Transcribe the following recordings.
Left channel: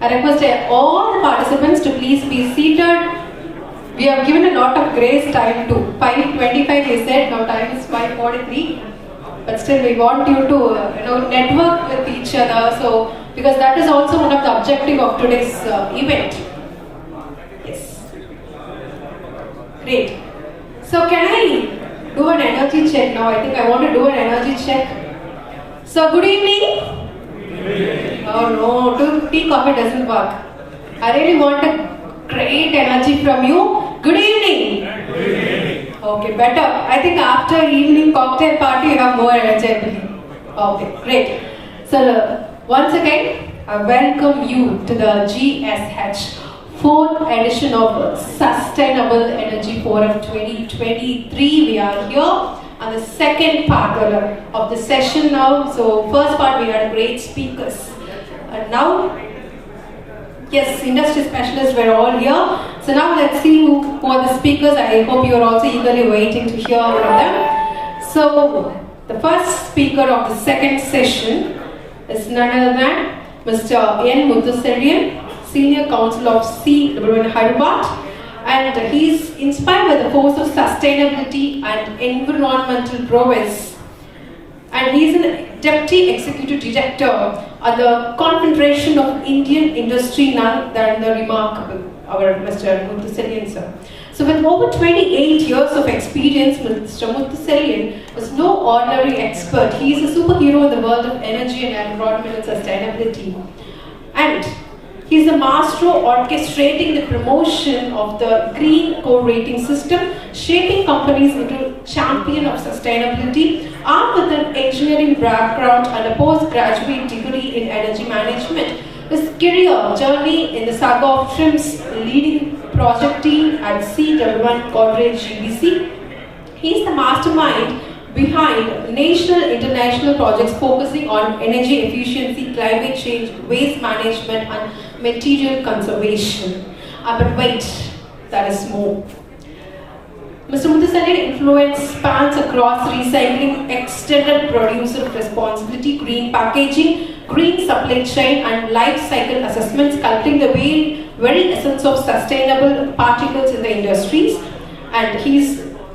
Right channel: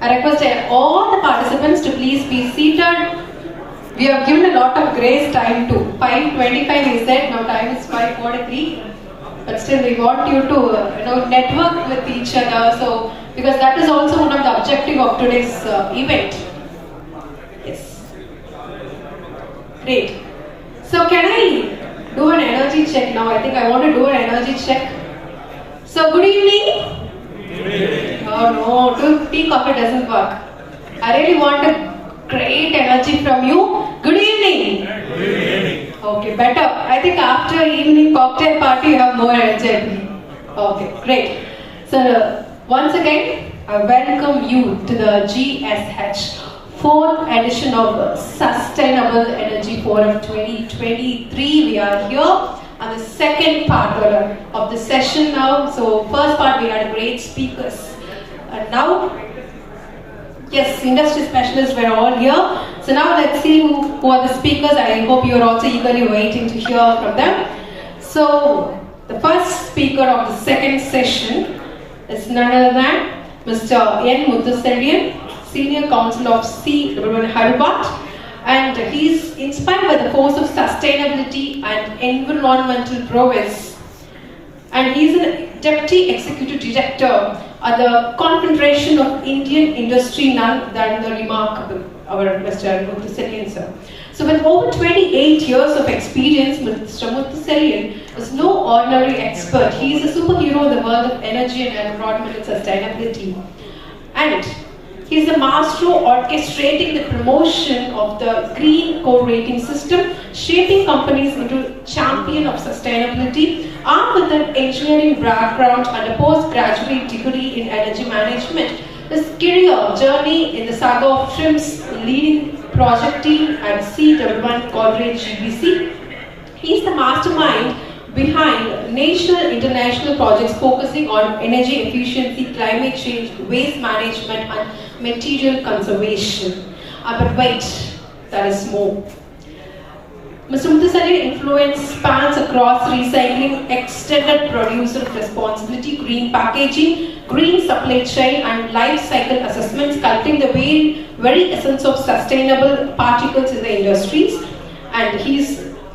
I request all the participants to please be seated. We have given a lot of grace time to 5:25. We said now time is 5:43, but still we want you to network with each other. So because that is also one of the objective of today's event. Yes, great. So can I do an energy check now? I think I want to do an energy check. So good evening. Oh no, tea coffee doesn't work. I really want a great energy from you. Good evening. Good evening. Okay, better. I think after evening cocktail party you have more energy. Okay, great. So once again, I welcome you to the GSH 4th edition of Sustainable Energy Forum 2023. We are here. And the second part of the session now. So first part we had a great speakers. And now, yes, industry specialists were all here. So now let's see who are the speakers. I hope you are also eagerly waiting to hear from them. So the first speaker of the second session is none other than Mr. N. Muthuselvian, Senior Counsel of CWN Hyderabad. And he's inspired by the force of sustainability and environmental prowess. And he's a Deputy Executive Director at the Confederation of Indian Industry, none than the remarkable, our Mr. Muthuselvian sir. So with over 28 years of experience, Mr. Muthuselvian is no ordinary expert. He is a superhero in the world of energy and environmental sustainability. And he's the master orchestrating the promotion of the green core rating system, shaping companies into champion of sustainability, armed with an engineering background and a postgraduate degree in energy management. His career journey in the saga of TRIM's leading project team at CWN Corporate GBC. He's the mastermind behind national and international projects focusing on energy efficiency, climate change, waste management and material conservation. But wait, there is more. Mr. Muthuselvian influence spans across recycling, extended producer responsibility, green packaging, green supply chain and life cycle assessments, sculpting the very essence of sustainable particles in the industries. And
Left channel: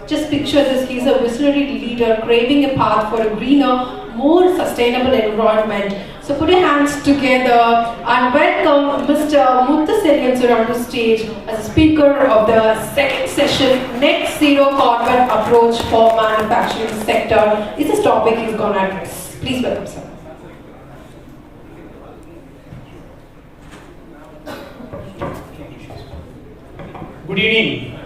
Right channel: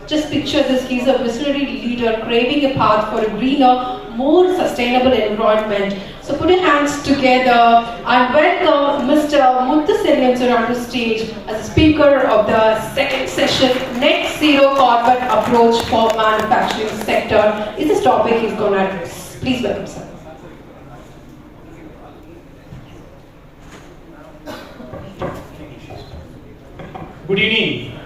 just picture this, he's a visionary leader craving a path for a greener, more sustainable environment. So put your hands together and welcome Mr. Muthuselvian sir onto stage as a speaker of the second session, Net Zero Carbon Approach for Manufacturing Sector. Is this topic he's going to address. Please welcome sir. Good evening.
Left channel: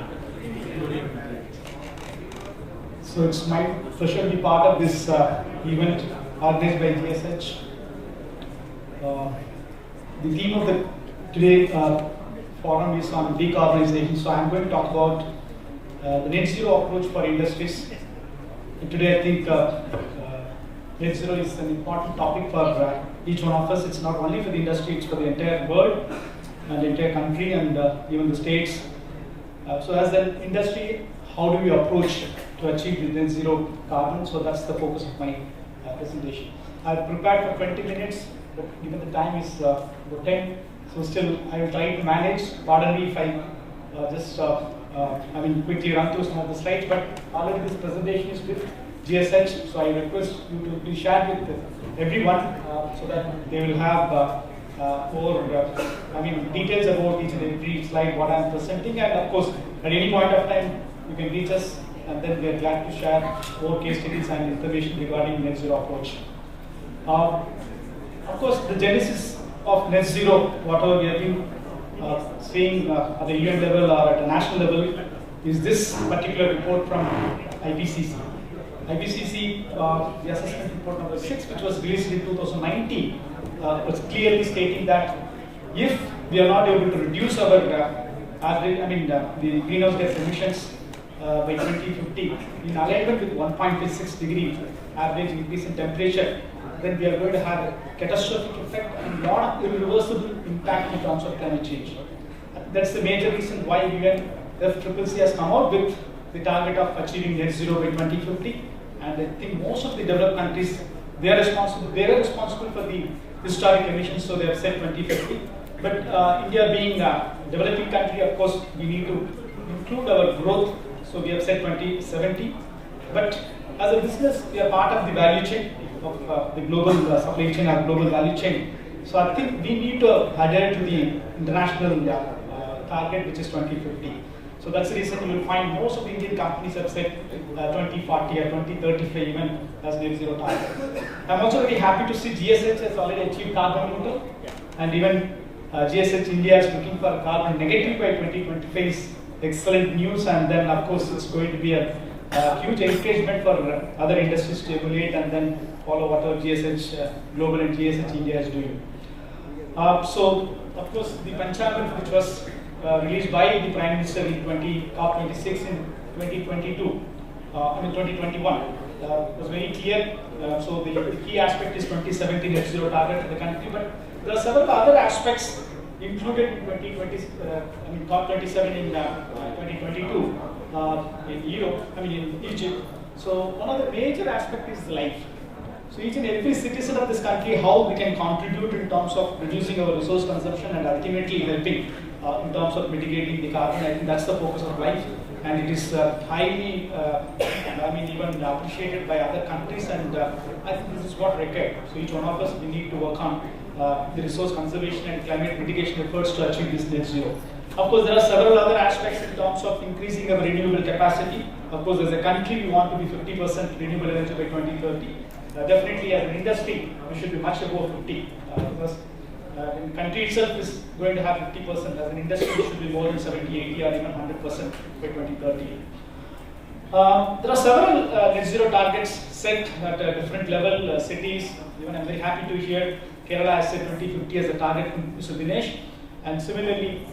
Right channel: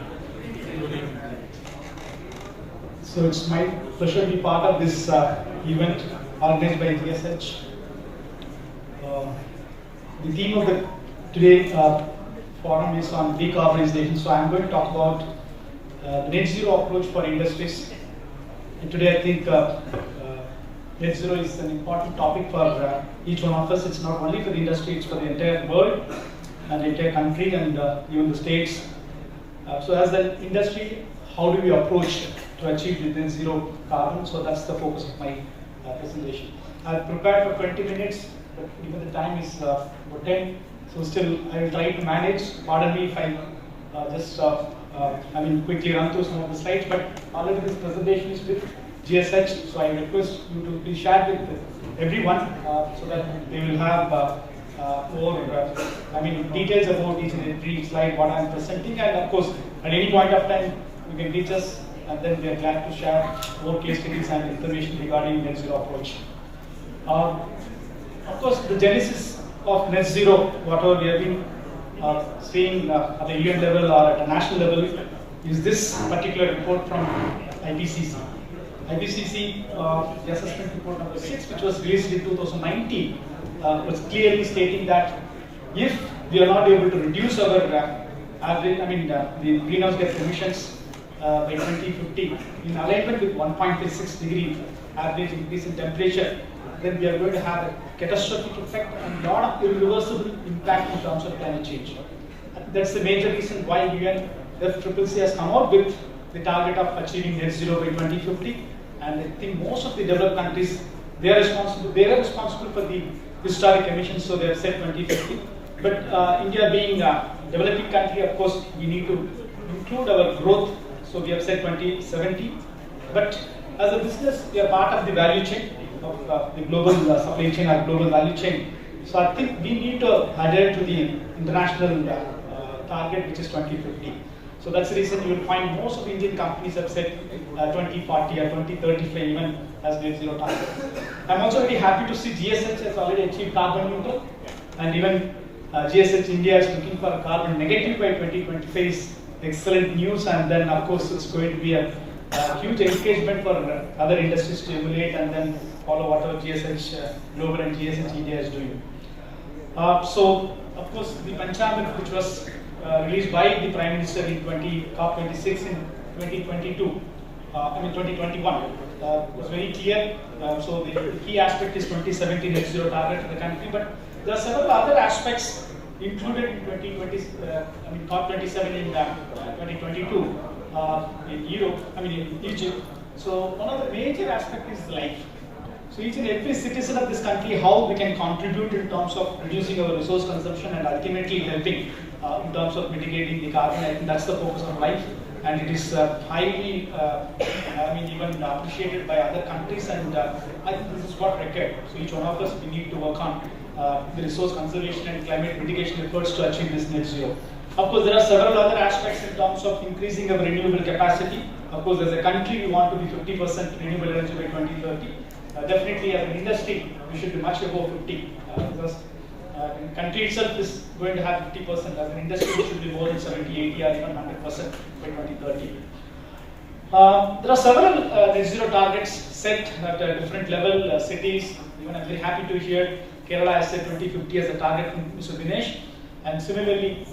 So it's my pleasure to be part of this event organized by GSH. The theme of the today forum is on decarbonization. So I'm going to talk about the net zero approach for industries. And today I think net zero is an important topic for each one of us. It's not only for the industry, it's for the entire world and the entire country and even the states. So as an industry, how do we approach to achieve the net zero carbon? So that's the focus of my presentation. I've prepared for 20 minutes, but given the time is 10, so still I will try to manage. Pardon me if I just quickly run through some of the slides, but already this presentation is with GSH, so I request you to please share with everyone so that they will have more details about each and every slide what I am presenting, and of course at any point of time you can reach us and then we are glad to share more case studies and information regarding net zero approach. Of course, the genesis of net zero, whatever we have been seeing at the UN level or at a national level, is this particular report from IPCC. IPCC, the assessment report number 6, which was released in 2019, was clearly stating that if we are not able to reduce our the greenhouse gas emissions by 2050 in alignment with 1.6 degree average increase in temperature, then we are going to have a catastrophic effect and not irreversible impact in terms of climate change. That's the major reason why UNFCCC has come out with the target of achieving net zero by 2050. And I think most of the developed countries, they are responsible for the historic emissions, so they have said 2050. But India being a developing country, of course, we need to include our growth. So we have said 2070. But as a business, we are part of the value chain of the global supply chain or global value chain. So I think we need to adhere to the international target, which is 2050. So that's the reason you will find most of the Indian companies have said 2040 or 2035 even as net zero target. I'm also very happy to see GSH has already achieved carbon neutral, and even GSH India is looking for carbon negative by 2025 is excellent news. And then of course it's going to be a huge encouragement for other industries to emulate and then follow whatever GSH Global and GSH India is doing. So of course the Panchamrit, which was released by the Prime Minister in COP26 in 2022, 2021, was very clear. So the key aspect is 2070 net zero target for the country, but there are several other aspects included in COP27 in 2022 in Europe, in Egypt. So one of the major aspects is life. So each and every citizen of this country, how we can contribute in terms of reducing our resource consumption and ultimately helping in terms of mitigating the carbon. I think that's the focus of life, and it is highly, even appreciated by other countries, and I think this is what required. So each one of us, we need to work on the resource conservation and climate mitigation efforts to achieve this net zero. Of course, there are several other aspects in terms of increasing our renewable capacity. Of course, as a country, we want to be 50% renewable energy by 2030. Definitely, as an industry, we should be much above 50 because the country itself is going to have 50%. As an industry, we should be more than 70, 80, or even 100% by 2030. There are several net zero targets set at a different level. Cities, even I'm very happy to hear Kerala has set 2050 as a target from Mr. Dinesh. And similarly,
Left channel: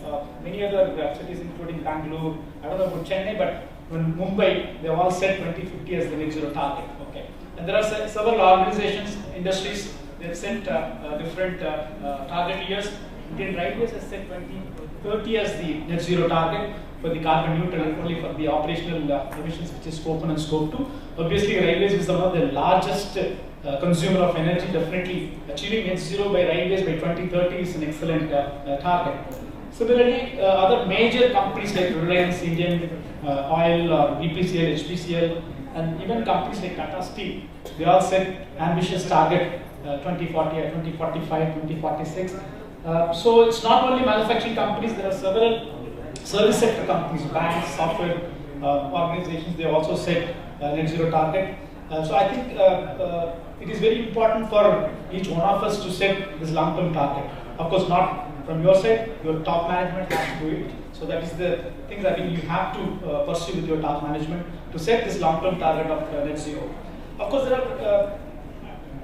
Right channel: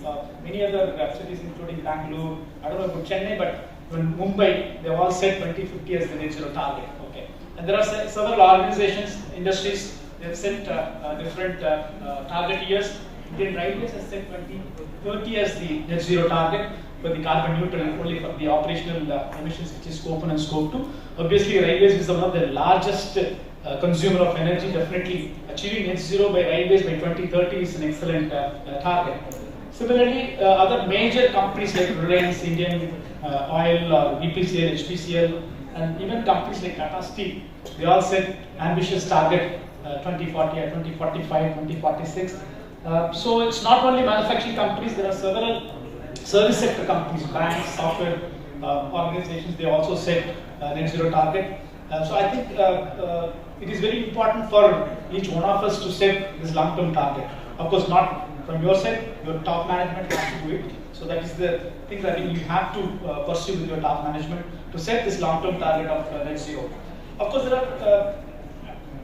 many other cities, including Bangalore, I don't know about Chennai, but in Mumbai, they've all set 2050 as the net zero target. Okay. And there are several organizations, industries, they have set different target years. Indian Railways has set 2030 as the net zero target for the carbon neutral, not only for the operational emissions, which is scope 1 and scope 2. Obviously, railways is one of the largest consumer of energy. Definitely achieving net zero by railways by 2030 is an excellent target. Similarly, other major companies like Reliance, Indian Oil, or BPCL, HPCL, and even companies like Tata Steel, they all set ambitious target 2040 or 2045, 2046. So it's not only manufacturing companies, there are several service sector companies, banks, software organizations, they also set net zero target. So I think it is very important for each one of us to set this long-term target. Of course, not from your side, your top management has to do it. So that is the thing that you have to pursue with your top management to set this long-term target of net zero. Of course, there are,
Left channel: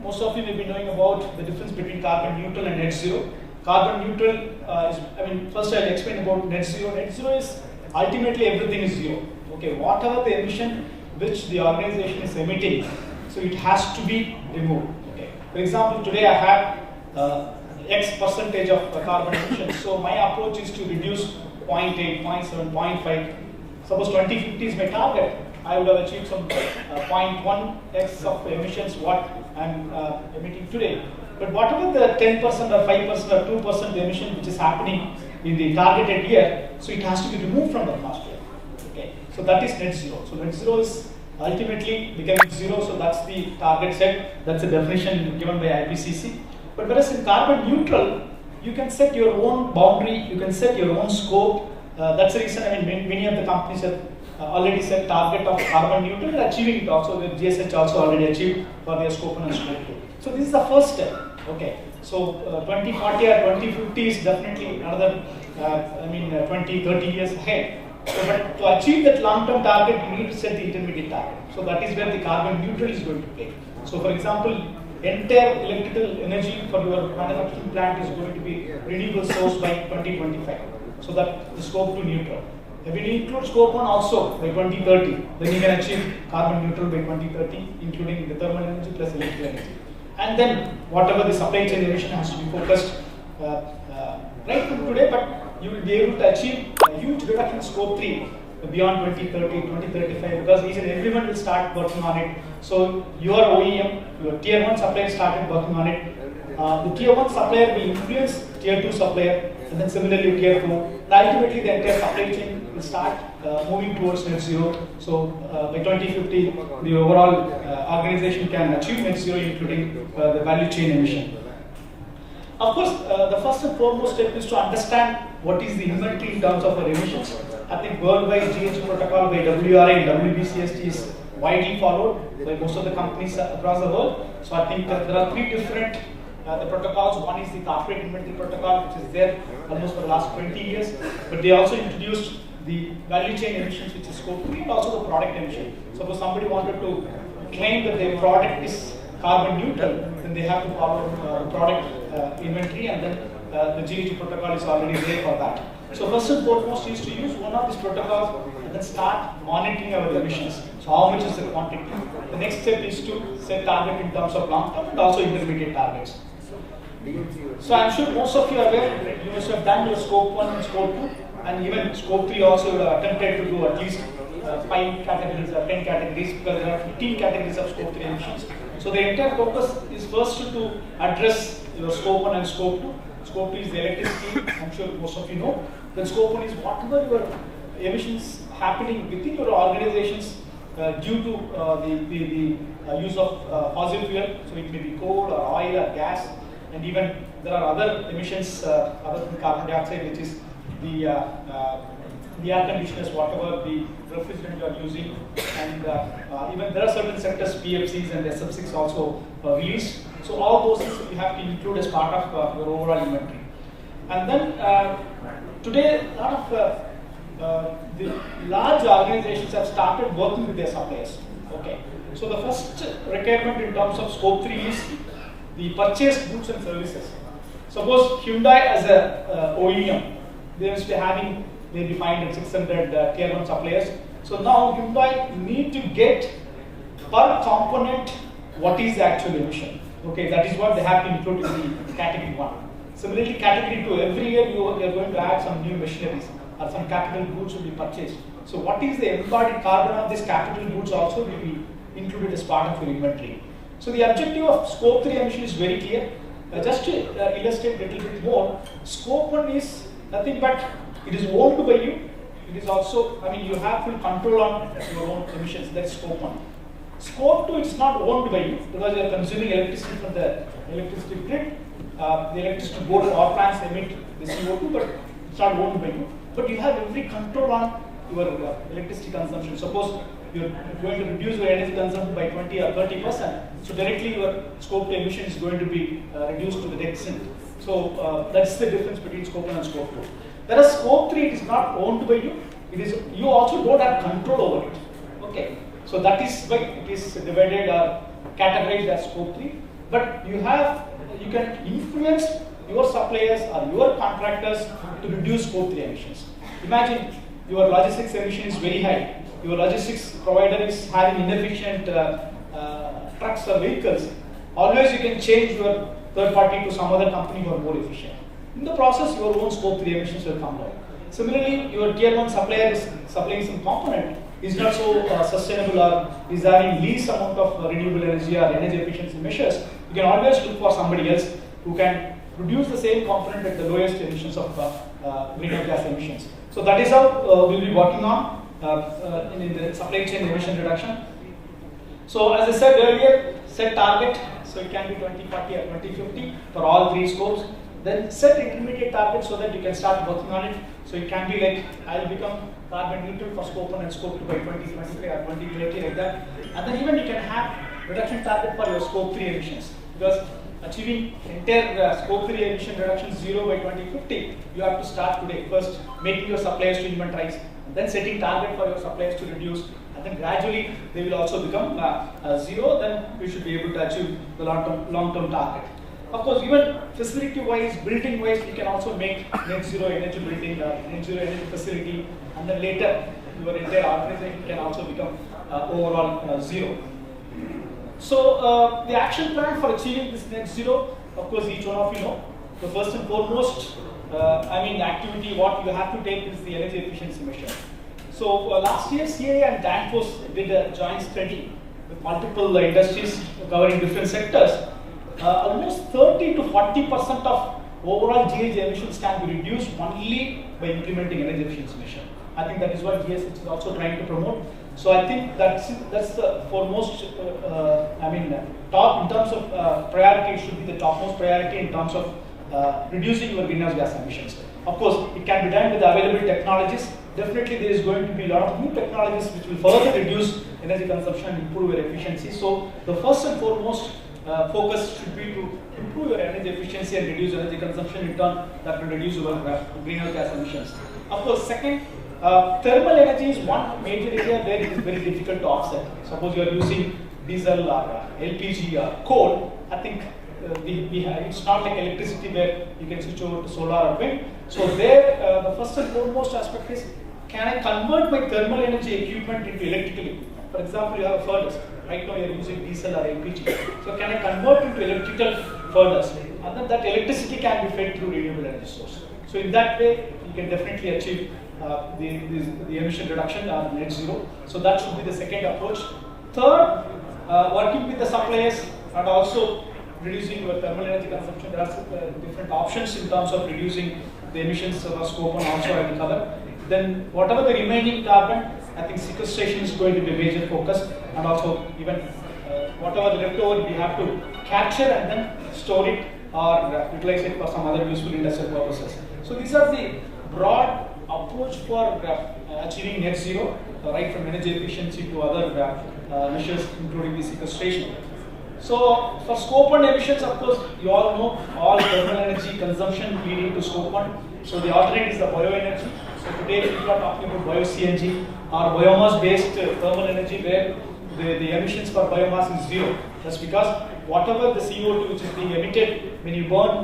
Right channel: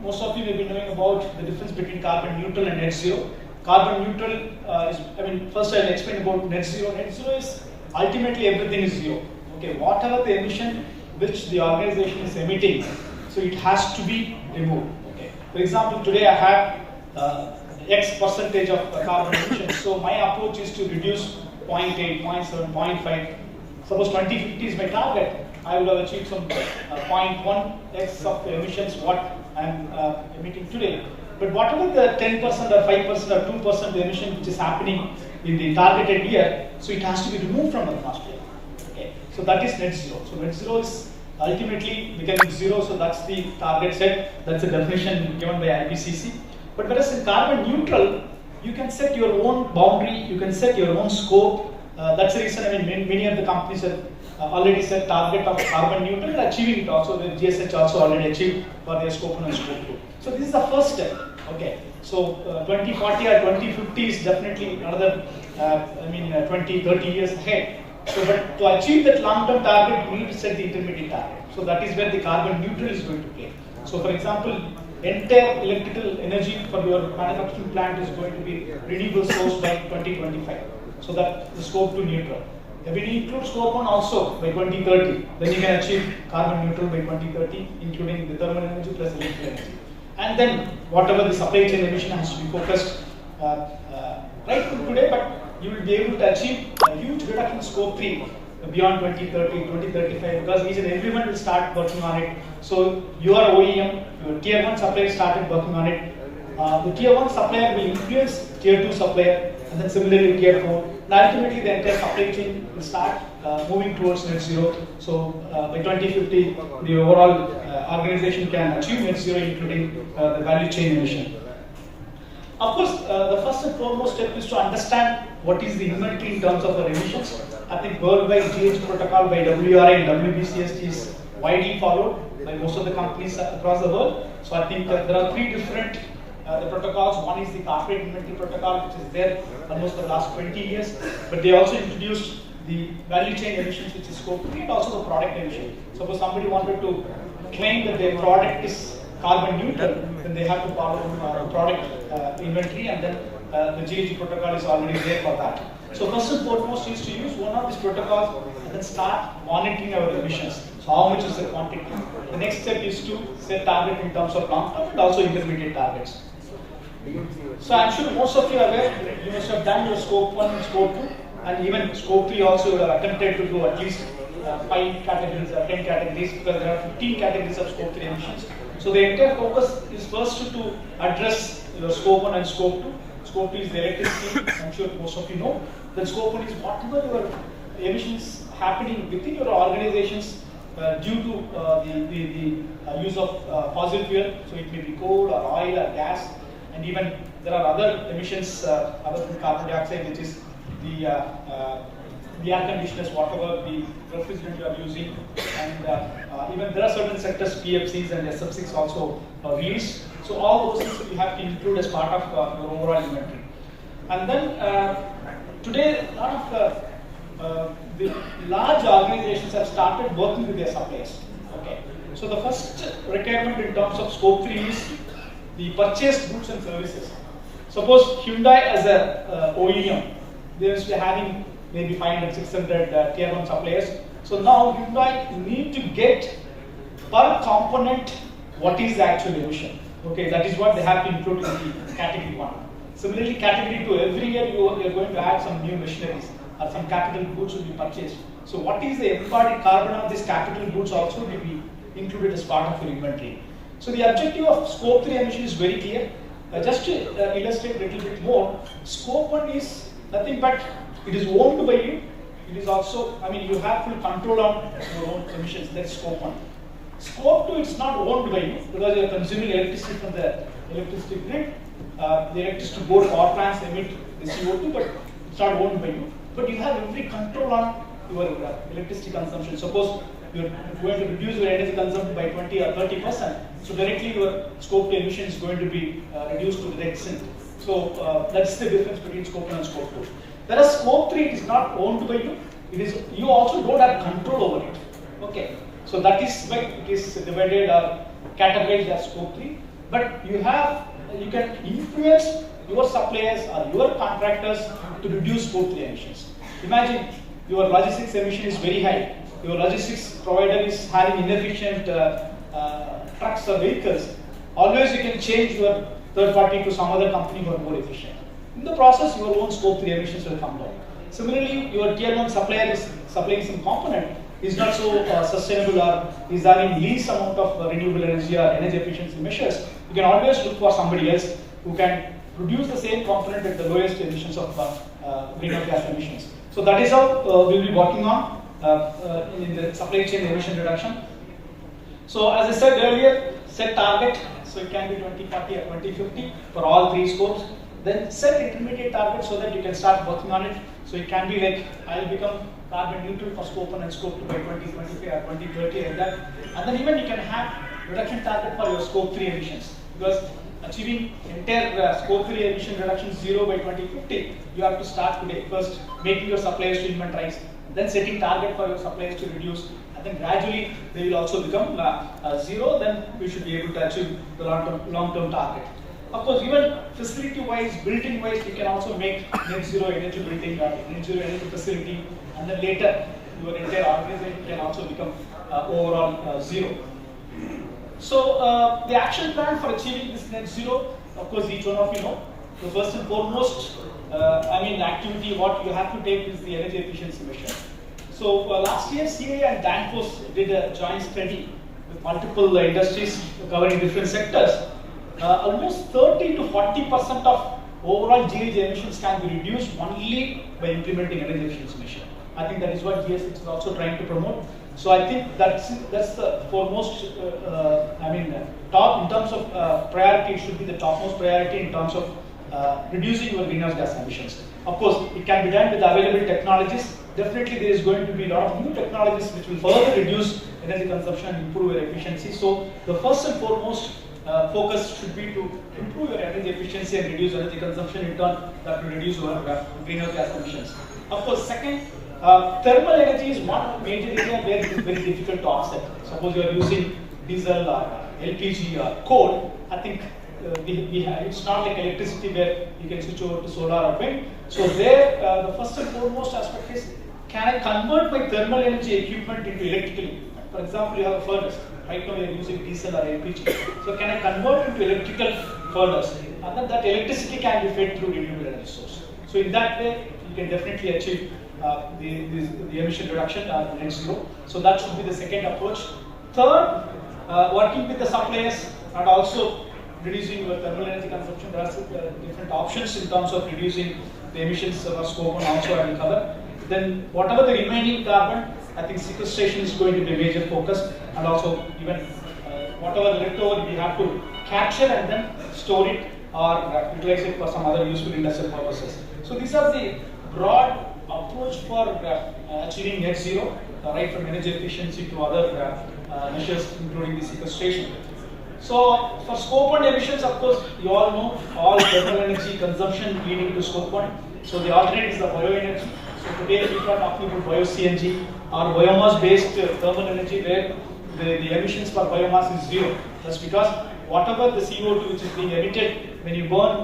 most of you may be knowing about the difference between carbon neutral and net zero. Carbon neutral is, first I'll explain about net zero. Net zero is ultimately everything is zero. Okay, whatever the emission which the organization is emitting, so it has to be removed. Okay. For example, today I have X percentage of carbon emission. So my approach is to reduce 0.8, 0.7, 0.5. Suppose 2050 is my target. I would have achieved some 0.1x of emissions what I'm emitting today. But whatever the 10% or 5% or 2% emission which is happening in the targeted year, so it has to be removed from the atmosphere. Okay. So that is net zero. So net zero is ultimately becoming zero. So that's the target set. That's the definition given by IPCC. But whereas in carbon neutral, you can set your own boundary, you can set your own scope. That's the reason many of the companies have already set target of carbon neutral and achieving it also. The GSH also already achieved for their scope 1 and scope 2. So this is the first step. Okay. So 2040 or 2050 is definitely another 20, 30 years ahead. So but to achieve that long-term target, you need to set the intermediate target. So that is where the carbon neutral is going to play. So for example, entire electrical energy for your manufacturing plant is going to be renewable source by 2025. So that the scope 2 neutral. When you include scope 1 also by 2030, then you can achieve carbon neutral by 2030, including the thermal energy plus electrical energy. And then whatever the supply chain emission has to be focused right from today, but you will be able to achieve a huge reduction in scope 3 beyond 2030, 2035, because each and everyone will start working on it. So your OEM, your tier 1 supplier started working on it. the tier 1 supplier will influence tier 2 supplier, and then similarly tier 4. And ultimately, the entire supply chain will start moving towards net zero. So by 2050, the overall organization can achieve net zero, including the value chain emission. Of course, the first and foremost step is to understand what is the inventory in terms of our emissions. I think worldwide GHG protocol by WRA and WBCST is widely followed by most of the companies across the world. So I think there are three different the protocols. One is the corporate inventory protocol, which is there almost for the last 20 years. But they also introduced the value chain emissions, which is scope 3, and also the product emission. Suppose somebody wanted to claim that their product is carbon neutral, then they have to follow the product inventory, and then the GHG protocol is already there for that. So first and foremost is to use one of these protocols and then start monitoring our emissions. So how much is the quantity? The next step is to set target in terms of long-term and also intermediate targets. So I'm sure most of you are aware, you must have done your scope 1 and scope 2, and even scope 3 also you have attempted to do at least 5 categories or 10 categories, because there are 15 categories of scope 3 emissions. So the entire focus is first to address your scope 1 and scope 2. Scope 2 is the electricity, I'm sure most of you know. Then scope 1 is whatever your emissions happening within your organizations due to the use of fossil fuel. So it may be coal or oil or gas, and even there are other emissions other than carbon dioxide, which is the air conditioners, whatever the refrigerant you are using, and even there are certain sectors, PFCs and SF6 also released. So all those things you have to include as part of your overall inventory. And then today, a lot of the large organizations have started working with their suppliers. Okay. So the first requirement in terms of scope 3 is the purchased goods and services. Suppose Hyundai as a OEM, they used to be having maybe 500, 600 tier 1 suppliers. So now Hyundai need to get per component what is the actual emission. Okay, that is what they have to include in the category 1. Similarly, category 2, every year you are going to add some new machineries or some capital goods will be purchased. So what is the embodied carbon of these capital goods also will be included as part of your inventory. So the objective of scope 3 emission is very clear. Just to illustrate a little bit more, scope 1 is nothing but it is owned by you. It is also, I mean, you have full control on your own emissions. That's scope 1. Scope 2 is not owned by you because you are consuming electricity from the electricity grid. The electricity board power plants emit the CO2, but it's not owned by you. But you have every control on your electricity consumption. Suppose you're going to reduce your energy consumption by 20 or 30%. So directly your scope 2 emission is going to be reduced to the extent. So that's the difference between scope 1 and scope 2. Whereas scope 3 it is not owned by you. It is you also don't have control over it. Okay. So that is why it is divided or categorized as scope 3. But you can influence your suppliers or your contractors to reduce scope 3 emissions. Imagine your logistics emission is very high. Your logistics provider is having inefficient trucks or vehicles. Always you can change your third party to some other company who are more efficient. In the process, your own scope 3 emissions will come down. Similarly, your tier 1 supplier is supplying some component is not so sustainable or is having least amount of renewable energy or energy efficiency measures. You can always look for somebody else who can produce the same component at the lowest emissions of greenhouse gas emissions. So that is how we'll be working on in the supply chain emission reduction. So as I said earlier, set target. So it can be 2040 or 2050 for all three scopes. Then set intermediate targets so that you can start working on it. So it can be like, I will become carbon neutral for scope 1 and scope 2 by 2025 or 2030 like that. And then even you can have reduction target for your scope 3 emissions. Because achieving entire scope 3 emission reduction 0 by 2050, you have to start today. First, making your suppliers to inventorize, then setting target for your suppliers to reduce, and then gradually they will also become 0. Then we should be able to achieve the long-term target. Of course, even facility-wise, building-wise, you can also make net zero energy building or net zero energy facility, and then later your entire organization can also become overall 0. So the action plan for achieving this net zero, of course, each one of you know. So first and foremost, the activity what you have to take is the energy efficiency measure. So last year, CA and Danfoss did a joint study with multiple industries covering different sectors. almost 30 to 40% of overall GHG emissions can be reduced only by implementing energy efficiency measure. I think that is what GS is also trying to promote. So I think that's the foremost, top in terms of priority. It should be the topmost priority in terms of reducing your greenhouse gas emissions. Of course, it can be done with available technologies. Definitely, there is going to be a lot of new technologies which will further reduce energy consumption and improve your efficiency. So the first and foremost focus should be to improve your energy efficiency and reduce energy consumption. In turn, that will reduce your greenhouse gas emissions. Of course, second, thermal energy is one major area where it is very difficult to offset. Suppose you are using diesel or LPG or coal. I think it's not like electricity where you can switch over to solar or wind. So there, the first and foremost aspect is, can I convert my thermal energy equipment into electrical equipment? For example, you have a furnace. Right now you are using diesel or LPG. So can I convert into electrical furnace? And then that electricity can be fed through renewable energy source. So in that way, you can definitely achieve the emission reduction net zero. So that should be the second approach. Third, working with the suppliers and also reducing your thermal energy consumption. There are different options in terms of reducing the emissions of scope 1 also I will cover. Then whatever the remaining carbon, I think sequestration is going to be a major focus, and also even whatever the leftover we have to capture and then store it or utilize it for some other useful industrial purposes. So these are the broad approach for achieving net zero, right from energy efficiency to other measures including the sequestration. So for scope 1 emissions, of course, you all know all thermal energy consumption leading to scope 1. So the alternate is the bioenergy. So today we are talking about bio-CNG or biomass-based thermal energy where the emissions per biomass is zero. That's because whatever the CO2 which is being emitted when you burn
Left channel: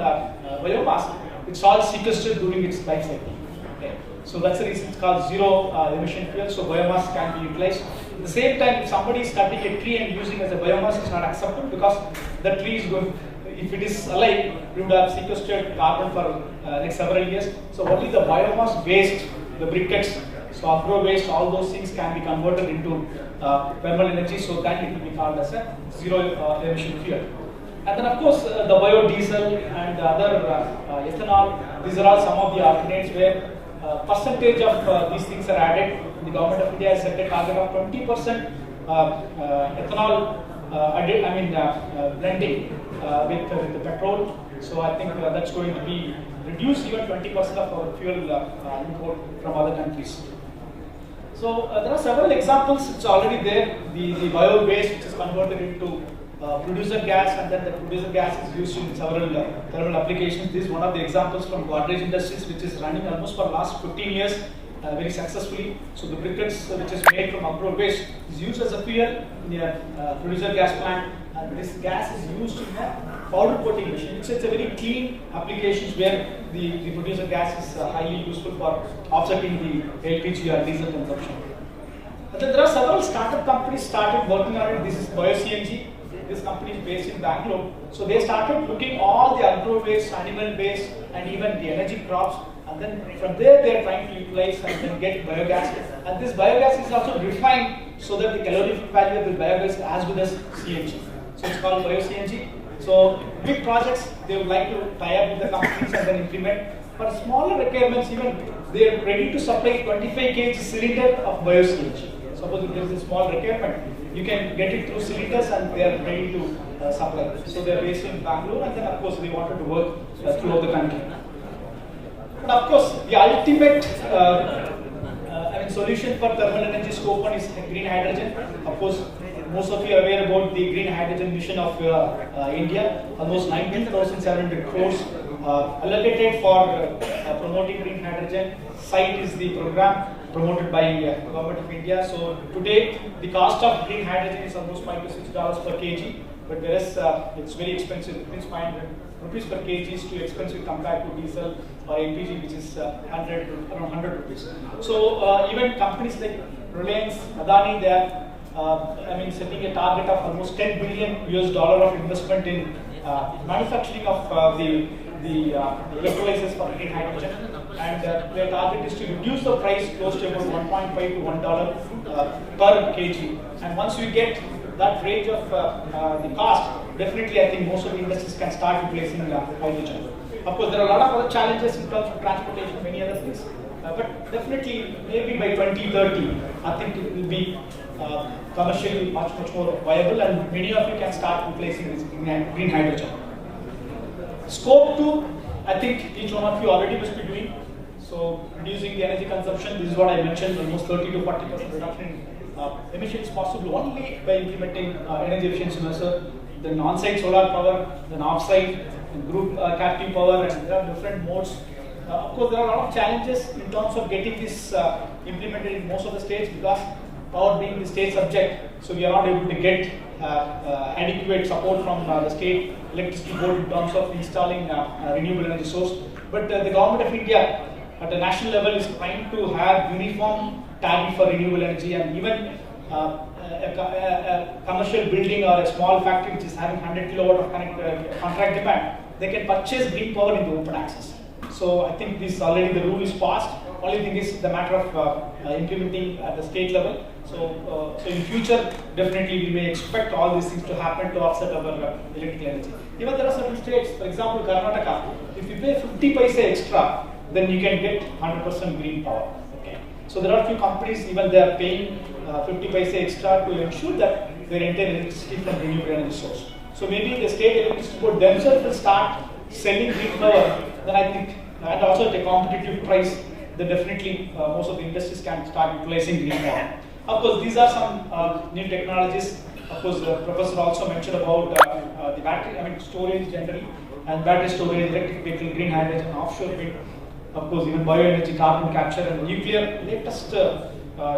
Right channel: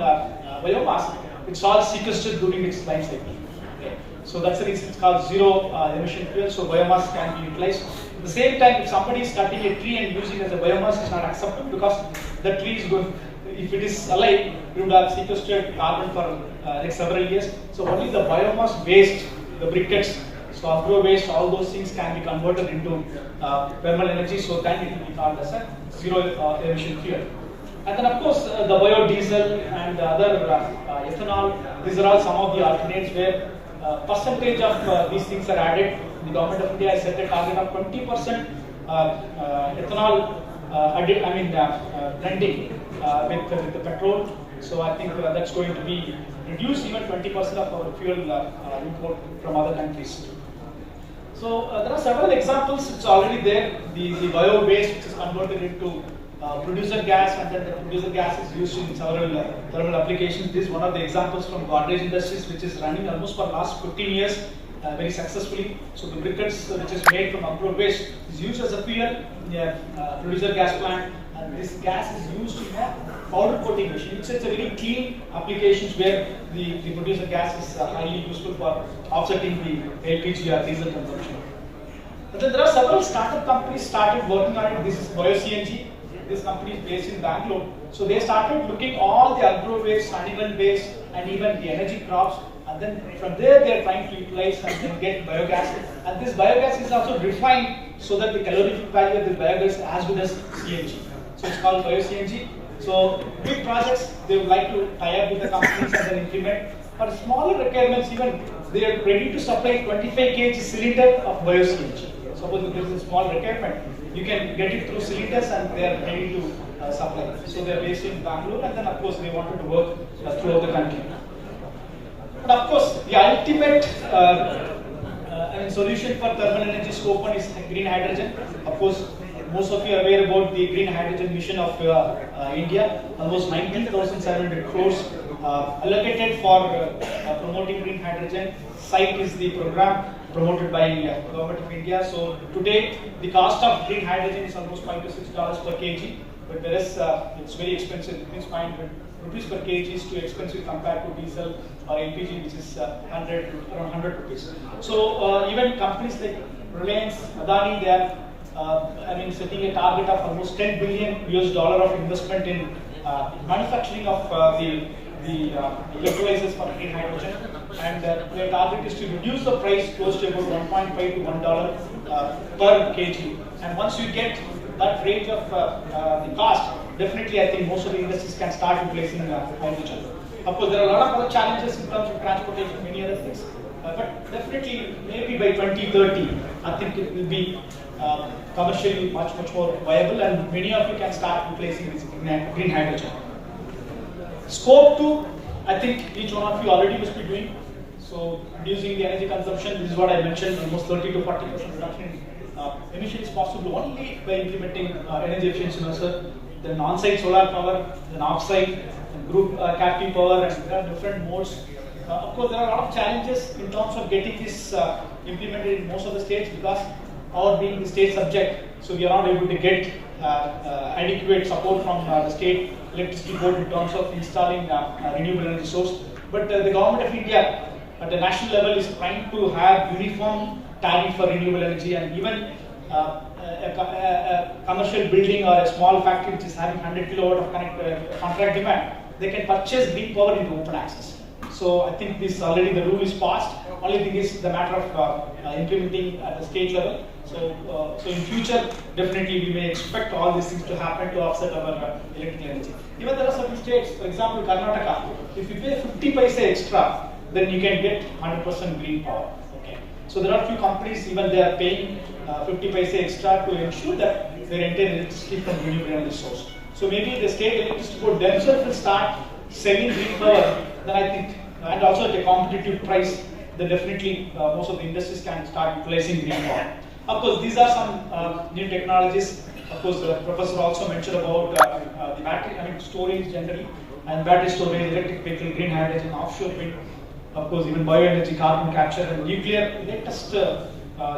biomass, it's all sequestered during its life cycle. Okay. So that's the reason it's called zero emission fuel. So biomass can be utilized. At the same time, if somebody is cutting a tree and using it as a biomass, is not acceptable because the tree is going. If it is alive, you would have sequestered carbon for next several years. So only the biomass waste, the briquettes, so agro waste, all those things can be converted into thermal energy. So then it will be called as a zero emission fuel. And then of course the biodiesel and other ethanol. These are all some of the alternates where percentage of these things are added. The government of India has set a target of 20% ethanol blending with the petrol. So I think that's going to be reduced even 20% of our fuel import from other countries. So there are several examples. It's already there. The bio waste which is converted into producer gas, and then the producer gas is used in several thermal applications. This is one of the examples from Godrej Industries, which is running almost for the last 15 years very successfully. So the briquettes which is made from agro waste is used as a fuel in a producer gas plant, and this gas is used in a powder coating machine. It's a very clean applications where the producer gas is highly useful for offsetting the LPG or diesel consumption. But then there are several startup companies started working on it. This is bio-CNG. This company is based in Bangalore. So they started looking all the agro waste, animal waste, and even the energy crops. And then from there they are trying to utilize and then get biogas. And this biogas is also refined so that the calorific value of the biogas is as good as CNG. So it's called bio-CNG. So big projects, they would like to tie up with the companies and then implement. For smaller requirements, even they are ready to supply 25 kg cylinder of bio-CNG. Suppose if there is a small requirement, you can get it through cylinders and they are ready to supply. So they are based in Bangalore, and then of course they wanted to work throughout the country. And of course, the ultimate solution for thermal energy scope 1 is green hydrogen. Of course, most of you are aware about the green hydrogen mission of India. Almost 19,700 crores allocated for promoting green hydrogen. SITE is the program promoted by the government of India. So today, the cost of green hydrogen is almost $5 to $6 per kg. But whereas it's very expensive, it means 500 rupees per kg is too expensive compared to diesel or LPG, which is around 100 rupees. So even companies like Reliance, Adani, they are setting a target of almost $10 billion of investment in manufacturing of the electrolyzers for green hydrogen, and their target is to reduce the price close to about $1.5 to $1 per kg. And once you get that range of the cost, definitely I think most of the industries can start replacing hydrogen. Of course, there are a lot of other challenges in terms of transportation and many other things. But definitely, maybe by 2030, I think it will be commercially much more viable, and many of you can start replacing this green hydrogen. Scope 2, I think each one of you already must be doing. So, reducing the energy consumption, this is what I mentioned, almost 30 to 40% reduction in emissions possible only by implementing energy efficiency measures, then on-site solar power, then off-site, group captive power, and there are different modes. Of course, there are a lot of challenges in terms of getting this implemented in most of the states because power being the state subject, so we are not able to get adequate support from the state electricity board in terms of installing renewable energy source. But the government of India at the national level is trying to have uniform tariff for renewable energy, and even a commercial building or a small factory which is having 100 kilowatt of contract demand, they can purchase green power into open access. So I think this already the rule is passed. Only thing is the matter of implementing at the state level. So in future, definitely we may expect all these things to happen to offset our electrical energy. Even there are certain states, for example, Karnataka, if you pay 50 paise extra, then you can get 100% green power. Okay. So there are few companies, even they are paying 50 paise extra to ensure that their entire electricity from renewable energy source. So maybe the state electricity board themselves will start selling green power, then I think, and also at a competitive price, then definitely most of the industries can start replacing green power. Of course, these are some new technologies. Of course, the professor also mentioned about the battery, storage generally, and battery storage, electric vehicle, green hydrogen, offshore wind. Of course, even bioenergy, carbon capture, and nuclear, latest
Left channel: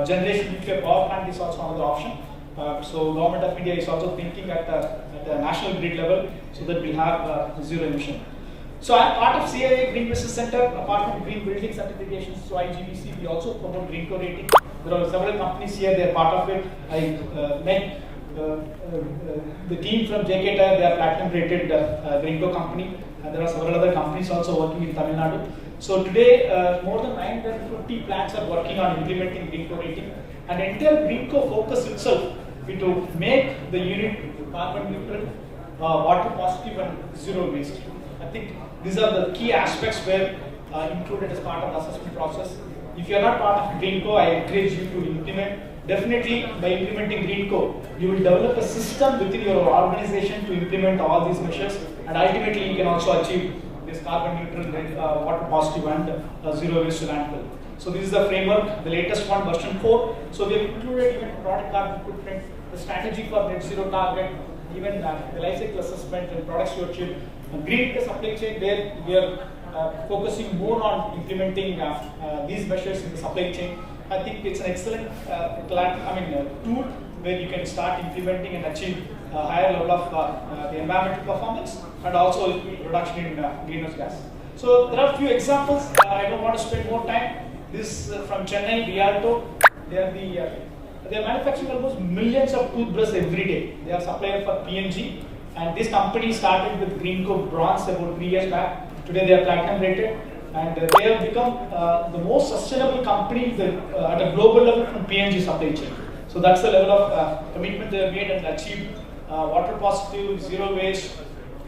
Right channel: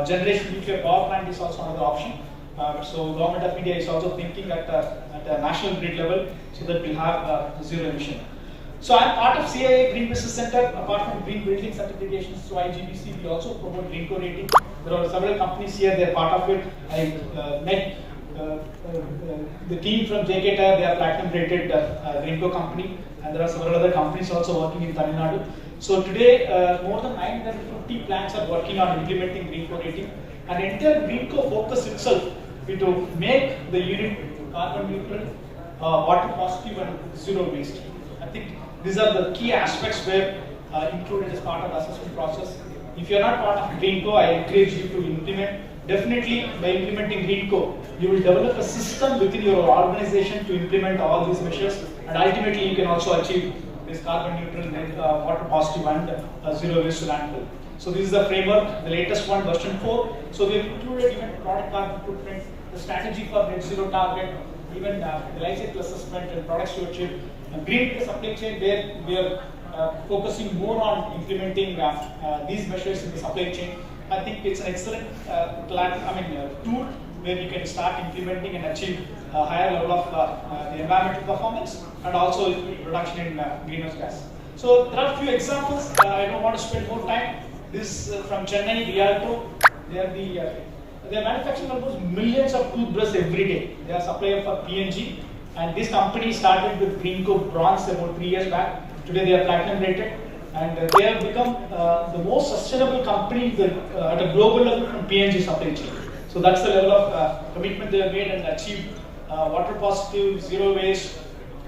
generation nuclear power plant is also another option. So government of India is also thinking at the national grid level, so that we'll have zero emission. So I'm part of CIA Green Business Center. Apart from green building certifications through IGBC, we also promote green co rating. There are several companies here; they are part of it. I met the team from JK Tyre. They are platinum rated green co company, and there are several other companies also working in Tamil Nadu. So today, more than 950 plants are working on implementing green co rating, and the entire green co focus itself is to make the unit carbon neutral, water positive, and zero waste. I think these are the key aspects where included as part of the assessment process. If you are not part of GreenCo, I encourage you to implement. Definitely, by implementing GreenCo, you will develop a system within your organization to implement all these measures, and ultimately you can also achieve this carbon neutral, water positive, and zero waste to landfill. So this is the framework, the latest one, version 4. So we have included even product carbon footprint, the strategy for net zero target, even the life cycle assessment and product stewardship. Green supply chain, where we are focusing more on implementing these measures in the supply chain. I think it's an excellent tool where you can start implementing and achieve a higher level of the environmental performance and also reduction in greenhouse gas. So there are a few examples. I don't want to spend more time. This is from Chennai, Rialto. They are manufacturing almost millions of toothbrushes every day. They are supplier for P&G. And this company started with GreenCo Bronze about 3 years back. Today they are platinum rated, and they have become the most sustainable company at a global level from P&G supply chain. So that's the level of commitment they have made and achieved water positive, zero waste,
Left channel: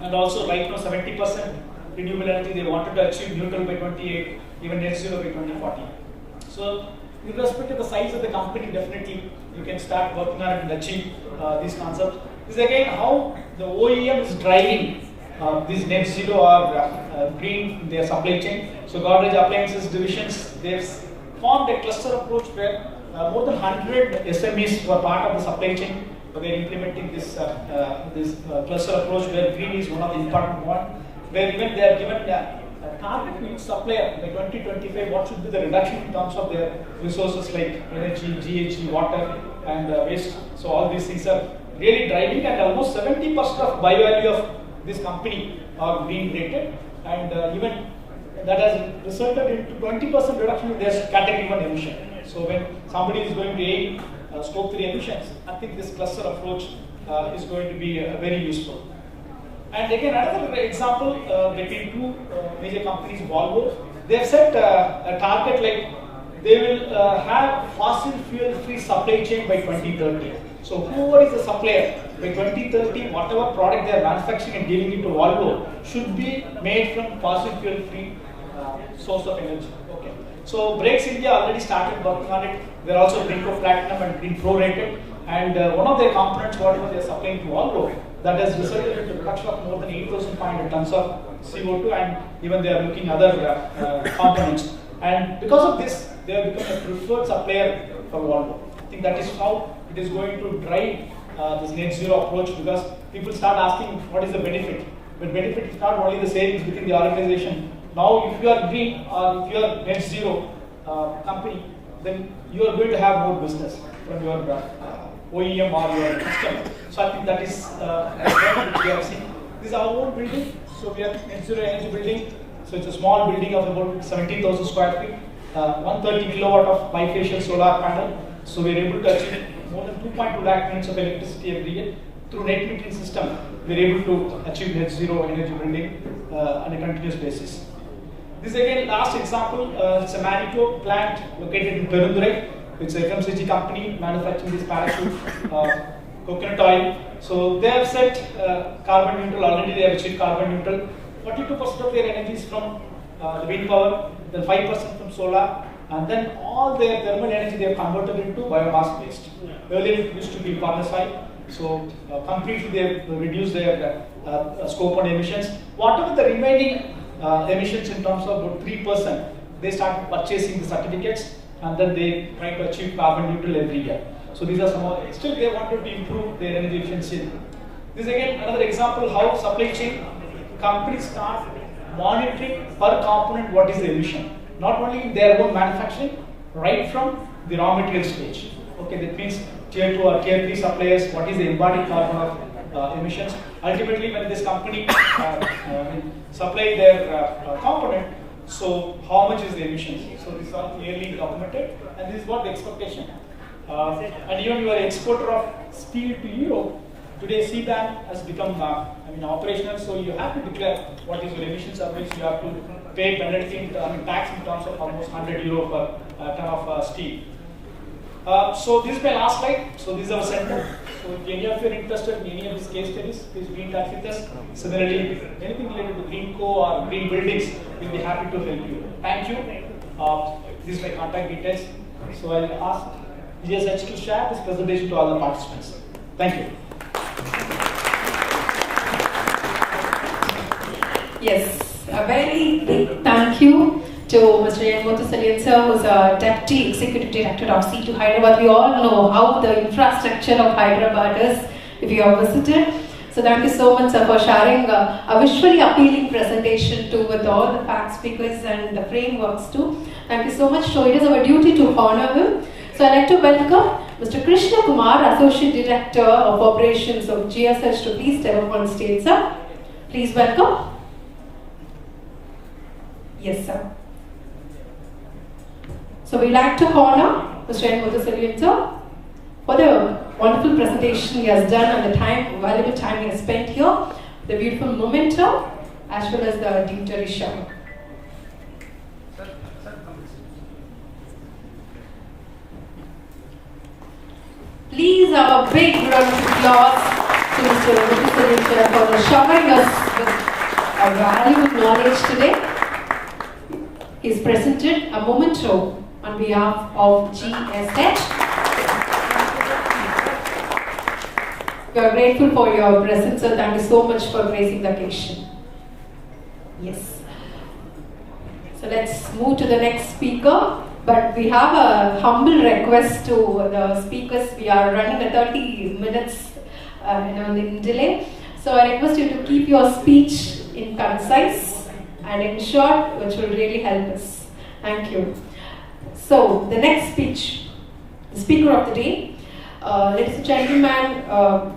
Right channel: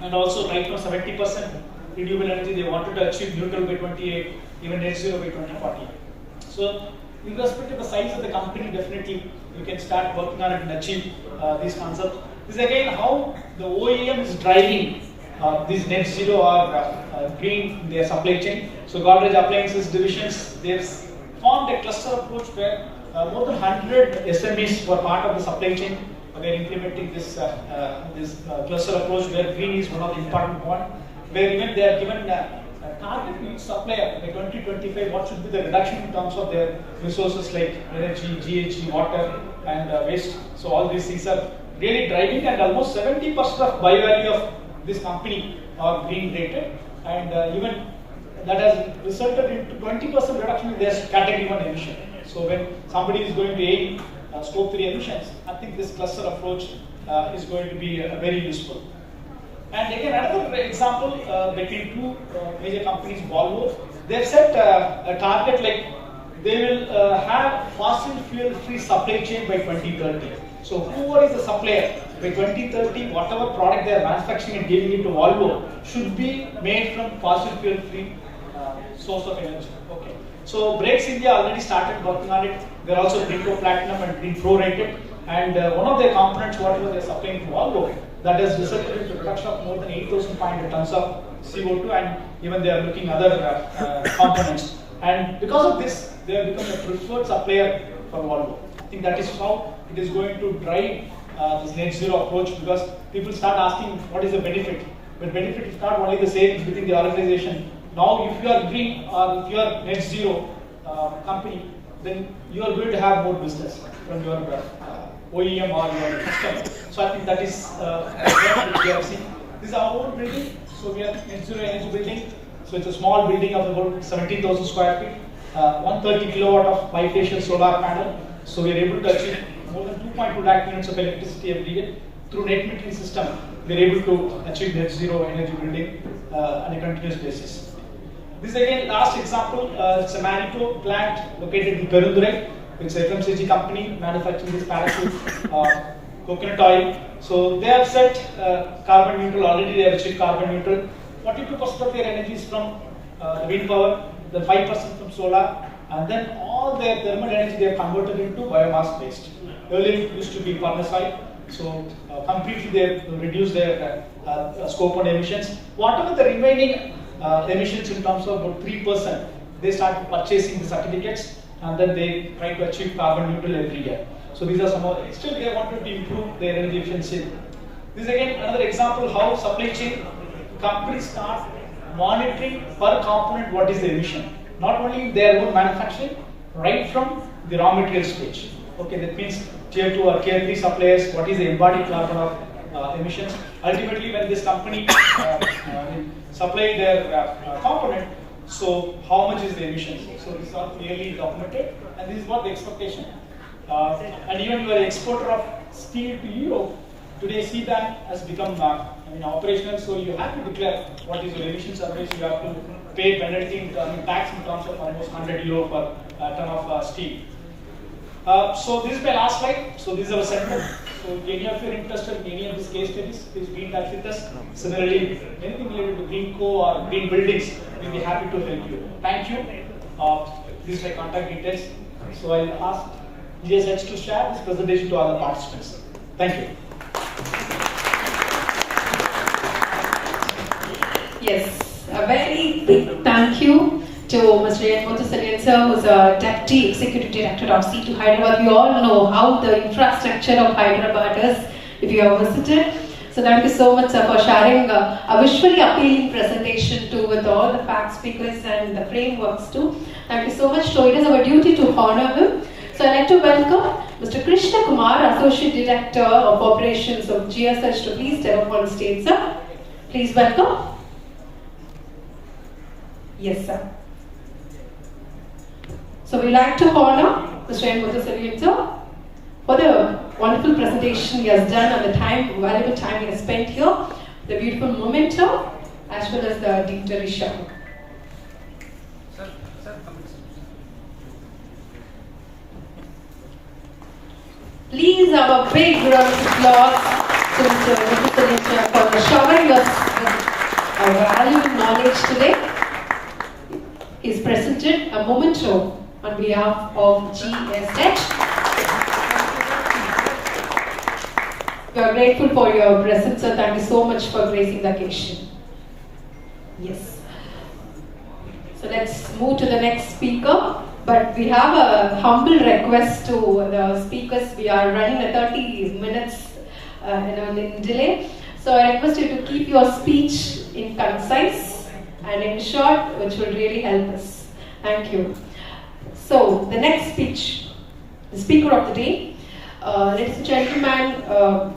and also right now 70% renewable energy. They wanted to achieve neutral by 28, even net zero by 2040. So with respect to the size of the company, definitely you can start working on it and achieve these concepts. This is again how the OEM is driving this net zero or green in their supply chain. So Godrej Appliances divisions, they've formed a cluster approach where more than 100 SMEs were part of the supply chain. They are implementing this cluster approach where green is one of the important one. Where even they are given a target to each supplier by 2025. What should be the reduction in terms of their resources like energy, GHG, water, and waste. So all these things are really driving, and almost 70% of buy value of this company are green rated, and even that has resulted in 20% reduction in their category 1 emission. So when somebody is going to aim scope 3 emissions, I think this cluster approach is going to be very useful. And again, another example between two major companies, Volvo, they have set a target like they will have fossil fuel free supply chain by 2030. So whoever is the supplier, by 2030, whatever product they are manufacturing and giving it to Volvo should be made from fossil fuel free source of energy. Okay. So Brakes India already started working on it. They are also Green Pro Platinum and Green Pro rated. And one of their components, whatever they are supplying to Volvo, that has resulted in the production of more than 8,500 tons of CO2, and even they are looking other components. And because of this, they have become a preferred supplier for Volvo. I think that is how it is going to drive this net zero approach, because people start asking what is the benefit. The benefit is not only the same within the organization. Now, if you are green or if you are net zero company, then you are going to have more business from your OEM or your customer. So I think that is what we have seen. This is our own building. So we are net zero energy building. So it's a small building of about 17,000 square feet, 130 kilowatt of bifacial solar panel. So we are able to achieve more than 2.2 lakh units of electricity every year. Through net metering system, we are able to achieve net zero energy building on a continuous basis. This is again last example. It's a Manito plant located in Perundurai. It's a FMCG company manufacturing this parachute coconut oil. So they have set carbon neutral already. They have achieved carbon neutral. 42% of their energy is from the wind power, then 5% from solar, and then all their thermal energy they have converted into biomass waste. Earlier it used to be furnace oil. So completely they have reduced their scope on emissions. Whatever the remaining emissions in terms of about 3%, they started purchasing the certificates, and then they try to achieve carbon neutral every year. So these are some of the, still they wanted to improve their energy efficiency. This is again another example how supply chain companies start monitoring per component what is the emission. Not only in their own manufacturing, right from the raw material stage. Okay, that means tier 2 or tier 3 suppliers, what is the embodied carbon of emissions. Ultimately, when this company supply their component, so how much is the emissions? So this is all clearly documented, and this is what the expectation. And even you are an exporter of steel to Europe. Today, CBAM has become operational, so you have to declare what is your emissions, otherwise you have to pay penalty tax in terms of almost 100 euro per ton of steel. So this is my last slide. So this is our center. So if any of you are interested in any of these case studies, please be in touch with us. Similarly, anything related to green co or green buildings, we'll be happy to help you. Thank you. This is my contact details. So I'll ask GSH to share this presentation to all the participants. Thank you. Yes, a very big thank you to Mr. N. Muthusalyan sir, who is a Deputy Executive Director of C2 Hyderabad. We all know how the infrastructure of Hyderabad is if you have visited. So thank you so much, sir, for sharing a visually appealing presentation too, with all the facts, figures and the frameworks too. Thank you so much. So it is our duty to honor him. So I'd like to welcome Mr. Krishna Kumar, Associate Director of Operations of GSH, to please step up on stage, sir. Please welcome. Yes, sir. So we'd like to honor Mr. N. Muthusalyan sir for the wonderful presentation he has done and the valuable time he has spent here, the beautiful momentum, as well as the deep tradition. Please have a big round of applause to Mr. Muthusalyan sir for showering us with a valuable knowledge today. He has presented a memento on behalf of GSH. We are grateful for your presence, sir. Thank you so much for gracing the occasion. Yes. So let's move to the next speaker. But we have a humble request to the speakers. We are running a 30 minutes in delay. So I request you to keep your speech in concise and in short, which will really help us. Thank you. So the next speech, the speaker of the day, ladies and gentlemen,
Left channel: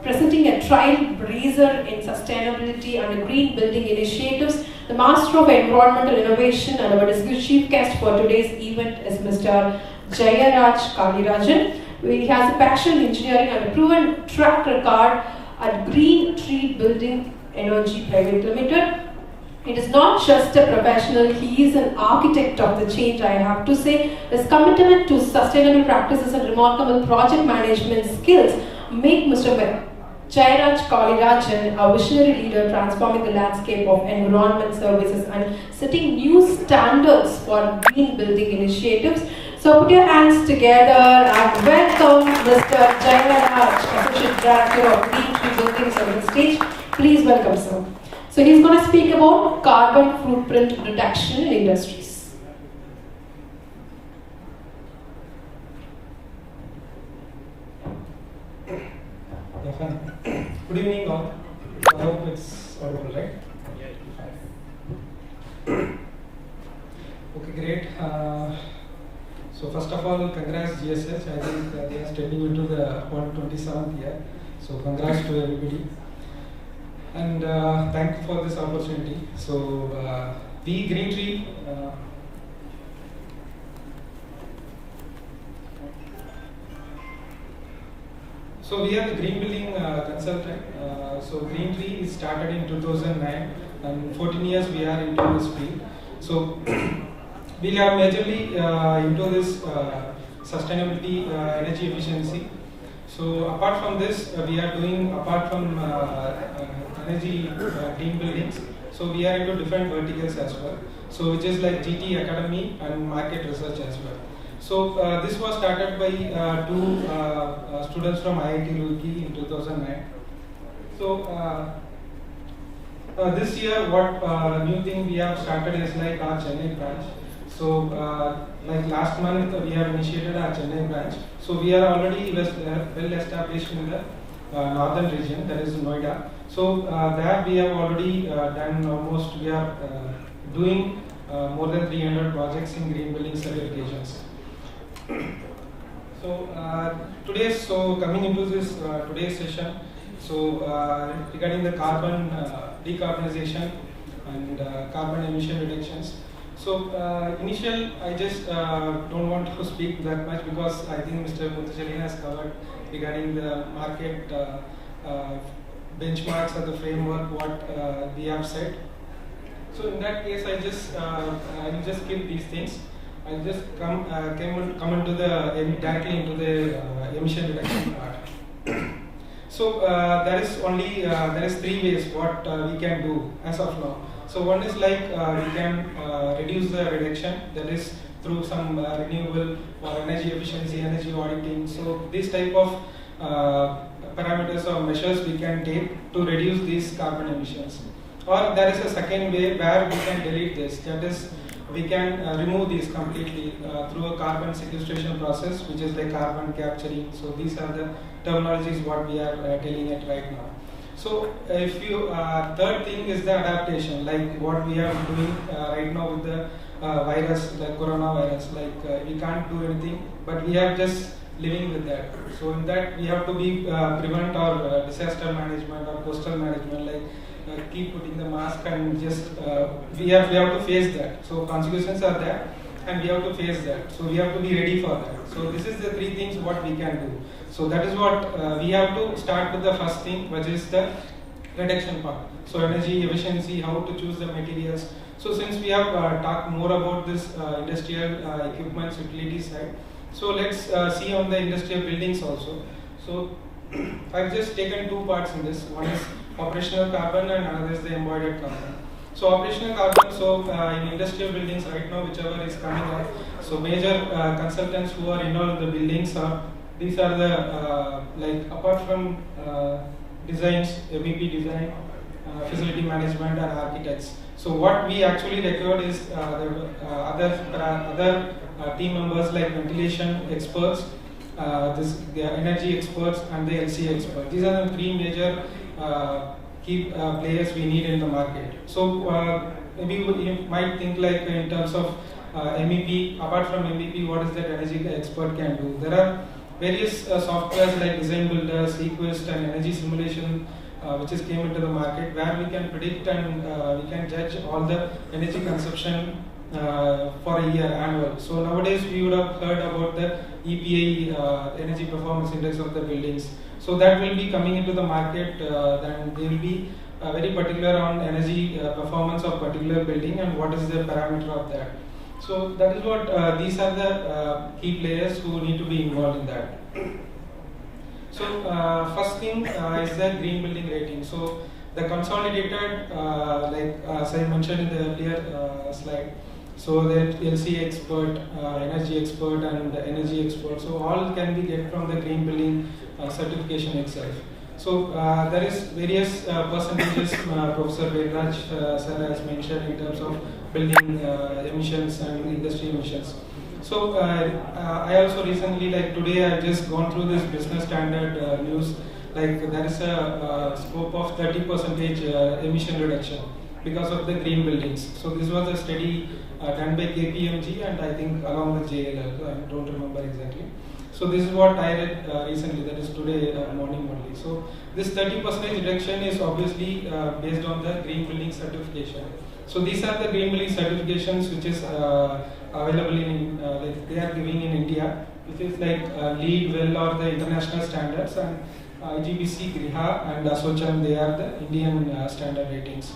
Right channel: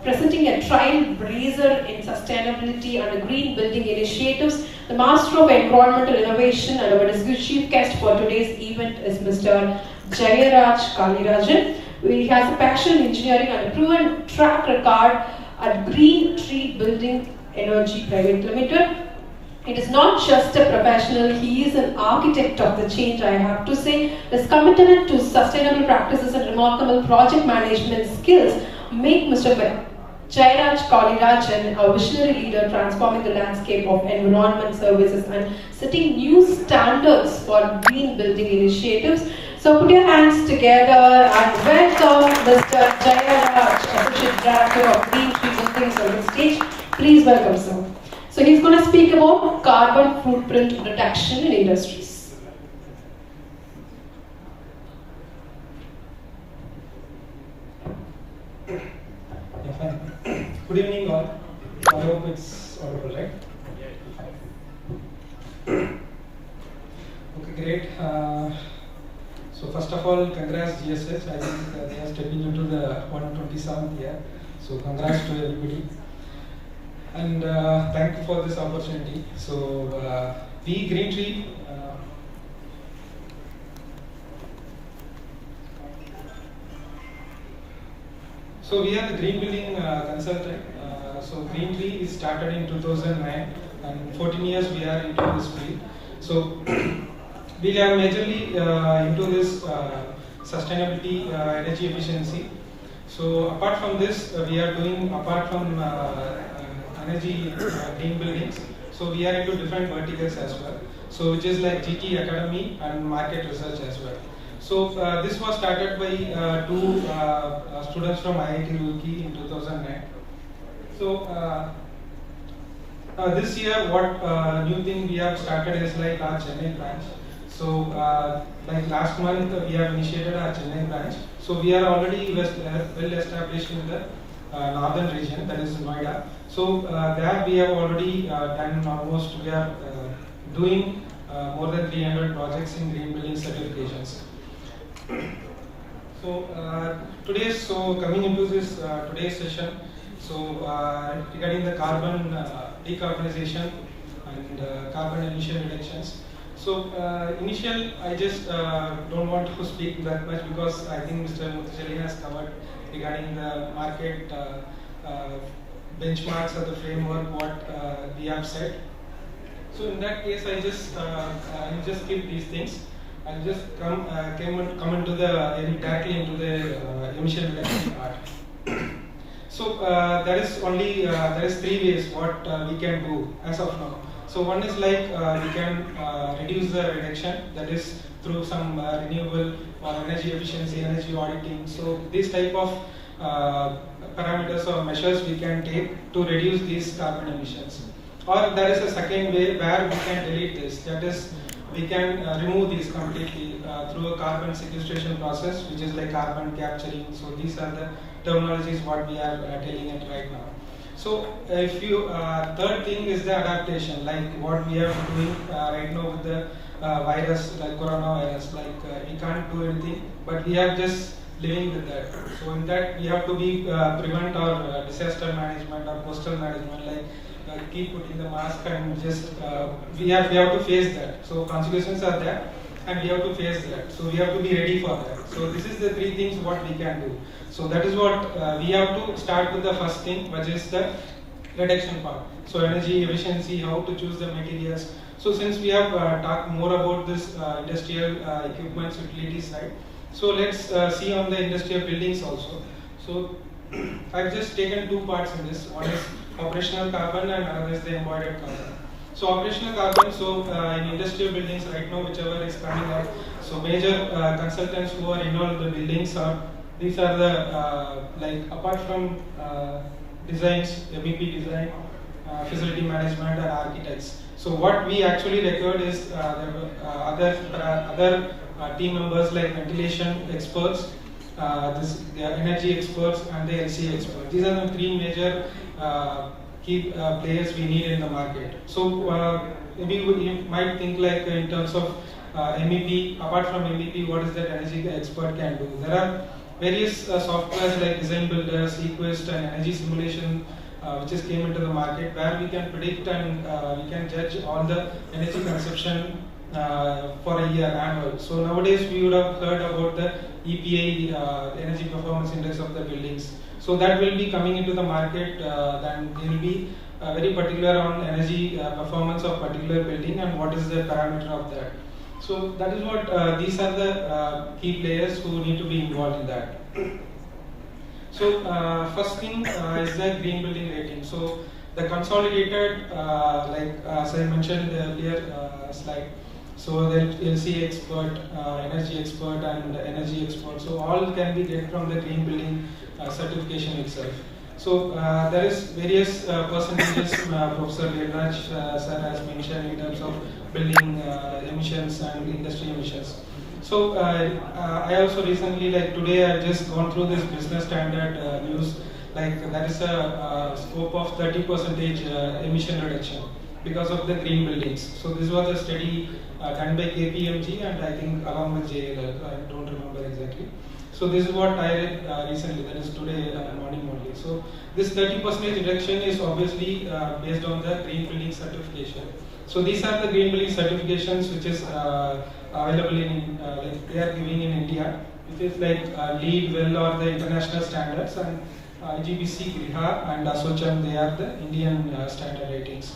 presenting a trailblazer in sustainability and green building initiatives, the master of environmental innovation and our distinguished chief guest for today's event is Mr. Jayaraj Kalirajan. He has a passion in engineering and a proven track record at Green Tree Building Energy Private Limited. It is not just a professional, he is an architect of the change, I have to say. His commitment to sustainable practices and remarkable project management skills make Mr. Jairaj Kalirajan a visionary leader transforming the landscape of environment services and setting new standards for green building initiatives. So put your hands together and welcome Mr. Jairaj, Associate Director of Green Tree Buildings on the stage. Please welcome sir. So he's going to speak about carbon footprint reduction in industries. Good evening all. I hope it's audible, right? Okay, great. So first of all, congrats GSH. I think they are stepping into the 127th year. So congrats to everybody. And thank you for this opportunity. So we Green Tree. So we are the green building consultant. So Green Tree is started in 2009 and 14 years we are into this field. So we are majorly into this sustainability, energy efficiency. So apart from this, we are doing apart from energy green buildings. So we are into different verticals as well. So which is like GT Academy and market research as well. So this was started by two students from IIT Roorkee in 2009. So this year, what new thing we have started is like our Chennai branch. So like last month we have initiated our Chennai branch. So we are already well established in the northern region, that is Noida. So there we have already done almost, we are doing more than 300 projects in green building certifications. So coming into this today's session, so regarding the carbon decarbonization and carbon emission reductions. So initial, I just don't want to speak that much because I think Mr. Muthushalin has covered regarding the market benchmarks or the framework what we have said. So in that case, I just skip these things. I'll just come into the directly into the emission reduction part. So there is three ways what we can do as of now. So one is like we can reduce the reduction, that is through some renewable energy efficiency, energy auditing. So this type of parameters or measures we can take to reduce these carbon emissions. Or there is a second way where we can delete this, that is we can remove these completely through a carbon sequestration process, which is like carbon capturing. So these are the terminologies what we are telling it right now. So if you third thing is the adaptation, like what we are doing right now with the virus, like coronavirus. Like we can't do anything, but we are just living with that. So in that we have to be prevent our disaster management or coastal management, like keep putting the mask and just we have to face that. So consequences are there and we have to face that. So we have to be ready for that. So this is the three things what we can do. So that is what we have to start with the first thing, which is the reduction part. So energy efficiency, how to choose the materials. So since we have talked more about this industrial equipment utility side, so let's see on the industrial buildings also. So I've just taken two parts in this. One is operational carbon and another is the embodied carbon. So operational carbon, so in industrial buildings right now, whichever is coming up, so major consultants who are involved in the buildings are, these are the like apart from designs, MEP design, facility management and architects. So what we actually record is the other team members like ventilation experts, the energy experts and the LCA experts. These are the three major key players we need in the market. So maybe you might think like in terms of MEP, apart from MEP, what is that energy expert can do? There are various softwares like Design Builders, Equest and Energy Simulation which is came into the market, where we can predict and we can judge all the energy consumption for a year annual. So nowadays we would have heard about the EPA, Energy Performance Index of the buildings. So that will be coming into the market, then they will be very particular on energy performance of particular building and what is the parameter of that. So that is what these are the key players who need to be involved in that. So first thing is the green building rating. So the consolidated, as I mentioned in the earlier slide, so the LC expert, energy expert, and energy expert. So all can be get from the green building certification itself. So there is various percentages Professor Viraj sir has mentioned in terms of building emissions and industry emissions. So I also recently, like today, I've just gone through this business standard news. Like there is a scope of 30% emission reduction because of the green buildings. So this was a study done by KPMG and I think along with JLL. I don't remember exactly. So this is what I read recently, that is today morning only. So this 30% reduction is obviously based on the green building certification. So these are the green building certifications which is available in, like they are giving in India, which is like LEED, WELL or the international standards, and IGBC, Griha and Asocham, they are the Indian standard ratings.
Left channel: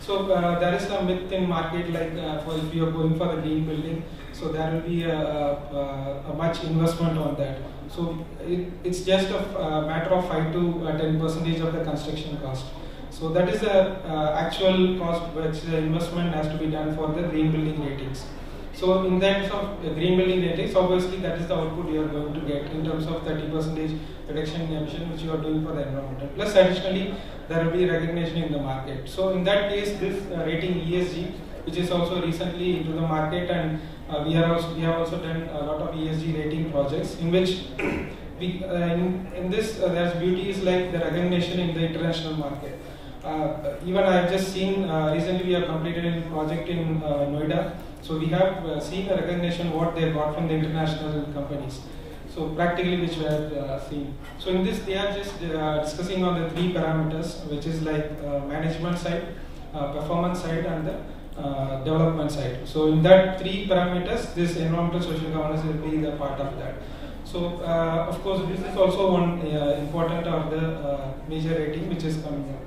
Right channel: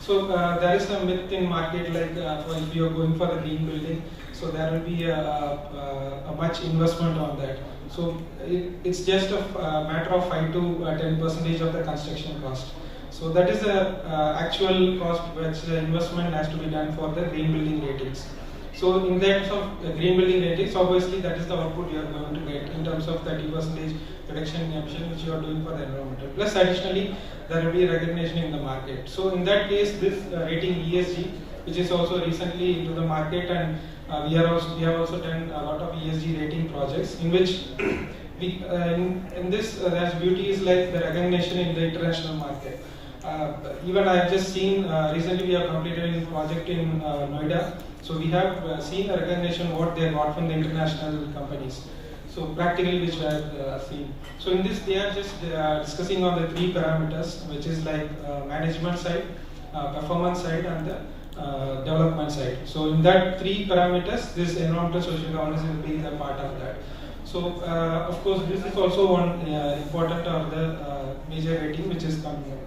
So there is a myth in market, like for if you are going for the green building, so there will be a much investment on that. So it's just a matter of 5 to 10% of the construction cost. So that is the actual cost which the investment has to be done for the green building ratings. So in terms of the green building ratings, obviously that is the output you are going to get in terms of 30% reduction in emission which you are doing for the environmental. Plus additionally, there will be recognition in the market. So in that case, this rating ESG, which is also recently into the market, and we have also done a lot of ESG rating projects in which we in this there's beauty is like the recognition in the international market. Even I have just seen recently we have completed a project in Noida. So we have seen the recognition what they bought from the international companies. So practically which we have seen. So in this they are just discussing on the 3 parameters, which is like management side, performance side, and the development side. So in that 3 parameters, this environmental social governance will be the part of that. So of course this is also one important of the major rating which is coming up.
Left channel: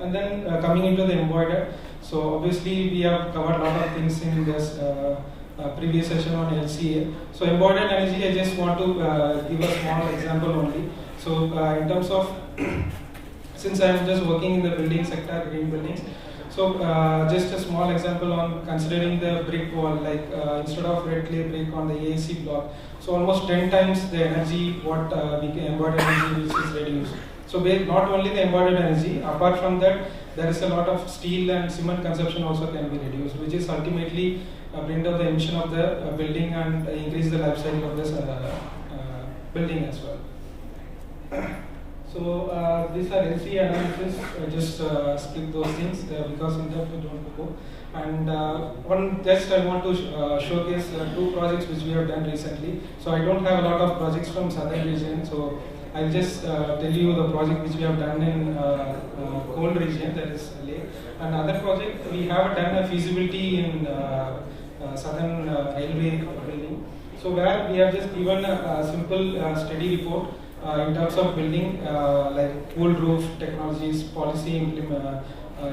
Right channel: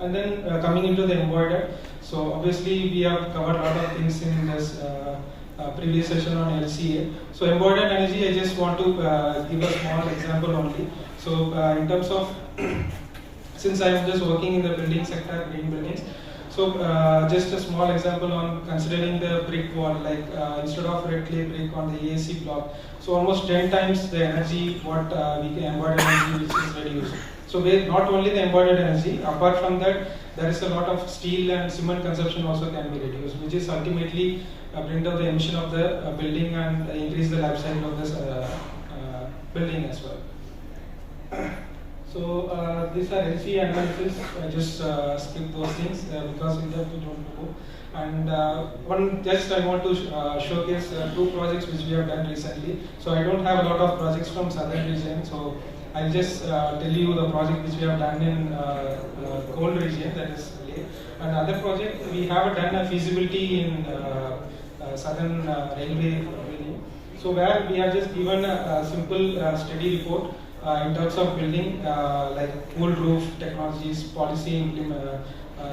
And then coming into the embodied, so obviously we have covered a lot of things in this previous session on LCA. So embodied energy, I just want to give a small example only. So in terms of, since I am just working in the building sector, green buildings, so just a small example on considering the brick wall, like instead of red clay brick on the AAC block, so almost 10 times the energy what we can embodied energy which is reduced. So not only the embodied energy, apart from that, there is a lot of steel and cement consumption also can be reduced, which is ultimately bring down the emission of the building and increase the life cycle of this building as well. So these are LC analysis. I just skip those things because in depth we don't go. And I want to showcase 2 projects which we have done recently. So I don't have a lot of projects from southern region. So I'll just tell you the project which we have done in cold region, that is Leh. And other project, we have done a feasibility in southern railway building. So where we have just given a simple study report in terms of building like cool roof technologies, policy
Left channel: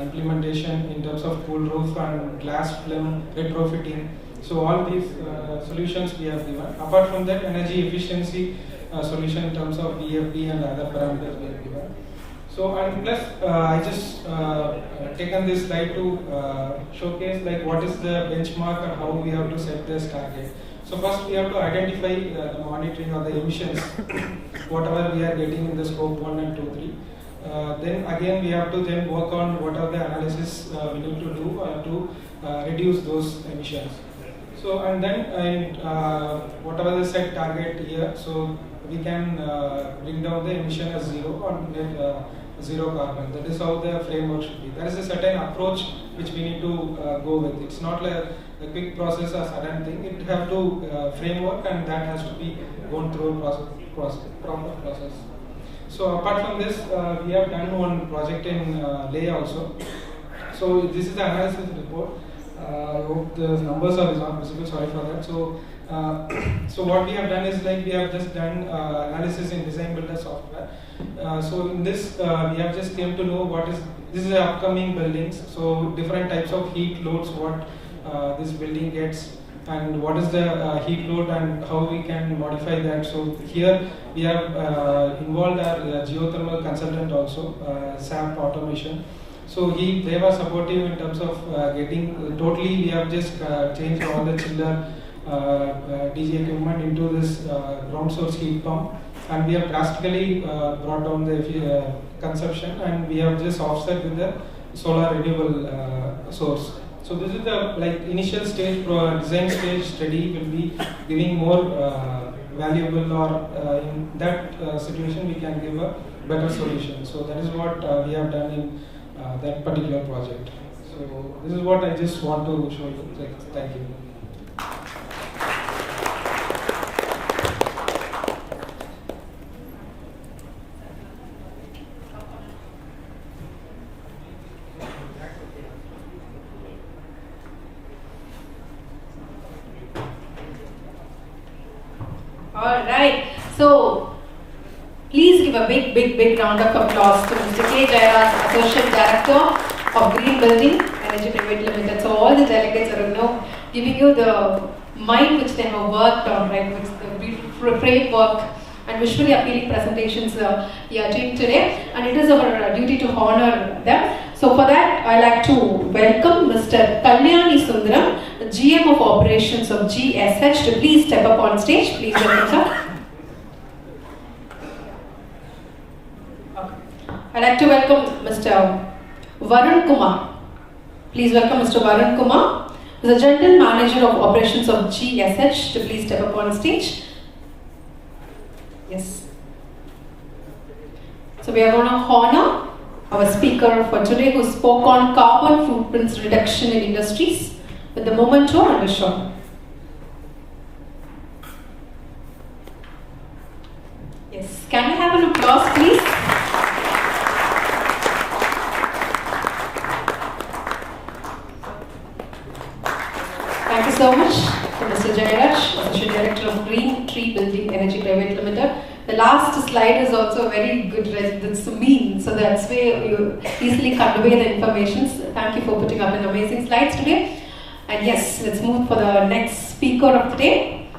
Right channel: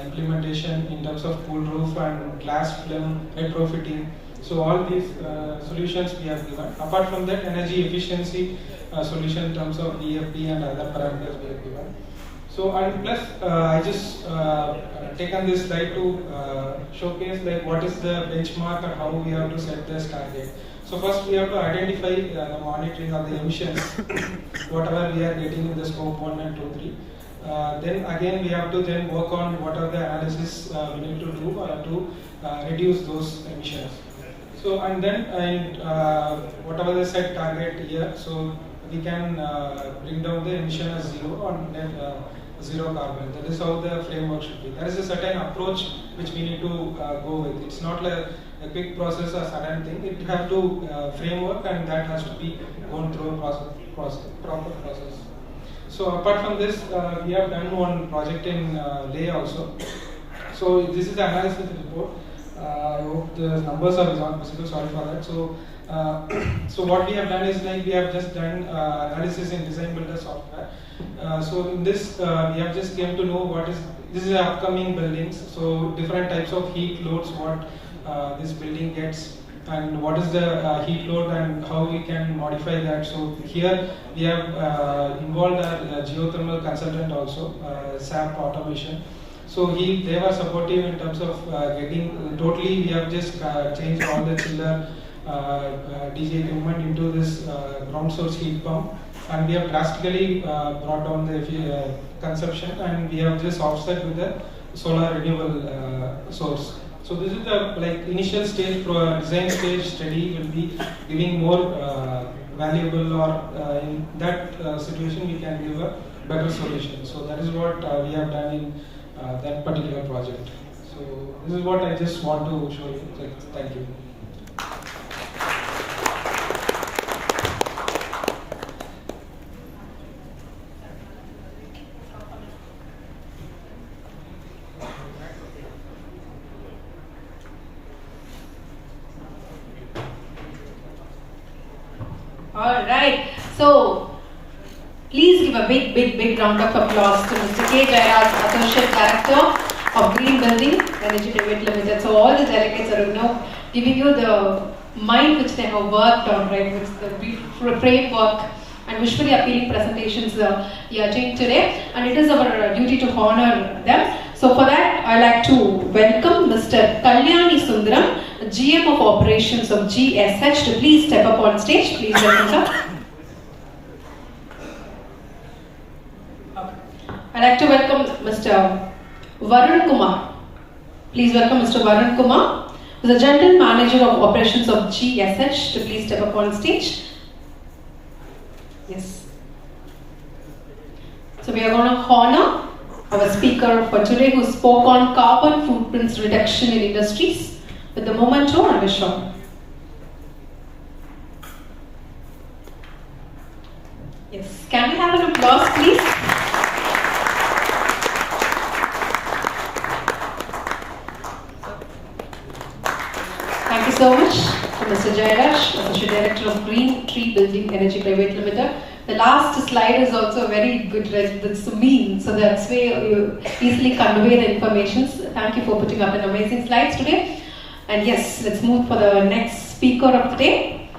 implementation in terms of cool roof and glass film retrofitting. So all these solutions we have given. Apart from that, energy efficiency solution in terms of VFD and other parameters we have given. So and plus I just taken this slide to showcase like what is the benchmark and how we have to set this target. So first we have to identify the monitoring of the emissions, whatever we are getting in the scope 1 and 2, 3. Then again we have to then work on what are the analysis we need to do to reduce those emissions. So and then whatever the set target here, so we can bring down the emission as 0 or then 0 carbon. That is how the framework should be. There is a certain approach which we need to go with. It's not like a quick process or sudden thing. It have to framework, and that has to be gone through a proper process. So apart from this, we have done one project in Leh also. So this is the analysis report. I hope the numbers are not visible. Sorry for that. So what we have done is like we have just done analysis in design builder software. So in this we have just came to know what is this is the upcoming buildings. So different types of heat loads what this building gets and what is the heat load and how we can modify that. So here we have involved our geothermal consultant also, SAP automation. So they were supportive in terms of getting totally. We have just changed all the chiller DG equipment into this ground source heat pump, and we have drastically brought down the consumption, and we have just offset with the solar renewable source. So this is the initial stage, design stage study will be giving more valuable, or in that situation we can give a better solution. So that is what we have done in that particular project. So this is what I just want to show you. Thank you. Alright, so please give a big round of applause to Mr. K. Jayaraj, Associate Director of Green Building Energy Private Limited. So all the delegates are giving you the mind which they have worked on, right, which the framework and visually appealing presentations we are doing today, and it is our duty to honor them. So for that, I like to welcome Mr. Kalyani Sundaram, GM of Operations of GSH, to please step up on stage. Please welcome, sir. I'd like to welcome Mr. Varun Kumar. Please welcome Mr. Varun Kumar, who is the General Manager of Operations of GSH, to please step up on stage. Yes. So we are going to honor our speaker for today, who spoke on carbon footprints reduction in industries with the memento and vision. Yes. Can we have an applause, please? Thank you so much to Mr. Jayaraj, Associate Director of Green Tree Building Energy Private Limited. The last slide is also very good, that's mean, so that's where you easily convey the information. Thank you for putting up an amazing slides today. And yes, let's move for the next speaker of the day.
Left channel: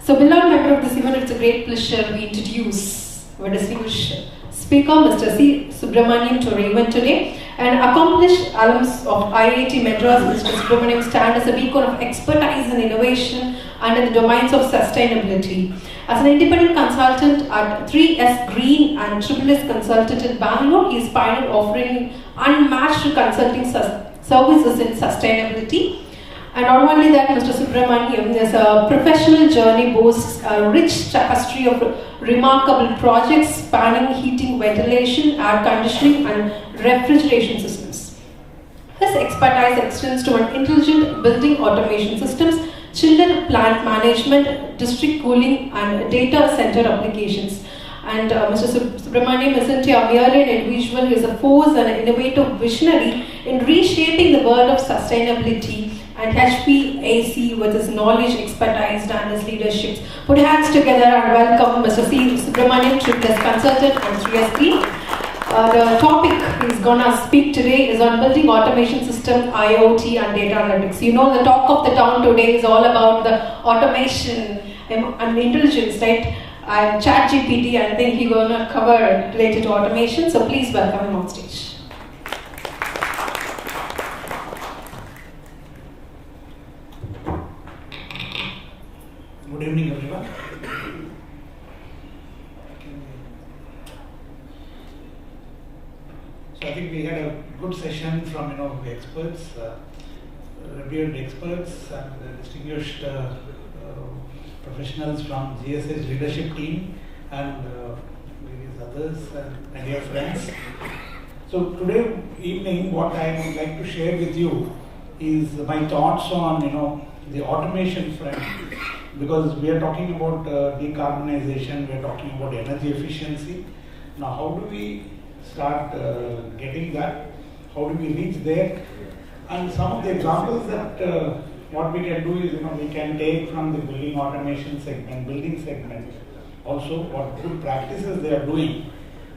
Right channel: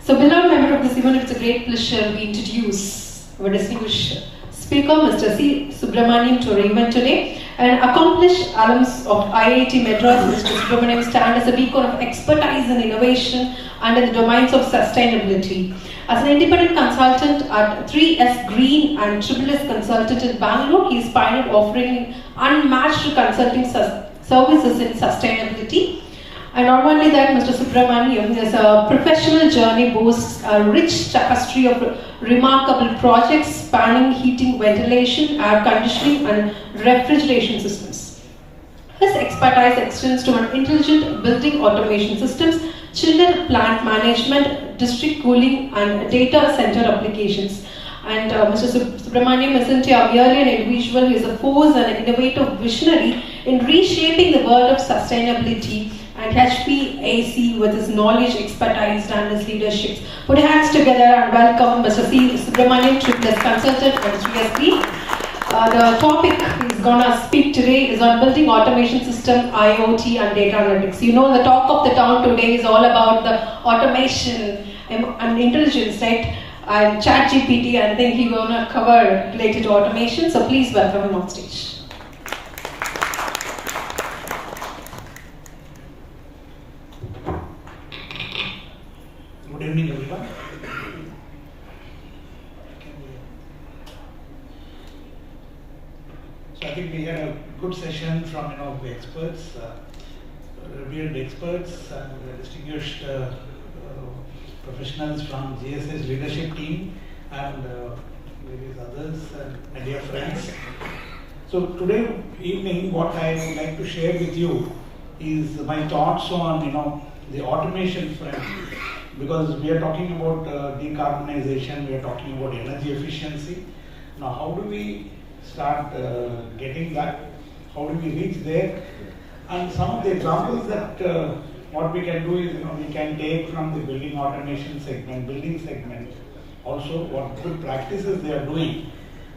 So, beloved member of this event, it's a great pleasure we introduce our distinguished speaker, Mr. C. Subramaniam, to our event today. An accomplished alumnus of IIT Madras, Mr. Subramaniam stands as a beacon of expertise and innovation under the domains of sustainability. As an independent consultant at 3S Green and SSS Consultant in Bangalore, he is pioneered offering unmatched consulting services in sustainability. And not only that, Mr. Subramaniam, his professional journey boasts a rich tapestry of remarkable projects spanning heating, ventilation, air conditioning, and refrigeration systems. His expertise extends to intelligent building automation systems, chiller plant management, district cooling, and data center applications. And Mr. Subramaniam isn't merely an individual, he is a force and an innovative visionary in reshaping the world of sustainability and HVAC with his knowledge, expertise, and his leadership. Put hands together and welcome Mr. C. Subramaniam, SSS Consultant on 3S. The topic he's gonna speak today is on building automation system, IoT, and data analytics. You know, the talk of the town today is all about the automation and intelligence, right? And ChatGPT, and then he's gonna cover related to automation. So please welcome him on stage. Good evening, everyone. So I think we had a good session from the experts, revered experts, and distinguished professionals from GSH leadership team and various others and my dear friends. So today evening, what I would like to share with you is my thoughts on the automation front. Because we are talking about decarbonization, we are talking about energy efficiency. Now, how do we start getting that? How do we reach there? And some of the examples that what we can do is, we can take from the building automation segment, building segment, also what good practices they are doing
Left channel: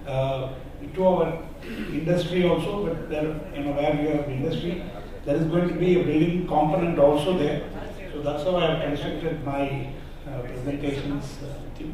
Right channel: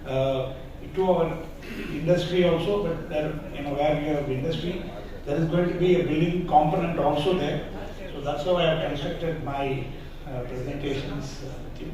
to our industry also. But there, where we have industry, there is going to be a building component also there. So So that's how I have constructed my presentations with you.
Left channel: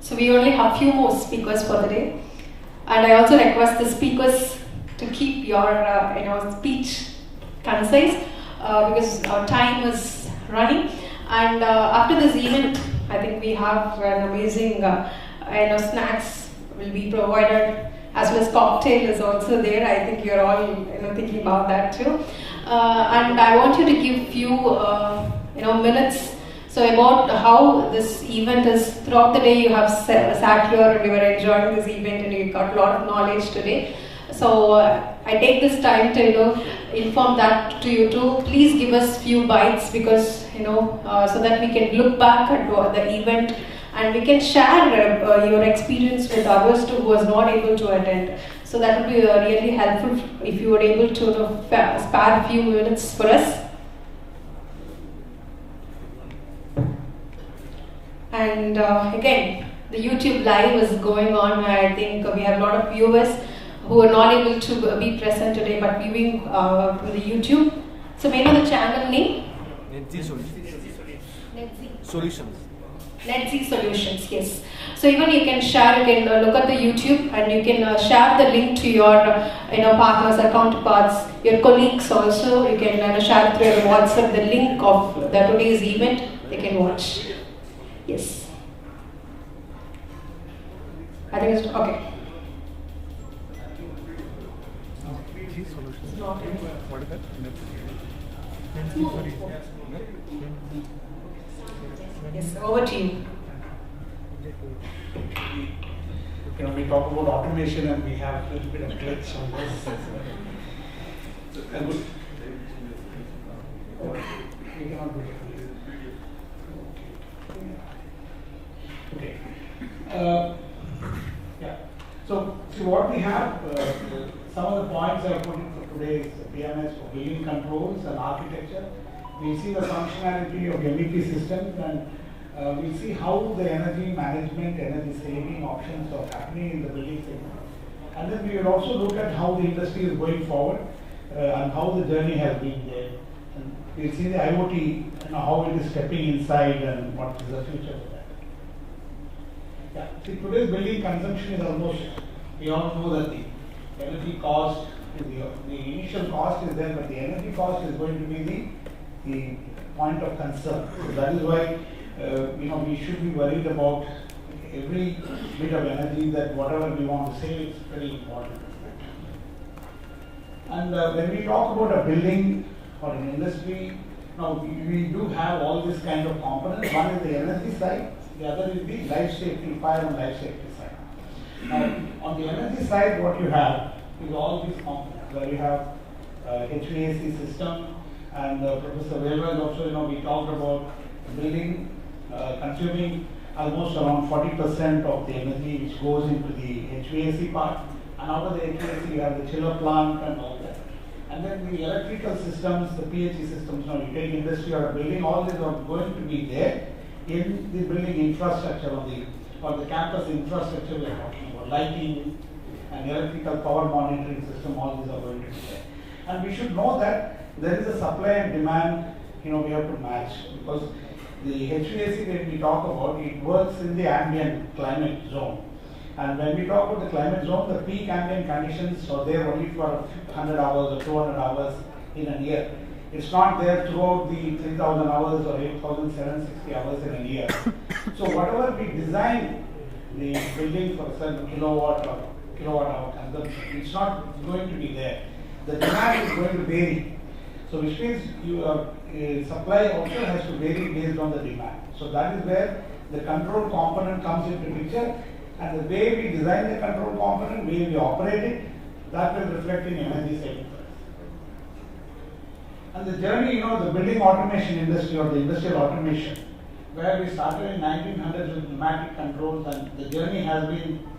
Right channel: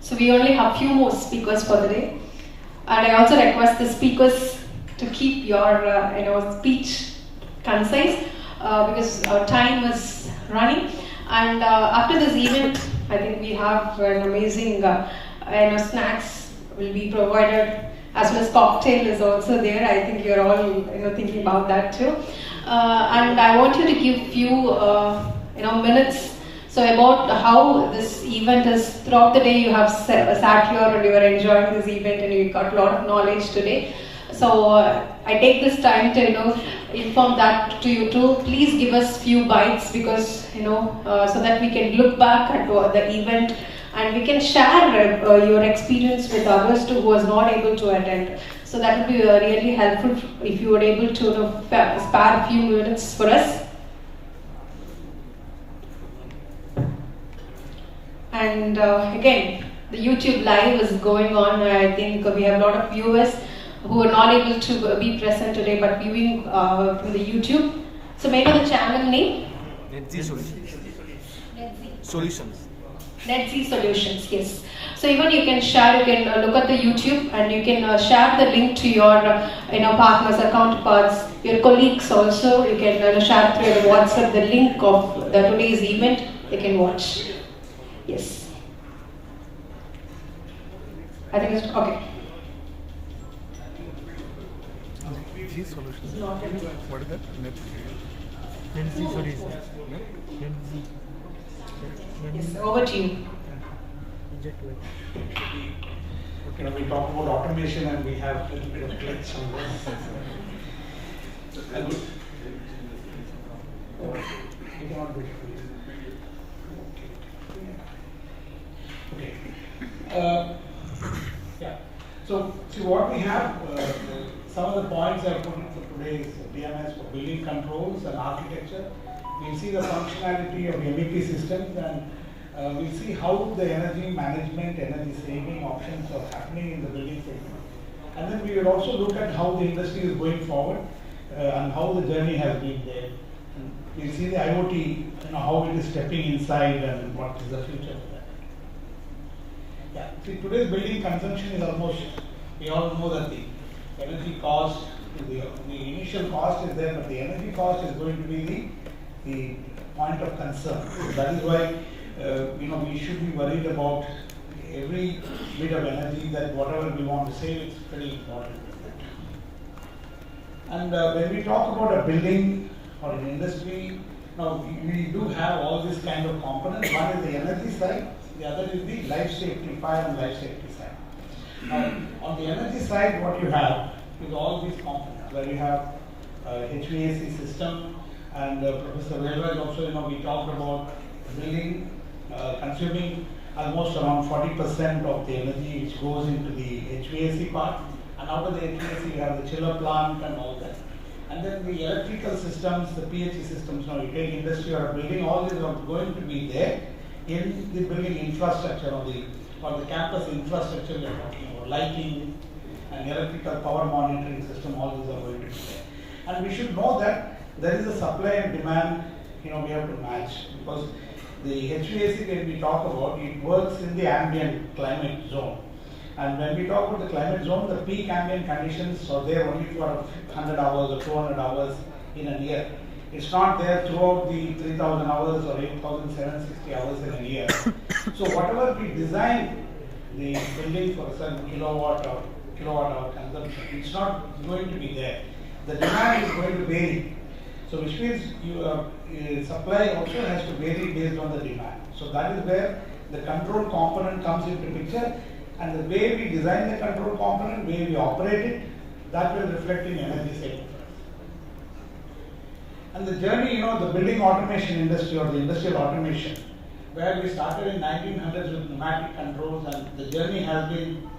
So we only have few more speakers for the day, and I also request the speakers to keep your speech concise because our time is running. And after this event, I think we have an amazing snacks will be provided, as well as cocktail is also there. I think you're all thinking about that too. And I want you to give few minutes. So about how this event is, throughout the day you have sat here and you were enjoying this event and you got a lot of knowledge today. So I take this time to inform that to you too. Please give us few bites because so that we can look back at the event and we can share your experience with others too who was not able to attend. So that would be really helpful if you were able to spare a few minutes for us. And again, the YouTube live is going on. I think we have a lot of viewers who are not able to be present today but viewing from the YouTube. So may I know the channel name? Netz Solutions. Netz Solutions, yes. So even you can share, you can look at the YouTube and you can share the link to your partners or counterparts, your colleagues also. You can share through your WhatsApp the link of the today's event. They can watch. Yes. I think it's okay. What is that? Yes, over to you. We talk about automation and we have a little bit of glitch on this. We cannot do it. Okay. Yeah. So, see what we have, some of the points I put in for today's DMS for building controls and architecture. We'll see the functionality of MEP systems and we'll see how the energy management, energy saving options are happening in the building segment. And then we will also look at how the industry is going forward and how the journey has been there. And we'll see the IoT, how it is stepping inside and what is the future of that. Yeah. See, today's building consumption is almost, we all know that the energy cost, the initial cost is there, but the energy cost is going to be the point of concern. So that is why we should be worried about every bit of energy, that whatever we want to save is very important. And when we talk about a building or an industry, now we do have all these kind of components. One is the energy side, the other is the life safety, fire and life safety side. Now, on the energy side, what you have is all these components, where you have HVAC system, and Professor Weber also, we talked about building, consuming almost around 40% of the energy which goes into the HVAC part, and out of the HVAC you have the chiller plant and all that. And then the electrical systems, the PHE systems, now retail industry or building, all these are going to be there. in the building infrastructure or the campus infrastructure we are talking about, lighting and electrical power monitoring system, all these are going to be there. And we should know that there is a supply and demand, we have to match, because the HVAC when we talk about, it works in the ambient climate zone. And when we talk about the climate zone, the peak ambient conditions are there only for 100 hours or 200 hours in a year. It's not there throughout the 3,000 hours or 8,760 hours in a year. So whatever we design the building for a certain kilowatt or kilowatt hour consumption, it's not going to be there. The demand is going to vary. So which means your supply also has to vary based on the demand. So that is where the control component comes into picture, and the way we design the control component, the way we operate it, that will reflect in energy saving. And the journey, the building automation industry or the industrial automation, where we started in 1900s with pneumatic controls, and the journey has been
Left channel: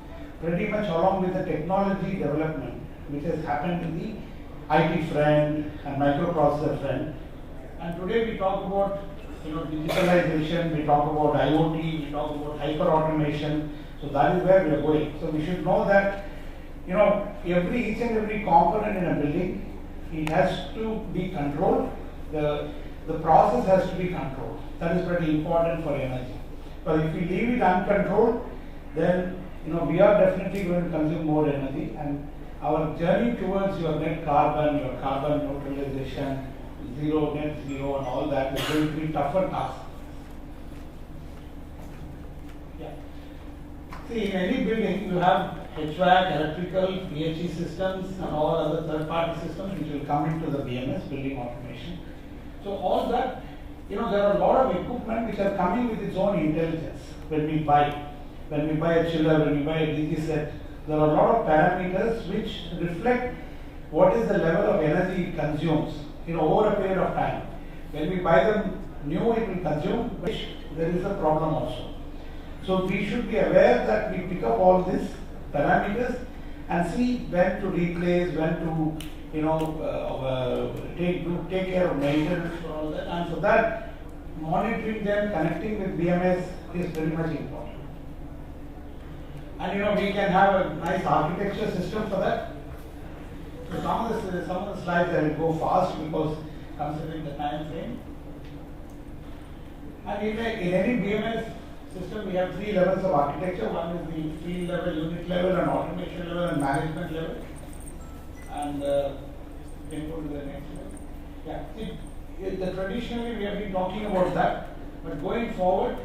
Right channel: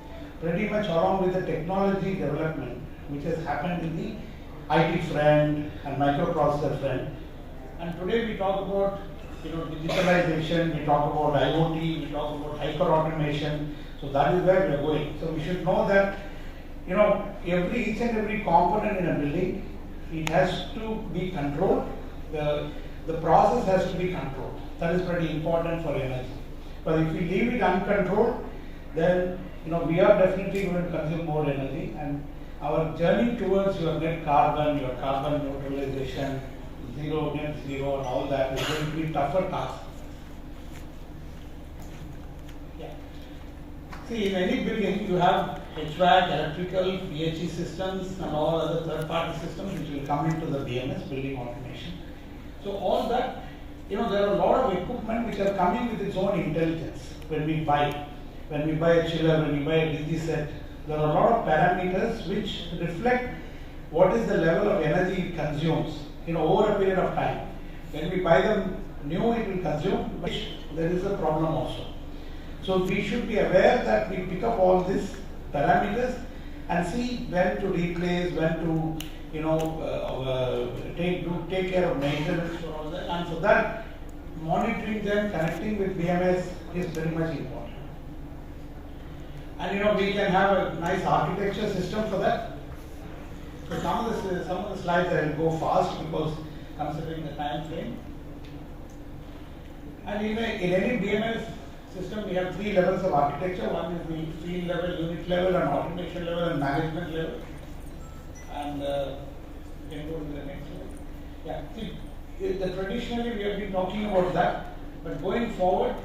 pretty much along with the technology development which has happened in the IT front and microprocessor front. And today we talk about digitalization, we talk about IoT, we talk about hyper automation. So that is where we are going. So we should know that each and every component in a building, it has to be controlled. The process has to be controlled. That is pretty important for energy. But if we leave it uncontrolled, then we are definitely going to consume more energy, and our journey towards your net carbon, your carbon neutralization, net zero, and all that is going to be tougher task. Yeah. See, in any building, you have HVAC, electrical, PHE systems, and all other third-party systems which will come into the BMS, building automation. So all that, there are a lot of equipment which are coming with its own intelligence when we buy. When we buy a chiller, when we buy a DG set, there are a lot of parameters which reflect what is the level of energy it consumes over a period of time. When we buy them new, it will consume, but there is a problem also. So we should be aware that we pick up all these parameters and see when to replace, when to take care of maintenance for all that. And for that, monitoring them, connecting with BMS is very much important. And we can have a nice architecture system for that. So some of the slides I will go fast because considering the time frame. And in any BMS system, we have three levels of architecture. One is the field level, unit level, and automation level, and management level. And can you go to the next slide? Yeah. See, traditionally we have been talking about that, but going forward,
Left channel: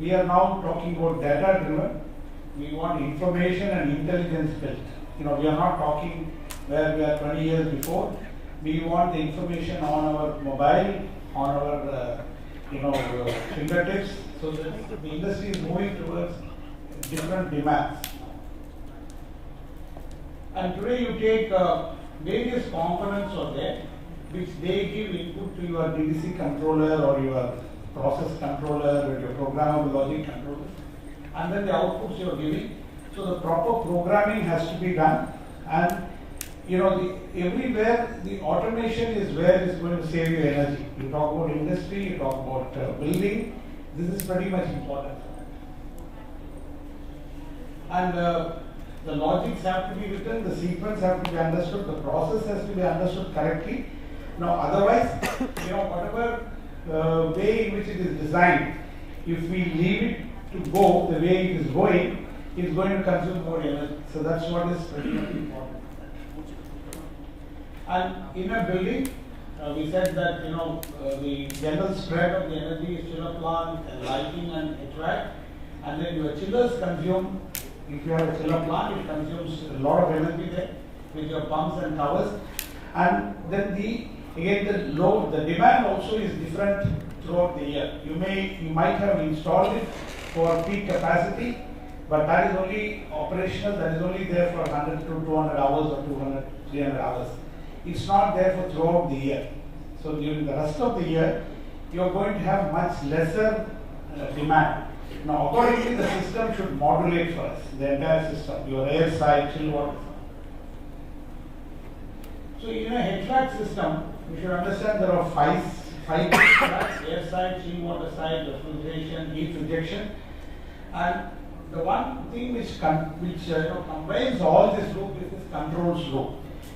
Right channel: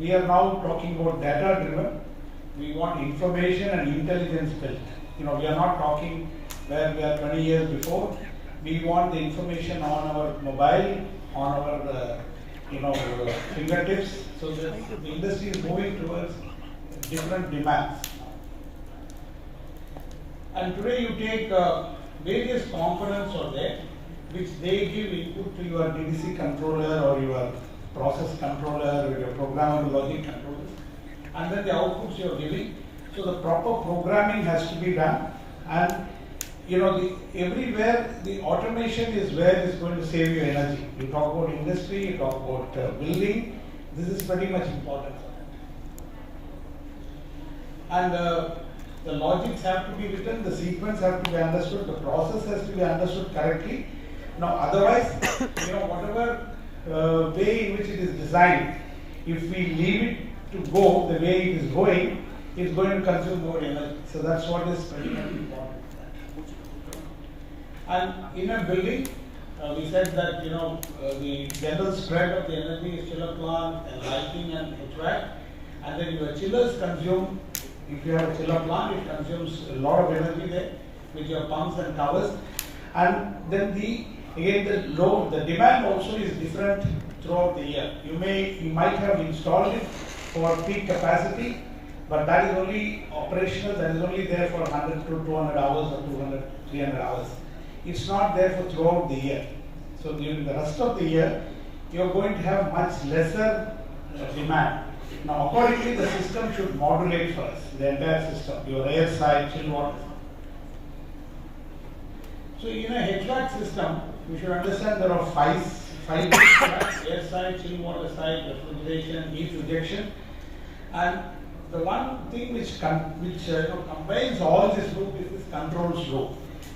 we are now talking about data driven. We want information and intelligence built. We are not talking where we are 20 years before. We want the information on our mobile, on our fingertips, so that the industry is moving towards different demands. And today you take various components are there, which they give input to your DDC controller or your process controller or your programmable logic controller. And then the outputs you are giving. So the proper programming has to be done, and everywhere the automation is where it's going to save you energy. You talk about industry, you talk about building. This is pretty much important for that. And the logics have to be written, the sequence have to be understood, the process has to be understood correctly. Now, otherwise, whatever way in which it is designed, if we leave it to go the way it is going, it's going to consume more energy. So that's what is pretty much important. And in a building, we said that the general spread of the energy is chiller plant and lighting and HVAC, and then your chillers consume. If you have a chiller plant, it consumes a lot of energy there with your pumps and towers, and then the demand also is different throughout the year. You might have installed it for peak capacity, but that is only operational, that is only there for 100 to 200 hours or 200, 300 hours. It's not there for throughout the year. So during the rest of the year, you are going to have much lesser demand. Now accordingly, the system should modulate for us, the entire system, your air side, chill water. So in a HVAC system, you should understand there are 5 tracks: air side, chill water side, refrigeration, heat rejection. And the one thing which combines all this loop is this controls loop,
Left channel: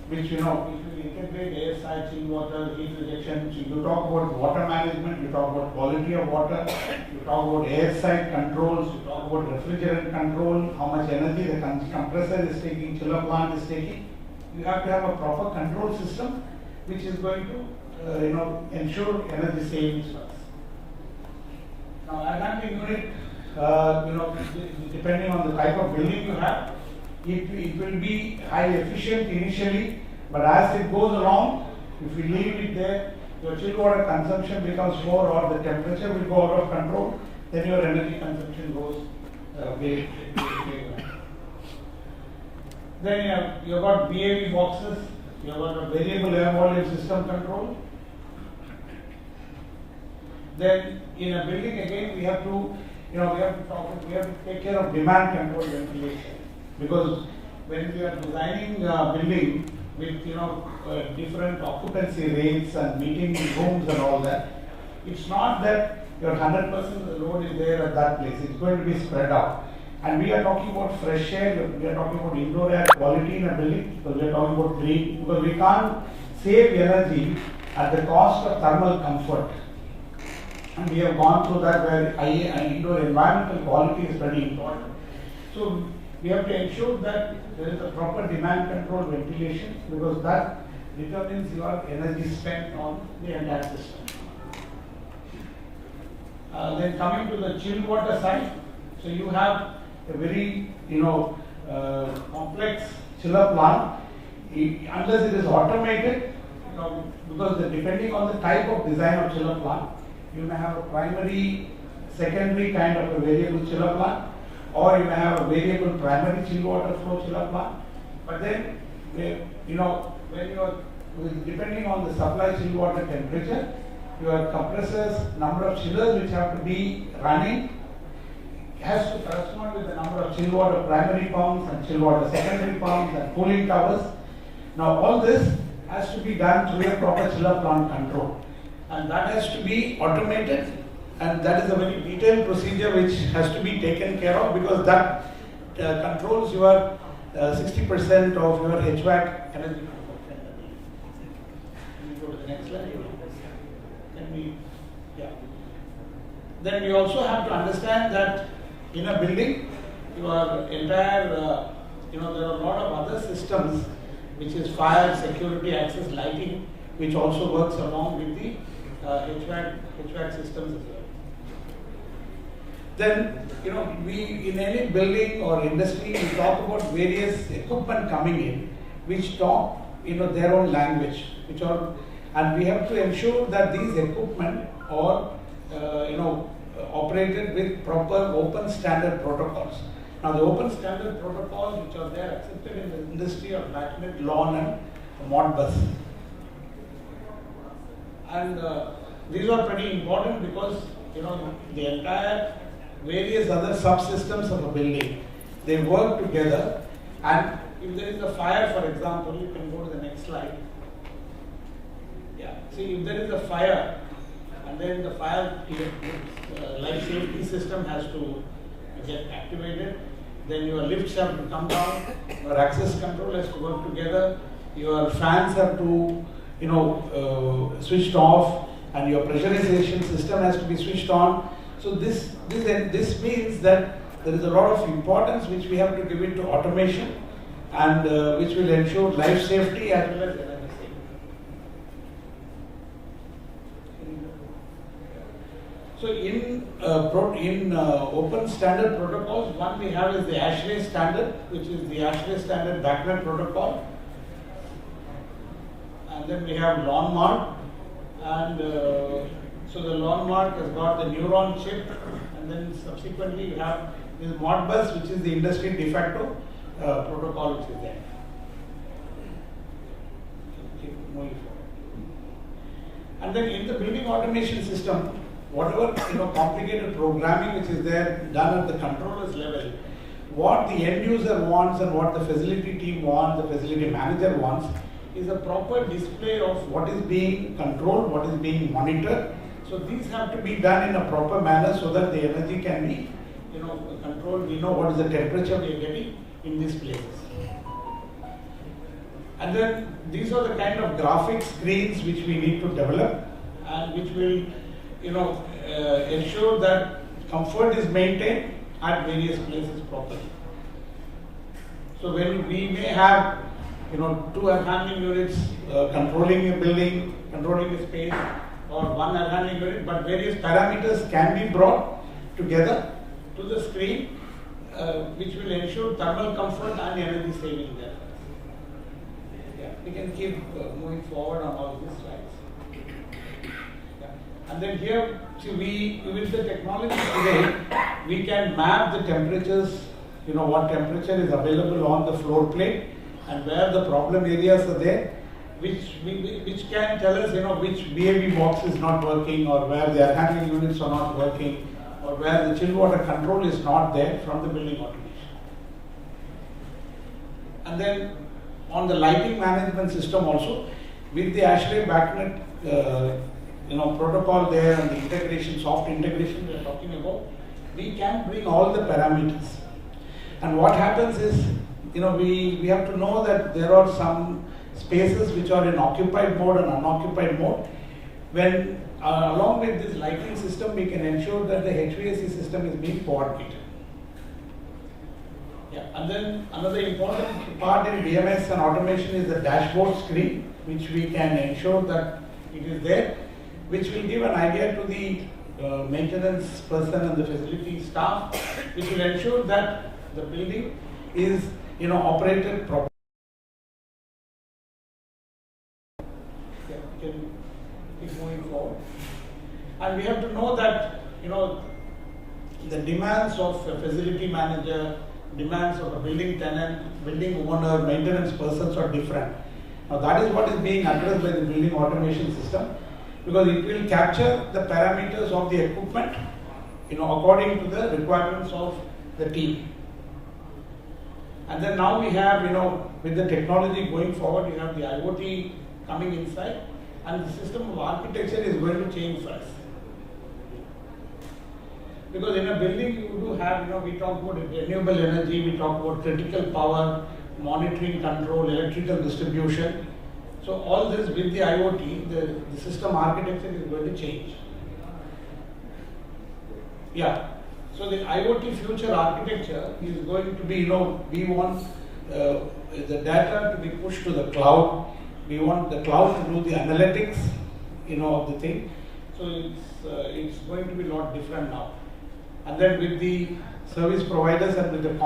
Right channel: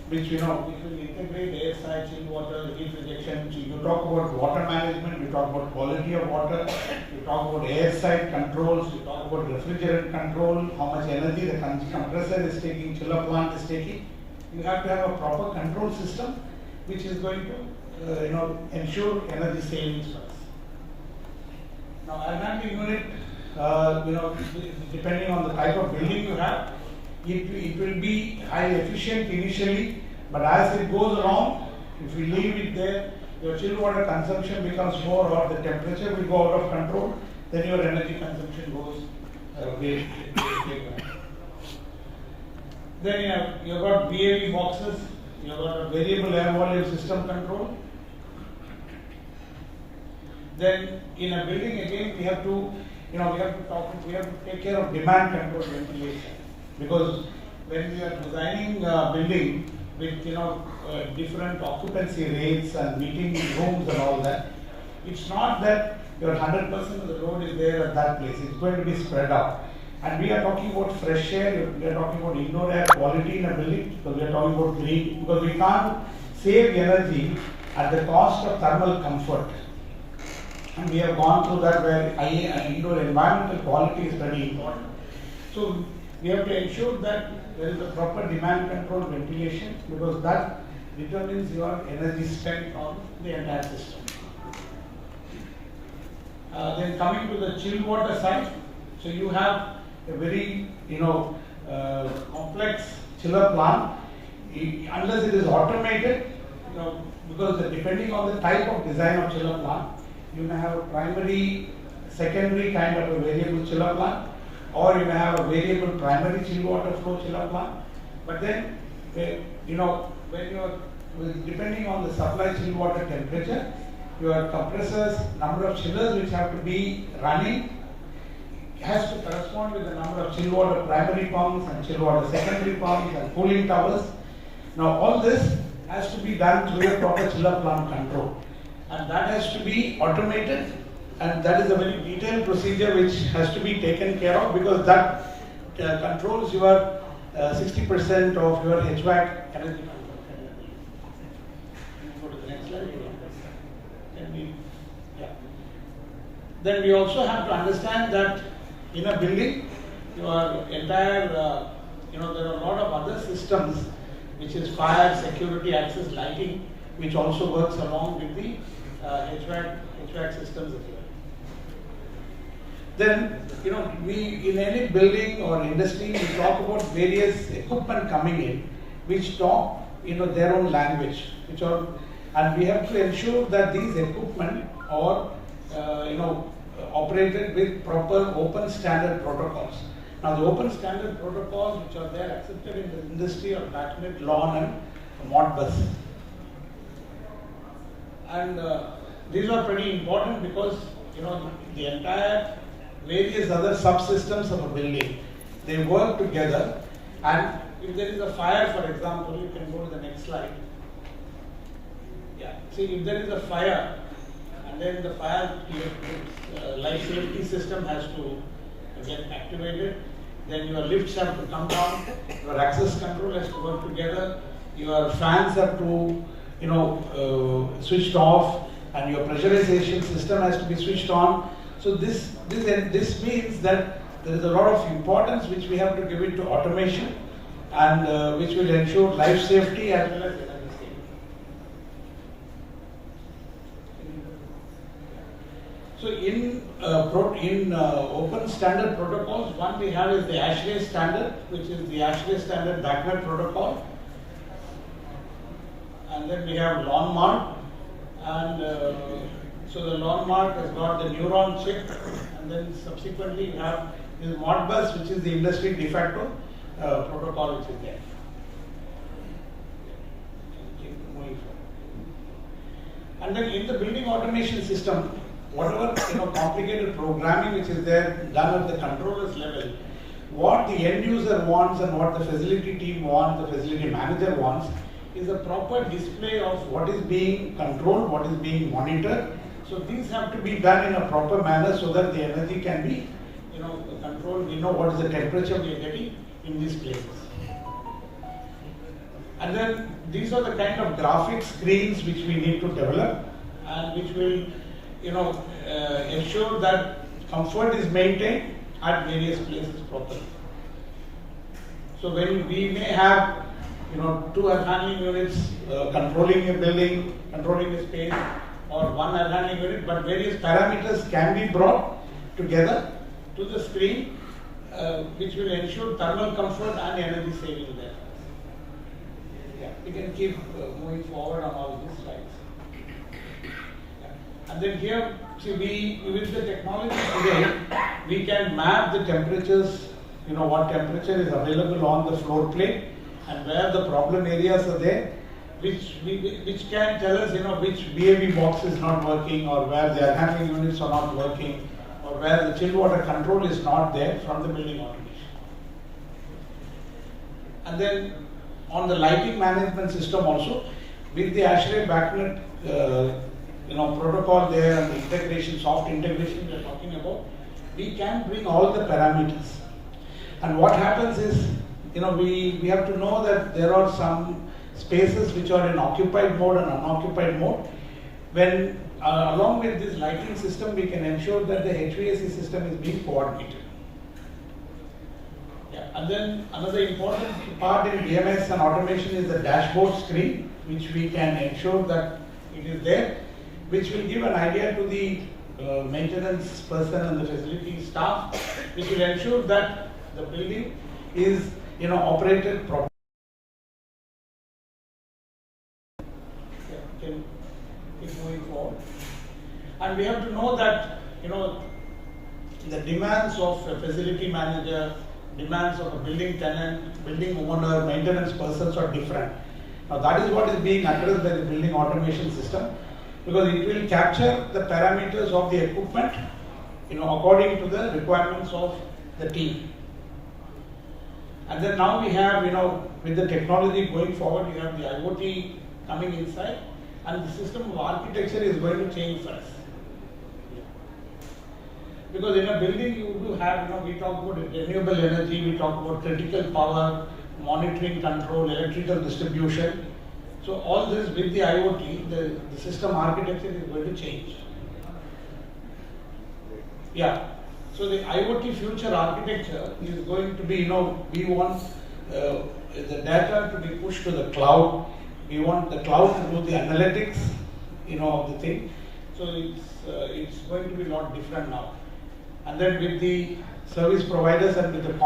which will integrate air side, chill water, heat rejection. You talk about water management, you talk about quality of water, you talk about air side controls, you talk about refrigerant control, how much energy the compressor is taking, chiller plant is taking. You have to have a proper control system which is going to ensure energy savings for us. Now, a handling unit, depending on the type of building you have, it will be high efficient initially, but as it goes along, if you leave it there, your chill water consumption becomes more, or the temperature will go out of control, then your energy consumption goes way down. Then you have got VAV boxes, you have got a variable air volume system control. Then in a building again, we have to take care of demand control ventilation, because when you are designing a building with different occupancy rates and meeting rooms and all that, it's not that your 100% of the load is there at that place. It's going to be spread out. And we are talking about fresh air, we are talking about indoor air quality in a building, because we are talking about green, because we can't save energy at the cost of thermal comfort. And we have gone through that, where indoor environmental quality is very important. So we have to ensure that there is a proper demand control ventilation, because that determines your energy spent on the entire system. Then coming to the chill water side, so you have a very complex chiller plant. Unless it is automated, because depending on the type of design of chiller plant, you may have a primary, secondary kind of a variable chiller plant, or you may have a variable primary chill water flow chiller plant. But then, when you are depending on the supply chill water temperature, your compressors, number of chillers which have to be running has to correspond with the number of chill water primary pumps and chill water secondary pumps and cooling towers. Now all this has to be done through a proper chiller plant control, and that has to be automated, and that is a very detailed procedure which has to be taken care of, because that controls your 60% of your HVAC energy consumption. Can we go to the next slide? Then we also have to understand that in a building, your entire, there are a lot of other systems, which is fire, security, access, lighting, which also works along with the HVAC systems as well. Then, we in any building or industry, we talk about various equipment coming in, which talk, their own language, and we have to ensure that these equipment are, operated with proper open standard protocols. Now, the open standard protocols which are there accepted in the industry are BACnet, LON, and Modbus. And these are pretty important, because the entire various other subsystems of a building, they work together. And if there is a fire, for example, you can go to the next slide. Yeah. See, if there is a fire, and then the fire life safety system has to get activated, then your lifts have to come down, your access control has to work together, your fans have to switched off, and your pressurization system has to be switched on. So this means that there is a lot of importance which we have to give it to automation, and which will ensure life safety as well as energy saving. So in open standard protocols, one we have is the ASHRAE standard, which is the ASHRAE standard BACnet protocol. And then we have LON-MARK, and so the LON-MARK has got the neuron chip, and then subsequently you have this Modbus, which is the industry de facto protocol which is there. Keep moving forward. And then in the building automation system, whatever complicated programming which is there done at the controller's level, what the end user wants and what the facility team wants, the facility manager wants, is a proper display of what is being controlled, what is being monitored. So these have to be done in a proper manner so that the energy can be, controlled. We know what is the temperature we are getting in these places. And then these are the kind of graphic screens which we need to develop and which will, ensure that comfort is maintained at various places properly. So when we may have, 2 air handling units controlling a building, controlling a space, or 1 air handling unit, but various parameters can be brought together to the screen, which will ensure thermal comfort and energy saving there. Yeah, we can keep moving forward on all these slides. Yeah. And then here, see, with the technology today, we can map the temperatures, what temperature is available on the floor plate and where the problem areas are there, which can tell us, which BAB box is not working, or where the air handling units are not working, or where the chill water control is not there from the building automation. And then on the lighting management system also, with the ASHRAE BACnet protocol there and the integration, soft integration we are talking about, we can bring all the parameters. And what happens is, we have to know that there are some spaces which are in occupied mode and unoccupied mode. When along with this lighting system, we can ensure that the HVAC system is being coordinated. Yeah. And then another important part in BMS and automation is the dashboard screen, which we can ensure that it is there, which will give an idea to the maintenance person and the facility staff, which will ensure that the building is operated properly. Okay. Keep moving forward. And we have to know that the demands of a facility manager, demands of a building tenant, building owner, maintenance persons are different. Now that is what is being addressed by the building automation system, because it will capture the parameters of the equipment, according to the requirements of the team. And then now we have, with the technology going forward, we have the IoT coming inside, and the system of architecture is going to change first. Because in a building you do have, we talk about renewable energy, we talk about critical power, monitoring control, electrical distribution. So all this with the IoT, the system architecture is going to change. Yeah. So the IoT future architecture is going to be, we want the data to be pushed to the cloud. We want the cloud to do the analytics, of the thing. So it's going to be a lot different now. And then with the service providers and with the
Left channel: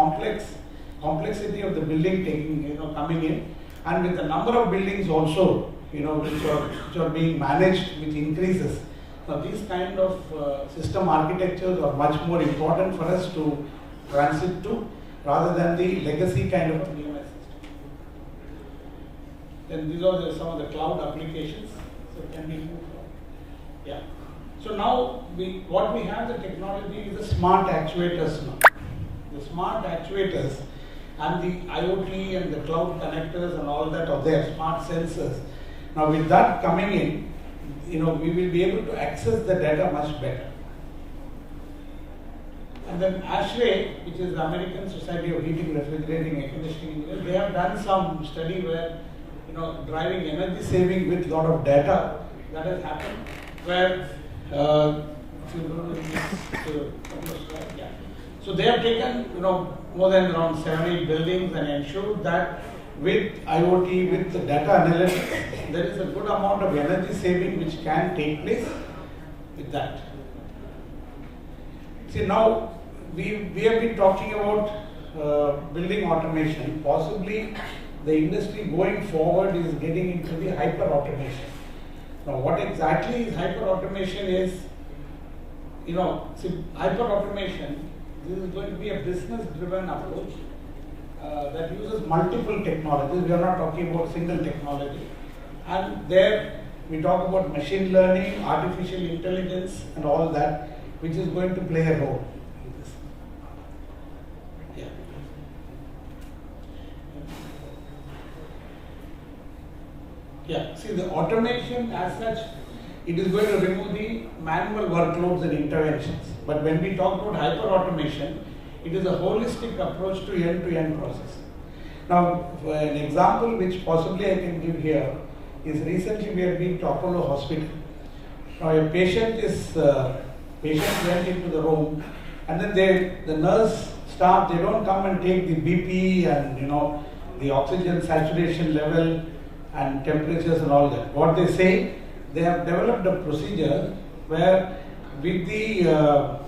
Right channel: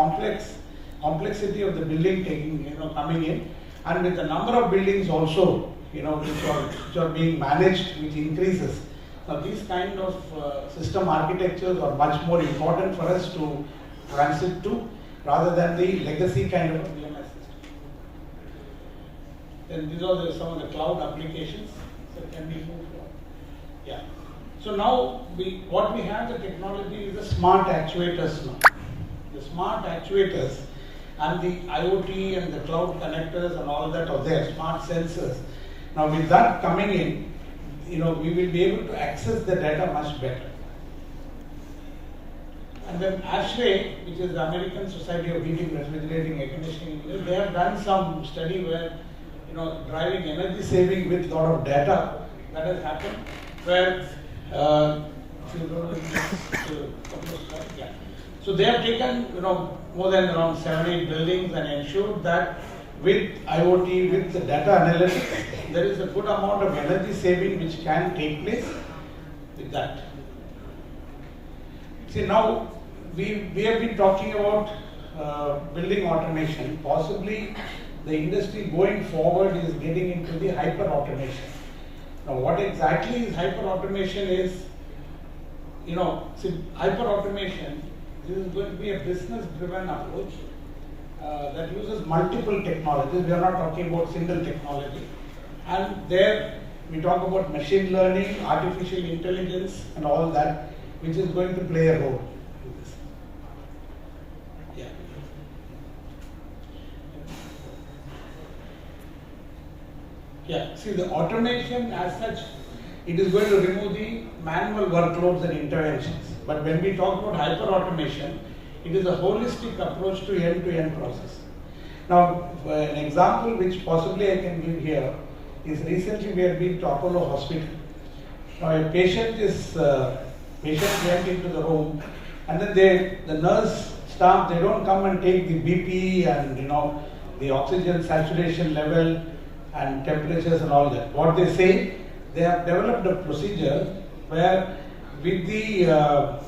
complexity of the building taking, coming in, and with the number of buildings also, which are being managed, which increases. Now these kind of system architectures are much more important for us to transit to, rather than the legacy kind of a BMS system. Then these are some of the cloud applications. So can we move on? Yeah. So now what we have the technology is the smart actuators now. The smart actuators and the IoT and the cloud connectors and all that are there, smart sensors. Now with that coming in, we will be able to access the data much better. And then ASHRAE, which is the American Society of Heating, Refrigerating, Air Conditioning Engineers, they have done some study where, driving energy saving with a lot of data that has happened, where, if you go to yeah. So they have taken, more than around 7-8 buildings and ensured that with IoT, with the data analytics, there is a good amount of energy saving which can take place with that. See, now we have been talking about building automation. Possibly the industry going forward is getting into the hyper automation. Now, what exactly is hyper automation is, see, hyper automation, this is going to be a business driven approach that uses multiple technologies. We are not talking about single technology. And there we talk about machine learning, artificial intelligence and all that, which is going to play a role in this. Yeah. Yeah, see the automation as such, it is going to remove the manual workloads and interventions. But when we talk about hyper-automation, it is a holistic approach to end-to-end process. Now, an example which possibly I can give here is recently we have been to Apollo Hospital. Now, a patient went into the room, and then the nurse staff, they don't come and take the BP and the oxygen saturation level and temperatures and all that. What they say, they have developed a procedure where with the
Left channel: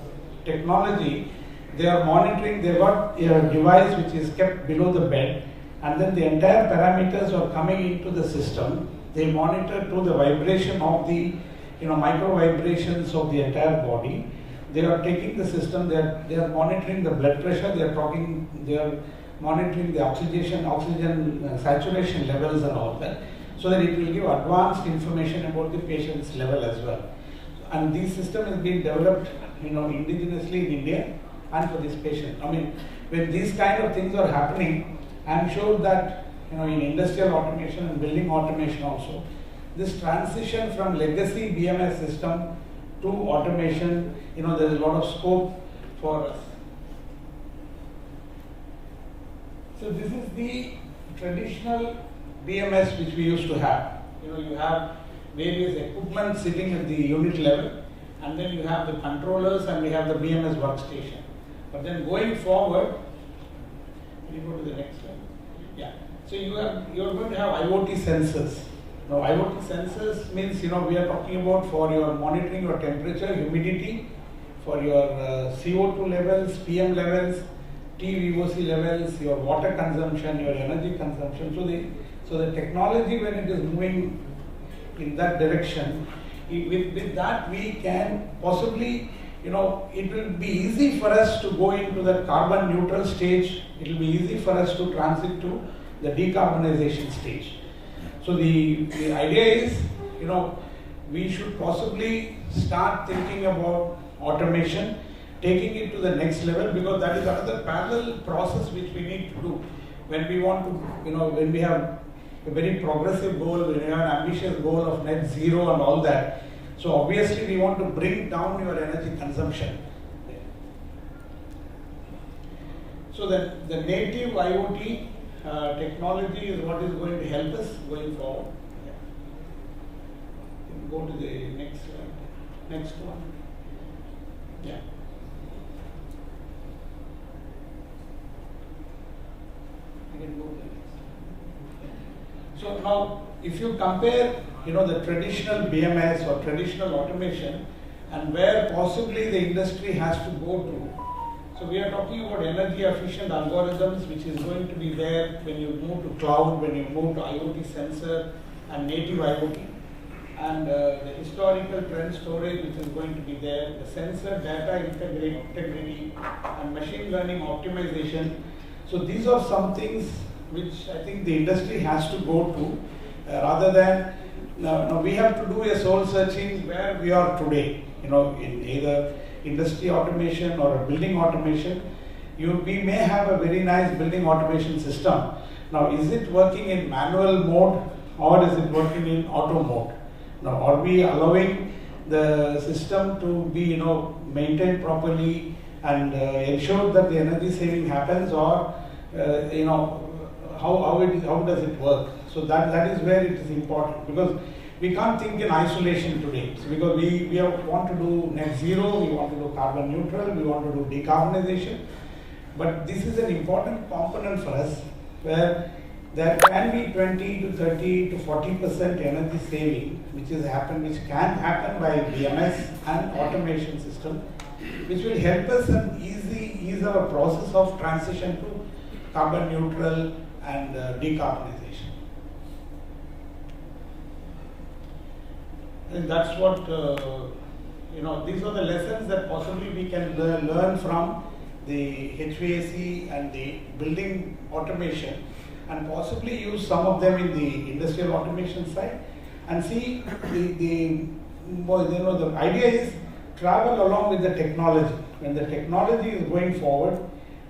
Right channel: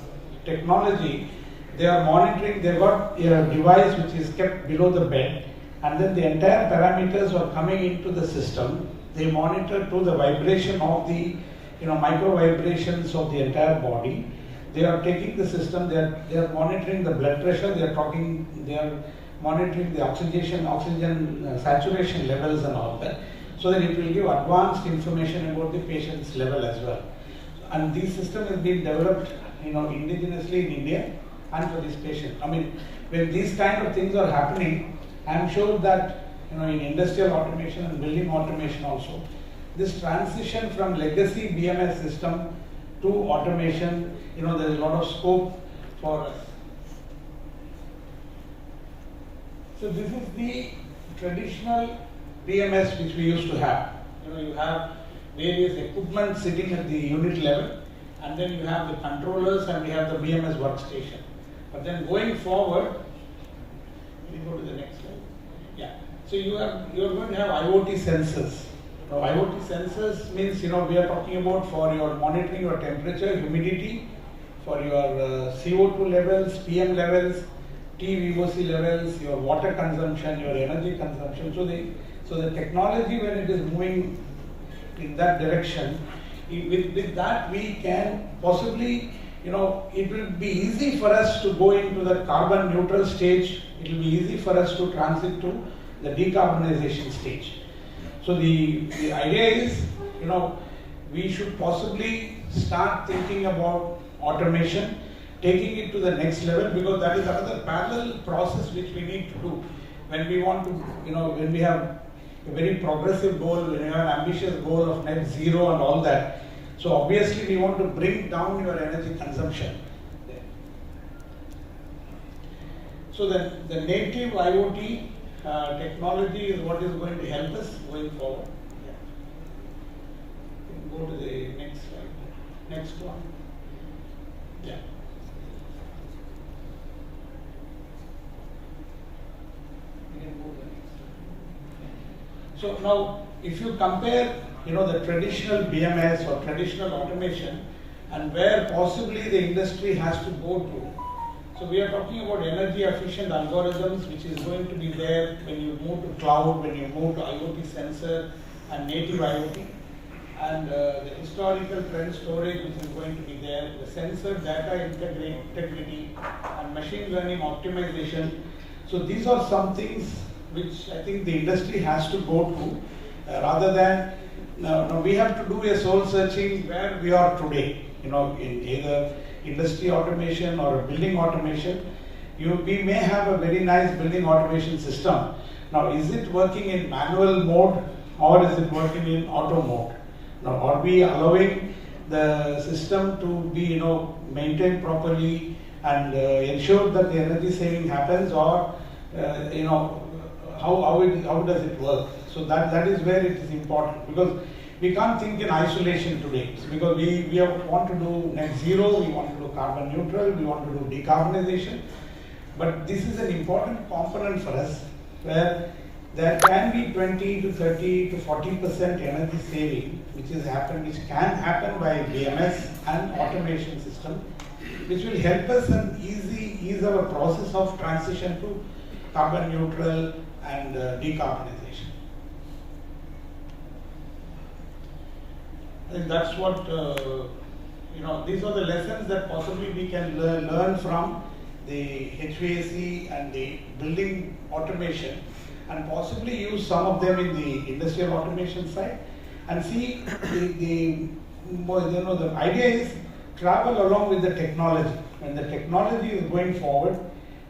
technology, they are monitoring, they've got a device which is kept below the bed, and then the entire parameters are coming into the system. They monitor to the vibration of the micro vibrations of the entire body. They are taking the system, they are monitoring the blood pressure, they are monitoring the oxygen saturation levels and all that, so that it will give advanced information about the patient's level as well. And this system is being developed indigenously in India and for this patient. I mean, when these kind of things are happening, I am sure that in industrial automation and building automation also, this transition from legacy BMS system to automation, there is a lot of scope for us. So this is the traditional BMS which we used to have. You have various equipment sitting at the unit level, and then you have the controllers and we have the BMS workstation. But then going forward, we go to the next slide. Yeah. So you are going to have IoT sensors. Now IoT sensors means we are talking about for your monitoring your temperature, humidity, for your CO2 levels, PM levels, TVOC levels, your water consumption, your energy consumption. So the technology, when it is moving in that direction, with that we can possibly, it will be easy for us to go into the carbon neutral stage. It will be easy for us to transit to the decarbonization stage. So the idea is, we should possibly start thinking about automation, taking it to the next level, because that is another parallel process which we need to do when we want to, when we have a very progressive goal, when we have an ambitious goal of net zero and all that. So obviously we want to bring down your energy consumption. So the native IoT technology is what is going to help us going forward. Yeah. Go to the next slide. Next one. Yeah. You can go to the next. So now, if you compare, the traditional BMS or traditional automation, and where possibly the industry has to go to. So we are talking about energy efficient algorithms, which is going to be there when you move to cloud, when you move to IoT sensor and native IoT, and the historical trend storage, which is going to be there, the sensor data integrity and machine learning optimization. So these are some things which I think the industry has to go to, rather than we have to do a soul searching where we are today, in either industry automation or building automation. We may have a very nice building automation system. Now, is it working in manual mode or is it working in auto mode? Now, are we allowing the system to be maintained properly and ensure that the energy saving happens, or how does it work? So that is where it is important, because we can't think in isolation today. So because we want to do net zero, we want to do carbon neutral, we want to do decarbonization. But this is an important component for us, where there can be 20 to 30 to 40% energy saving, which can happen by BMS and automation system, which will help us and ease our process of transition to carbon neutral and decarbonization. And that's what, these are the lessons that possibly we can learn from the HVAC and the building automation, and possibly use some of them in the industrial automation side, and see the idea is travel along with the technology. When the technology is going forward,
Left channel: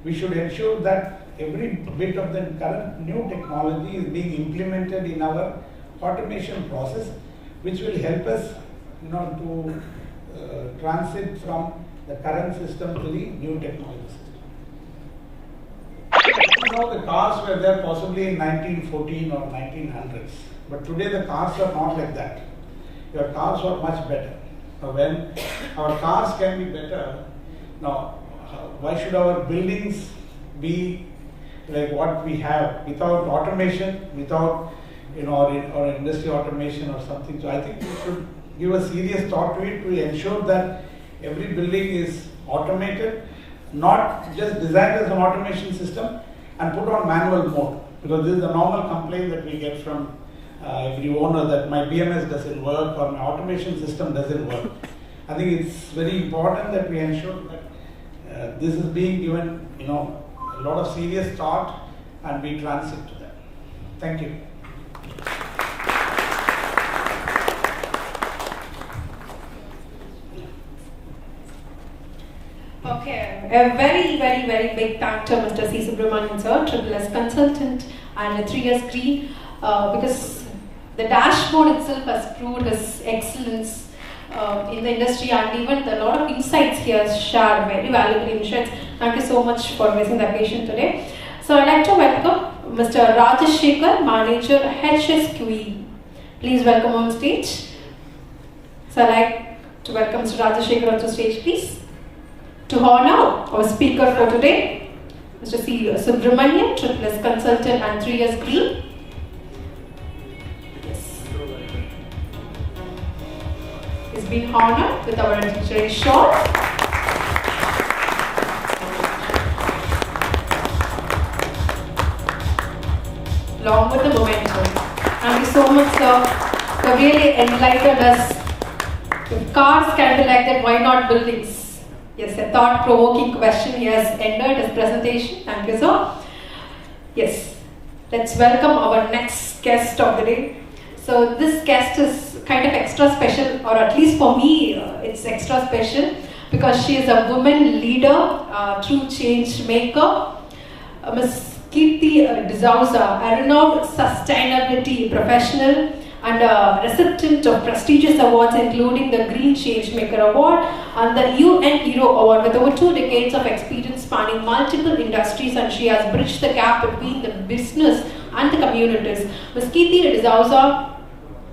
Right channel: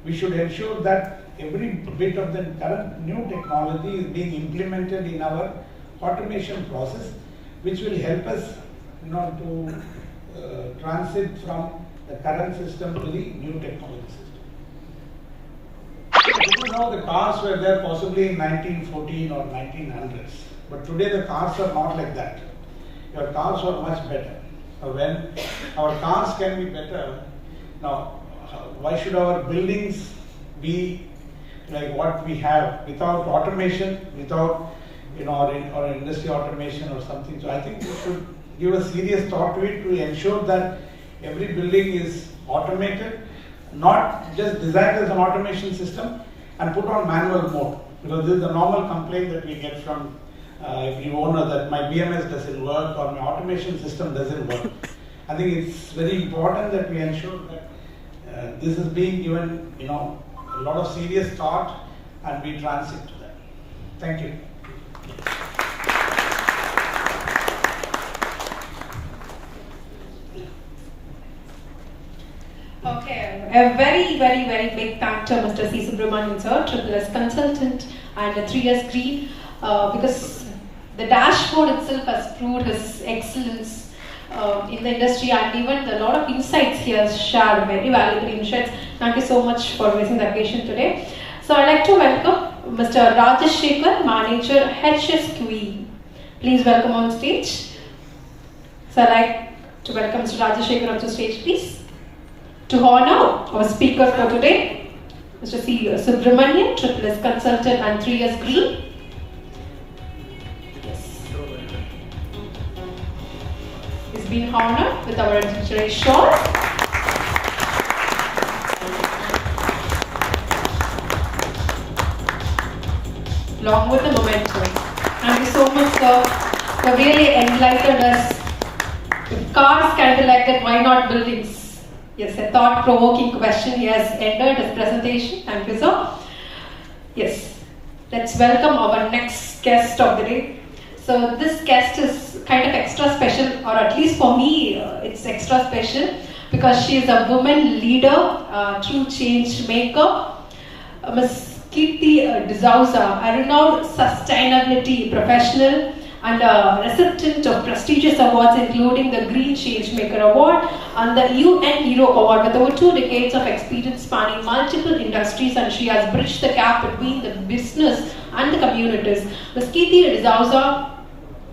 we should ensure that every bit of the current new technology is being implemented in our automation process which will help us, to transit from the current system to the new technology system. Now the cars were there possibly in 1914 or 1900s, but today the cars are not like that. Your cars are much better. When our cars can be better, now why should our buildings be like what we have without automation, without or industry automation or something? So I think we should give a serious thought to it to ensure that every building is automated, not just designed as an automation system and put on manual mode, because this is the normal complaint that we get from every owner that my BMS doesn't work or my automation system doesn't work. I think it's very important that we ensure that this is being given a lot of serious thought and we transit to that. Thank you. Okay, a very, very, very big thank to Mr. C. Subramanian sir, SSS consultant and a 3 years green, because the dashboard itself has proved his excellence in the industry, and even a lot of insights he has shared, very valuable insights. Thank you so much for raising the occasion today. So I'd like to welcome Mr. Rajesh Shekhar, Manager HSQE. Please welcome on stage. So I'd like to welcome Mr. Rajesh Shekhar onto stage, please. To honor our speaker for today, Mr. C. Subramanian, SSS consultant and 3 years green. Yes. He's been honored with our anniversary shawl. Along with the momentum. Thank you so much, sir. You really enlightened us. If cars can be like that, why not buildings? Yes, a thought-provoking question. He has ended his presentation. Thank you, sir. Yes, let's welcome our next guest of the day. So this guest is kind of extra special, or at least for me, it's extra special because she is a woman leader, true change maker, Ms. Kirti D'Souza, a renowned sustainability professional and a recipient of prestigious awards including the Green Changemaker Award and the UN Hero Award with over 2 decades of experience spanning multiple industries, and she has bridged the gap between the business and the communities. Ms. Kirti D'Souza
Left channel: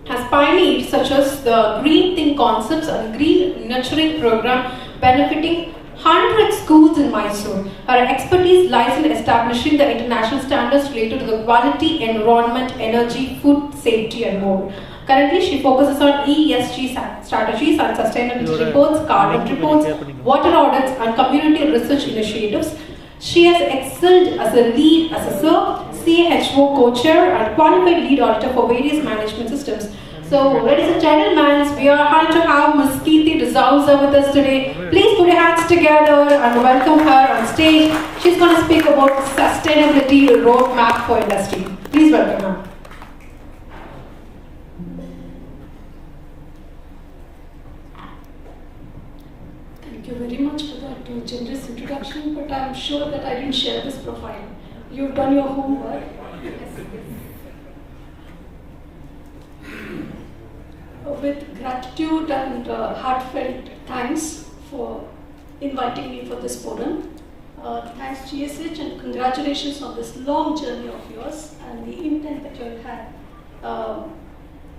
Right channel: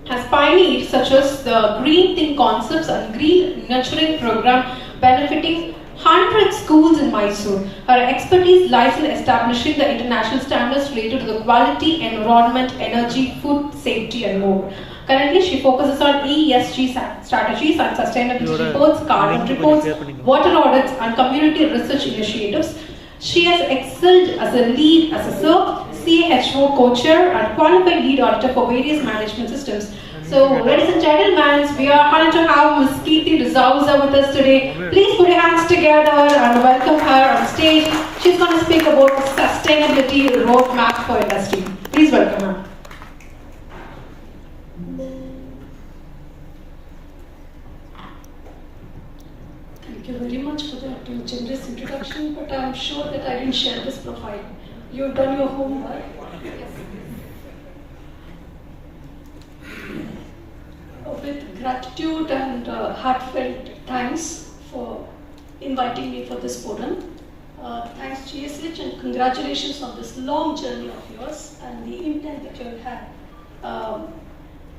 has pioneered such as the Green Think concepts and Green Nurturing program benefiting 100 schools in Mysore. Her expertise lies in establishing the international standards related to the quality, environment, energy, food, safety and more. Currently, she focuses on ESG strategies and sustainability reports, carbon reports, water audits and community research initiatives. She has excelled as a lead assessor, CHO co-chair and qualified lead auditor for various management systems. So, ladies and gentlemen, we are honored to have Ms. Kirti D'Souza with us today. Please put your hands together and welcome her on stage. She's going to speak about sustainability roadmap for industry. Please welcome her. Thank you very much for that generous introduction, but I'm sure that I didn't share this profile. You've done your homework. With gratitude and heartfelt thanks for inviting me for this forum. Thanks GSH and congratulations on this long journey of yours and the intent that you have had.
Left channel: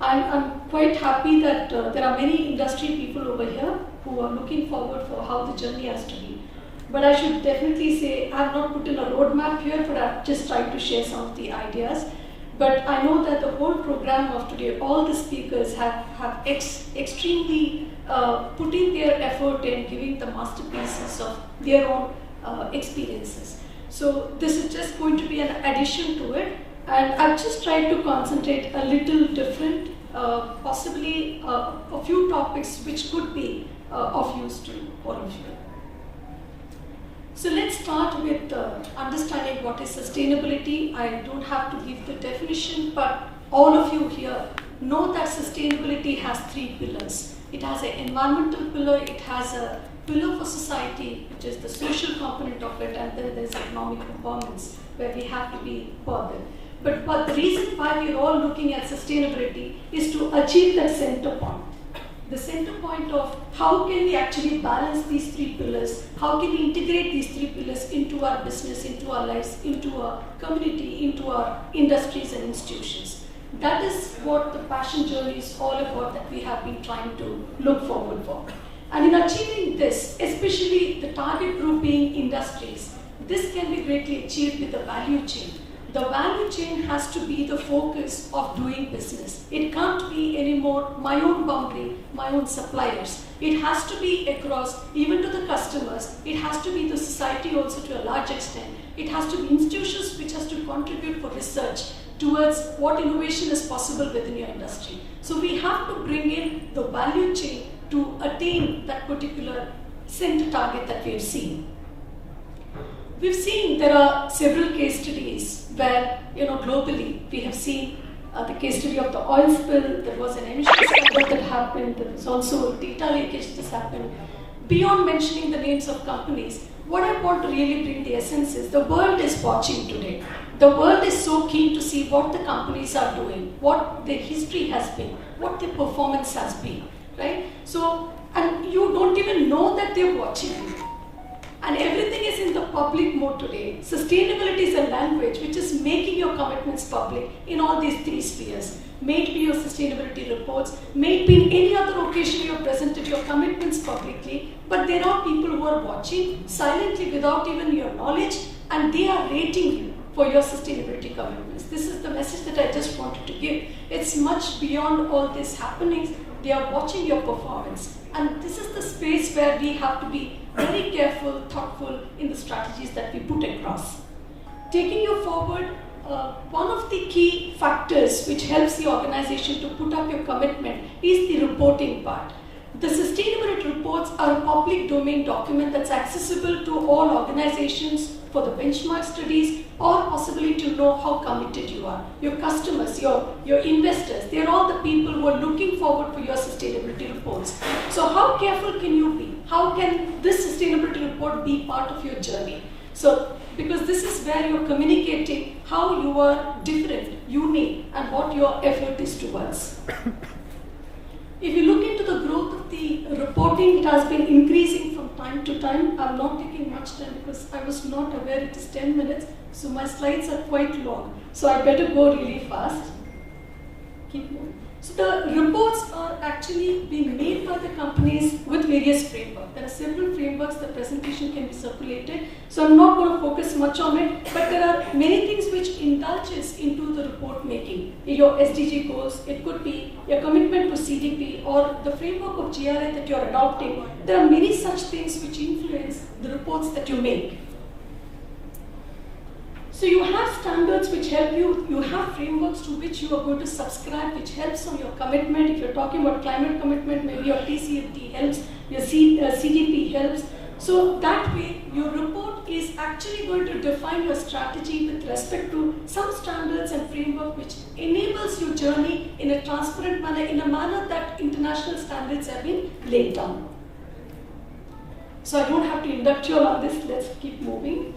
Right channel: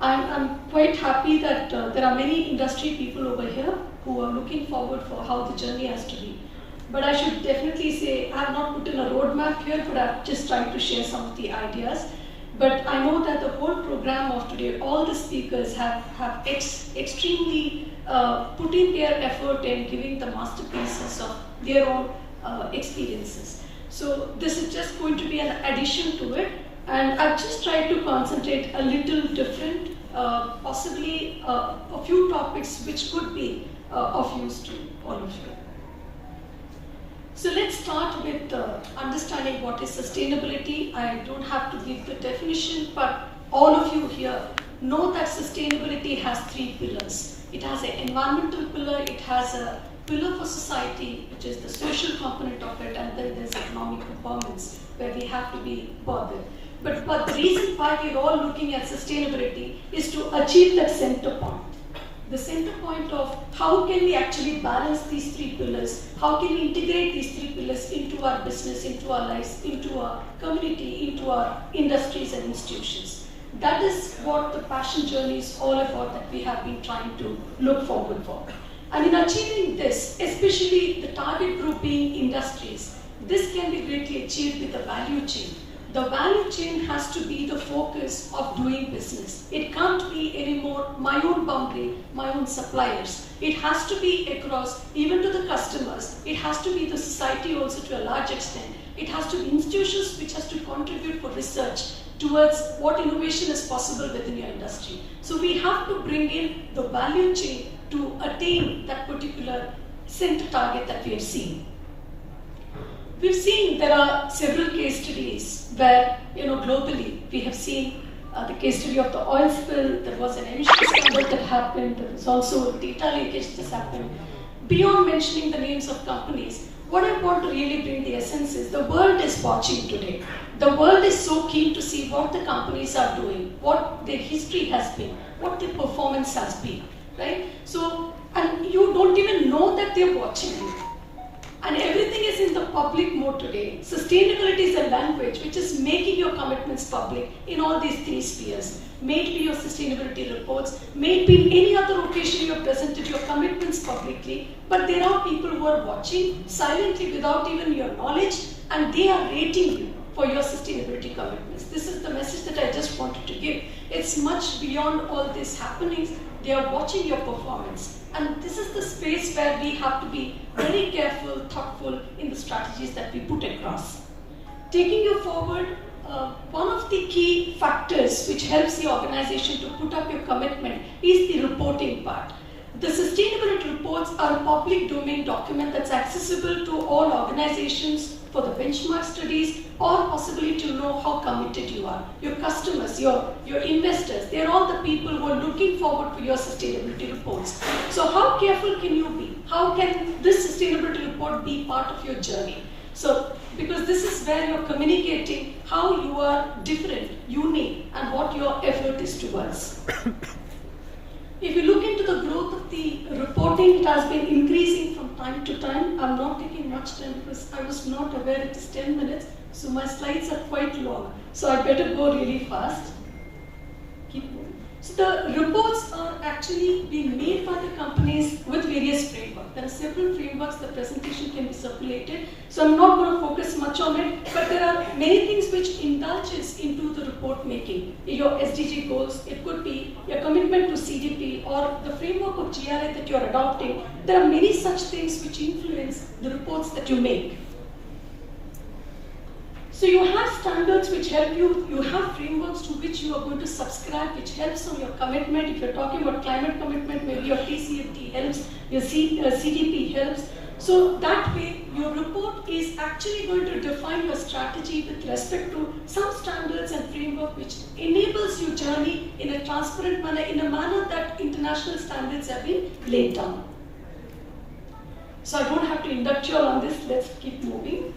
I'm quite happy that there are many industry people over here who are looking forward for how the journey has to be. But I should definitely say I have not put in a roadmap here, but I've just tried to share some of the ideas. But I know that the whole program of today, all the speakers have extremely put in their effort in giving the masterpieces of their own experiences. So this is just going to be an addition to it, and I've just tried to concentrate a little different, possibly a few topics which could be of use to all of you. So let's start with understanding what is sustainability. I don't have to give the definition, but all of you here know that sustainability has 3 pillars. It has an environmental pillar, it has a pillar for society, which is the social component of it, and then there's economic performance, where we have to be bothered. But the reason why we're all looking at sustainability is to achieve that center point. The center point of how can we actually balance these three pillars, how can we integrate these three pillars into our business, into our lives, into our community, into our industries and institutions. That is what the passion journey is all about, that we have been trying to look forward for. And in achieving this, especially the target group being industries, this can be greatly achieved with the value chain. The value chain has to be the focus of doing business. It can't be anymore my own boundary, my own suppliers. It has to be across, even to the customers. It has to be the society also to a large extent. It has to be institutions which has to contribute for research towards what innovation is possible within your industry. So we have to bring in the value chain to attain that particular center target that we have seen. We've seen there are several case studies where, globally, we have seen the case study of the oil spill. There was an emission scandal that happened. There was also data leakage that happened. Beyond mentioning the names of companies, what I want to really bring the essence is the world is watching today. The world is so keen to see what the companies are doing, what their history has been, what their performance has been, right? So, and you don't even know that they're watching you. And everything is in the public mode today. Sustainability is a language which is making your commitments public in all these three spheres. May it be your sustainability reports, may it be in any other occasion you have presented your commitments publicly, but there are people who are watching silently without even your knowledge, and they are rating you for your sustainability commitments. This is the message that I just wanted to give. It's much beyond all these happenings. They are watching your performance. And this is the space where we have to be very careful, thoughtful in the strategies that we put across. Taking you forward, one of the key factors which helps the organization to put up your commitment is the reporting part. The sustainability reports are a public domain document that's accessible to all organizations for the benchmark studies, or possibly to know how committed you are. Your customers, your investors, they're all the people who are looking forward to your sustainability reports. So how careful can you be? How can this sustainability report be part of your journey? So, because this is where you're communicating how you are different, unique, and what your effort is towards. If you look into the growth of the reporting, it has been increasing from time to time. I'm not taking much time because I was not aware it is 10 minutes, so my slides are quite long. So I better go really fast. Keep moving. So the reports are actually being made by the companies with various frameworks. There are several frameworks. The presentation can be circulated. So I'm not going to focus much on it, but there are many things which indulges into the report making. Your SDG goals, it could be your commitment to CDP or the framework of GRI that you're adopting. There are many such things which influence the reports that you make. So you have standards which help you, you have frameworks to which you are going to subscribe, which helps on your commitment. If you're talking about climate commitment, maybe your TCFD helps, your CDP helps. So that way, your report is actually going to define your strategy with respect to some standards and framework which enables your journey in a transparent manner, in a manner that international standards have been laid down. So I don't have to induct you all on this, let's keep moving.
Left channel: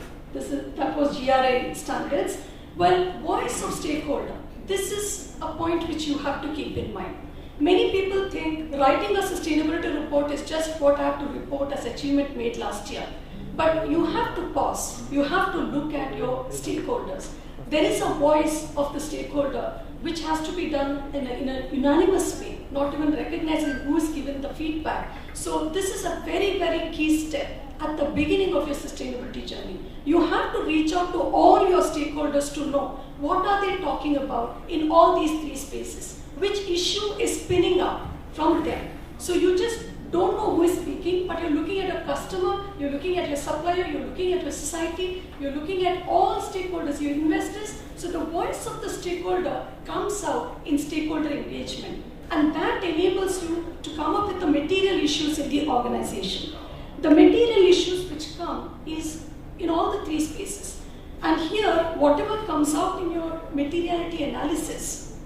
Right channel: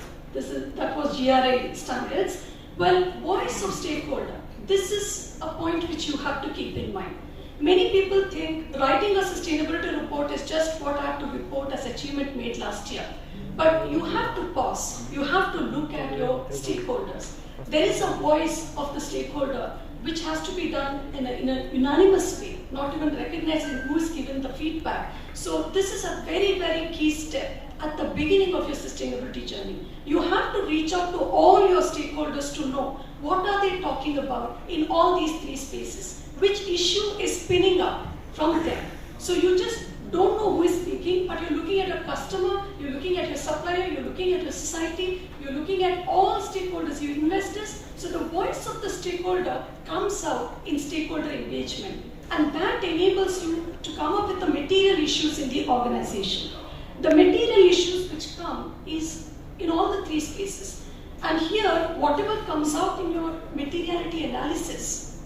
That was GRI standards. Well, voice of stakeholder. This is a point which you have to keep in mind. Many people think writing a sustainability report is just what I have to report as achievement made last year. But you have to pause. You have to look at your stakeholders. There is a voice of the stakeholder which has to be done in a unanimous way, not even recognizing who is given the feedback. So this is a very, very key step at the beginning of your sustainability journey. You have to reach out to all your stakeholders to know what are they talking about in all these three spaces, which issue is spinning up from them. So you just don't know who is speaking, but you're looking at a customer, you're looking at your supplier, you're looking at your society, you're looking at all stakeholders, your investors. So the voice of the stakeholder comes out in stakeholder engagement, and that enables you to come up with the material issues in the organization. The material issues which come is in all the three spaces. And here, whatever comes out in your materiality analysis,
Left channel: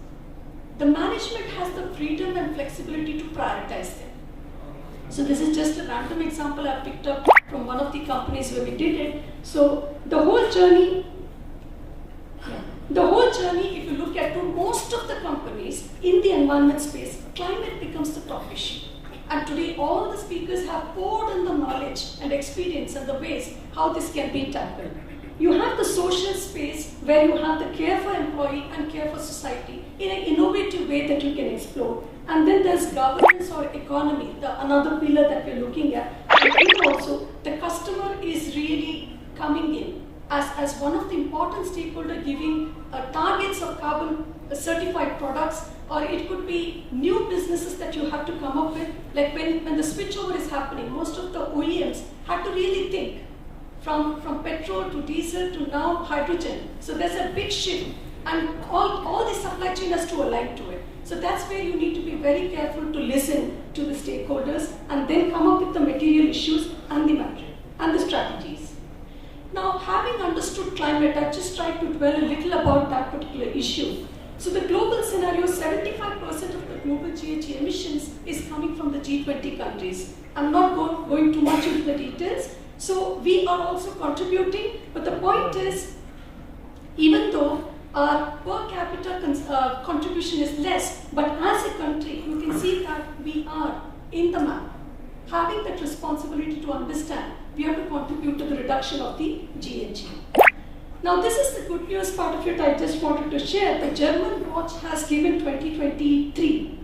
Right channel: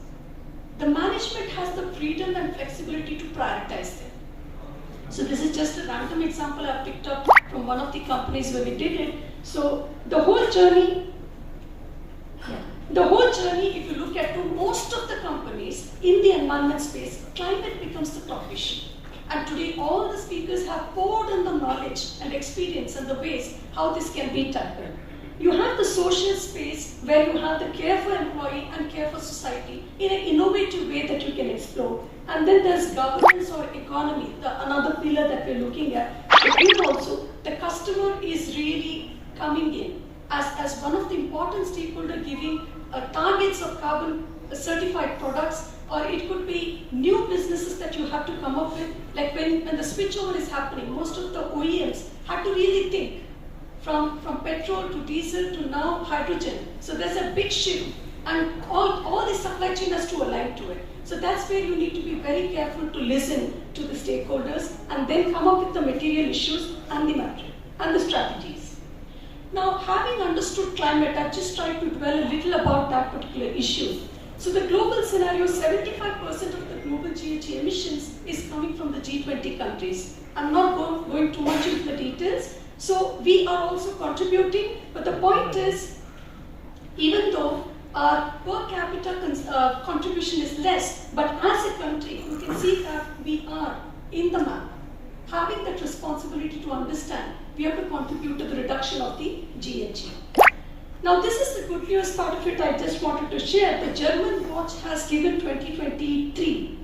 the management has the freedom and flexibility to prioritize them. So this is just a random example I picked up from one of the companies where we did it. So the whole journey, The whole journey, if you look at most of the companies in the environment space, climate becomes the top issue. And today all the speakers have poured in the knowledge and experience and the ways how this can be tackled. You have the social space where you have the care for employee and care for society in an innovative way that you can explore. And then there's governance or economy, another pillar that we're looking at. And also, the customer is really coming in as one of the important stakeholders, giving targets of carbon certified products, or it could be new businesses that you have to come up with. Like when the switchover is happening, most of the OEMs have to really think from petrol to diesel to now hydrogen. So there's a big shift, and all the supply chain has to align to it. So that's where you need to be very careful to listen to the stakeholders and then come up with the material issues and the metric and the strategies. Now, having understood climate, I've just tried to dwell a little about that particular issue. So the global scenario, 75% of the global GHG emissions is coming from the G20 countries. I'm not going too much into the details. So we are also contributing, but the point is, even though our per capita contribution is less, but as a country, you can see that we are in the map, having that responsibility to understand we have to contribute to the reduction of the GHG. Now, this is the good news part of it I just wanted to share. The German watch has given 2023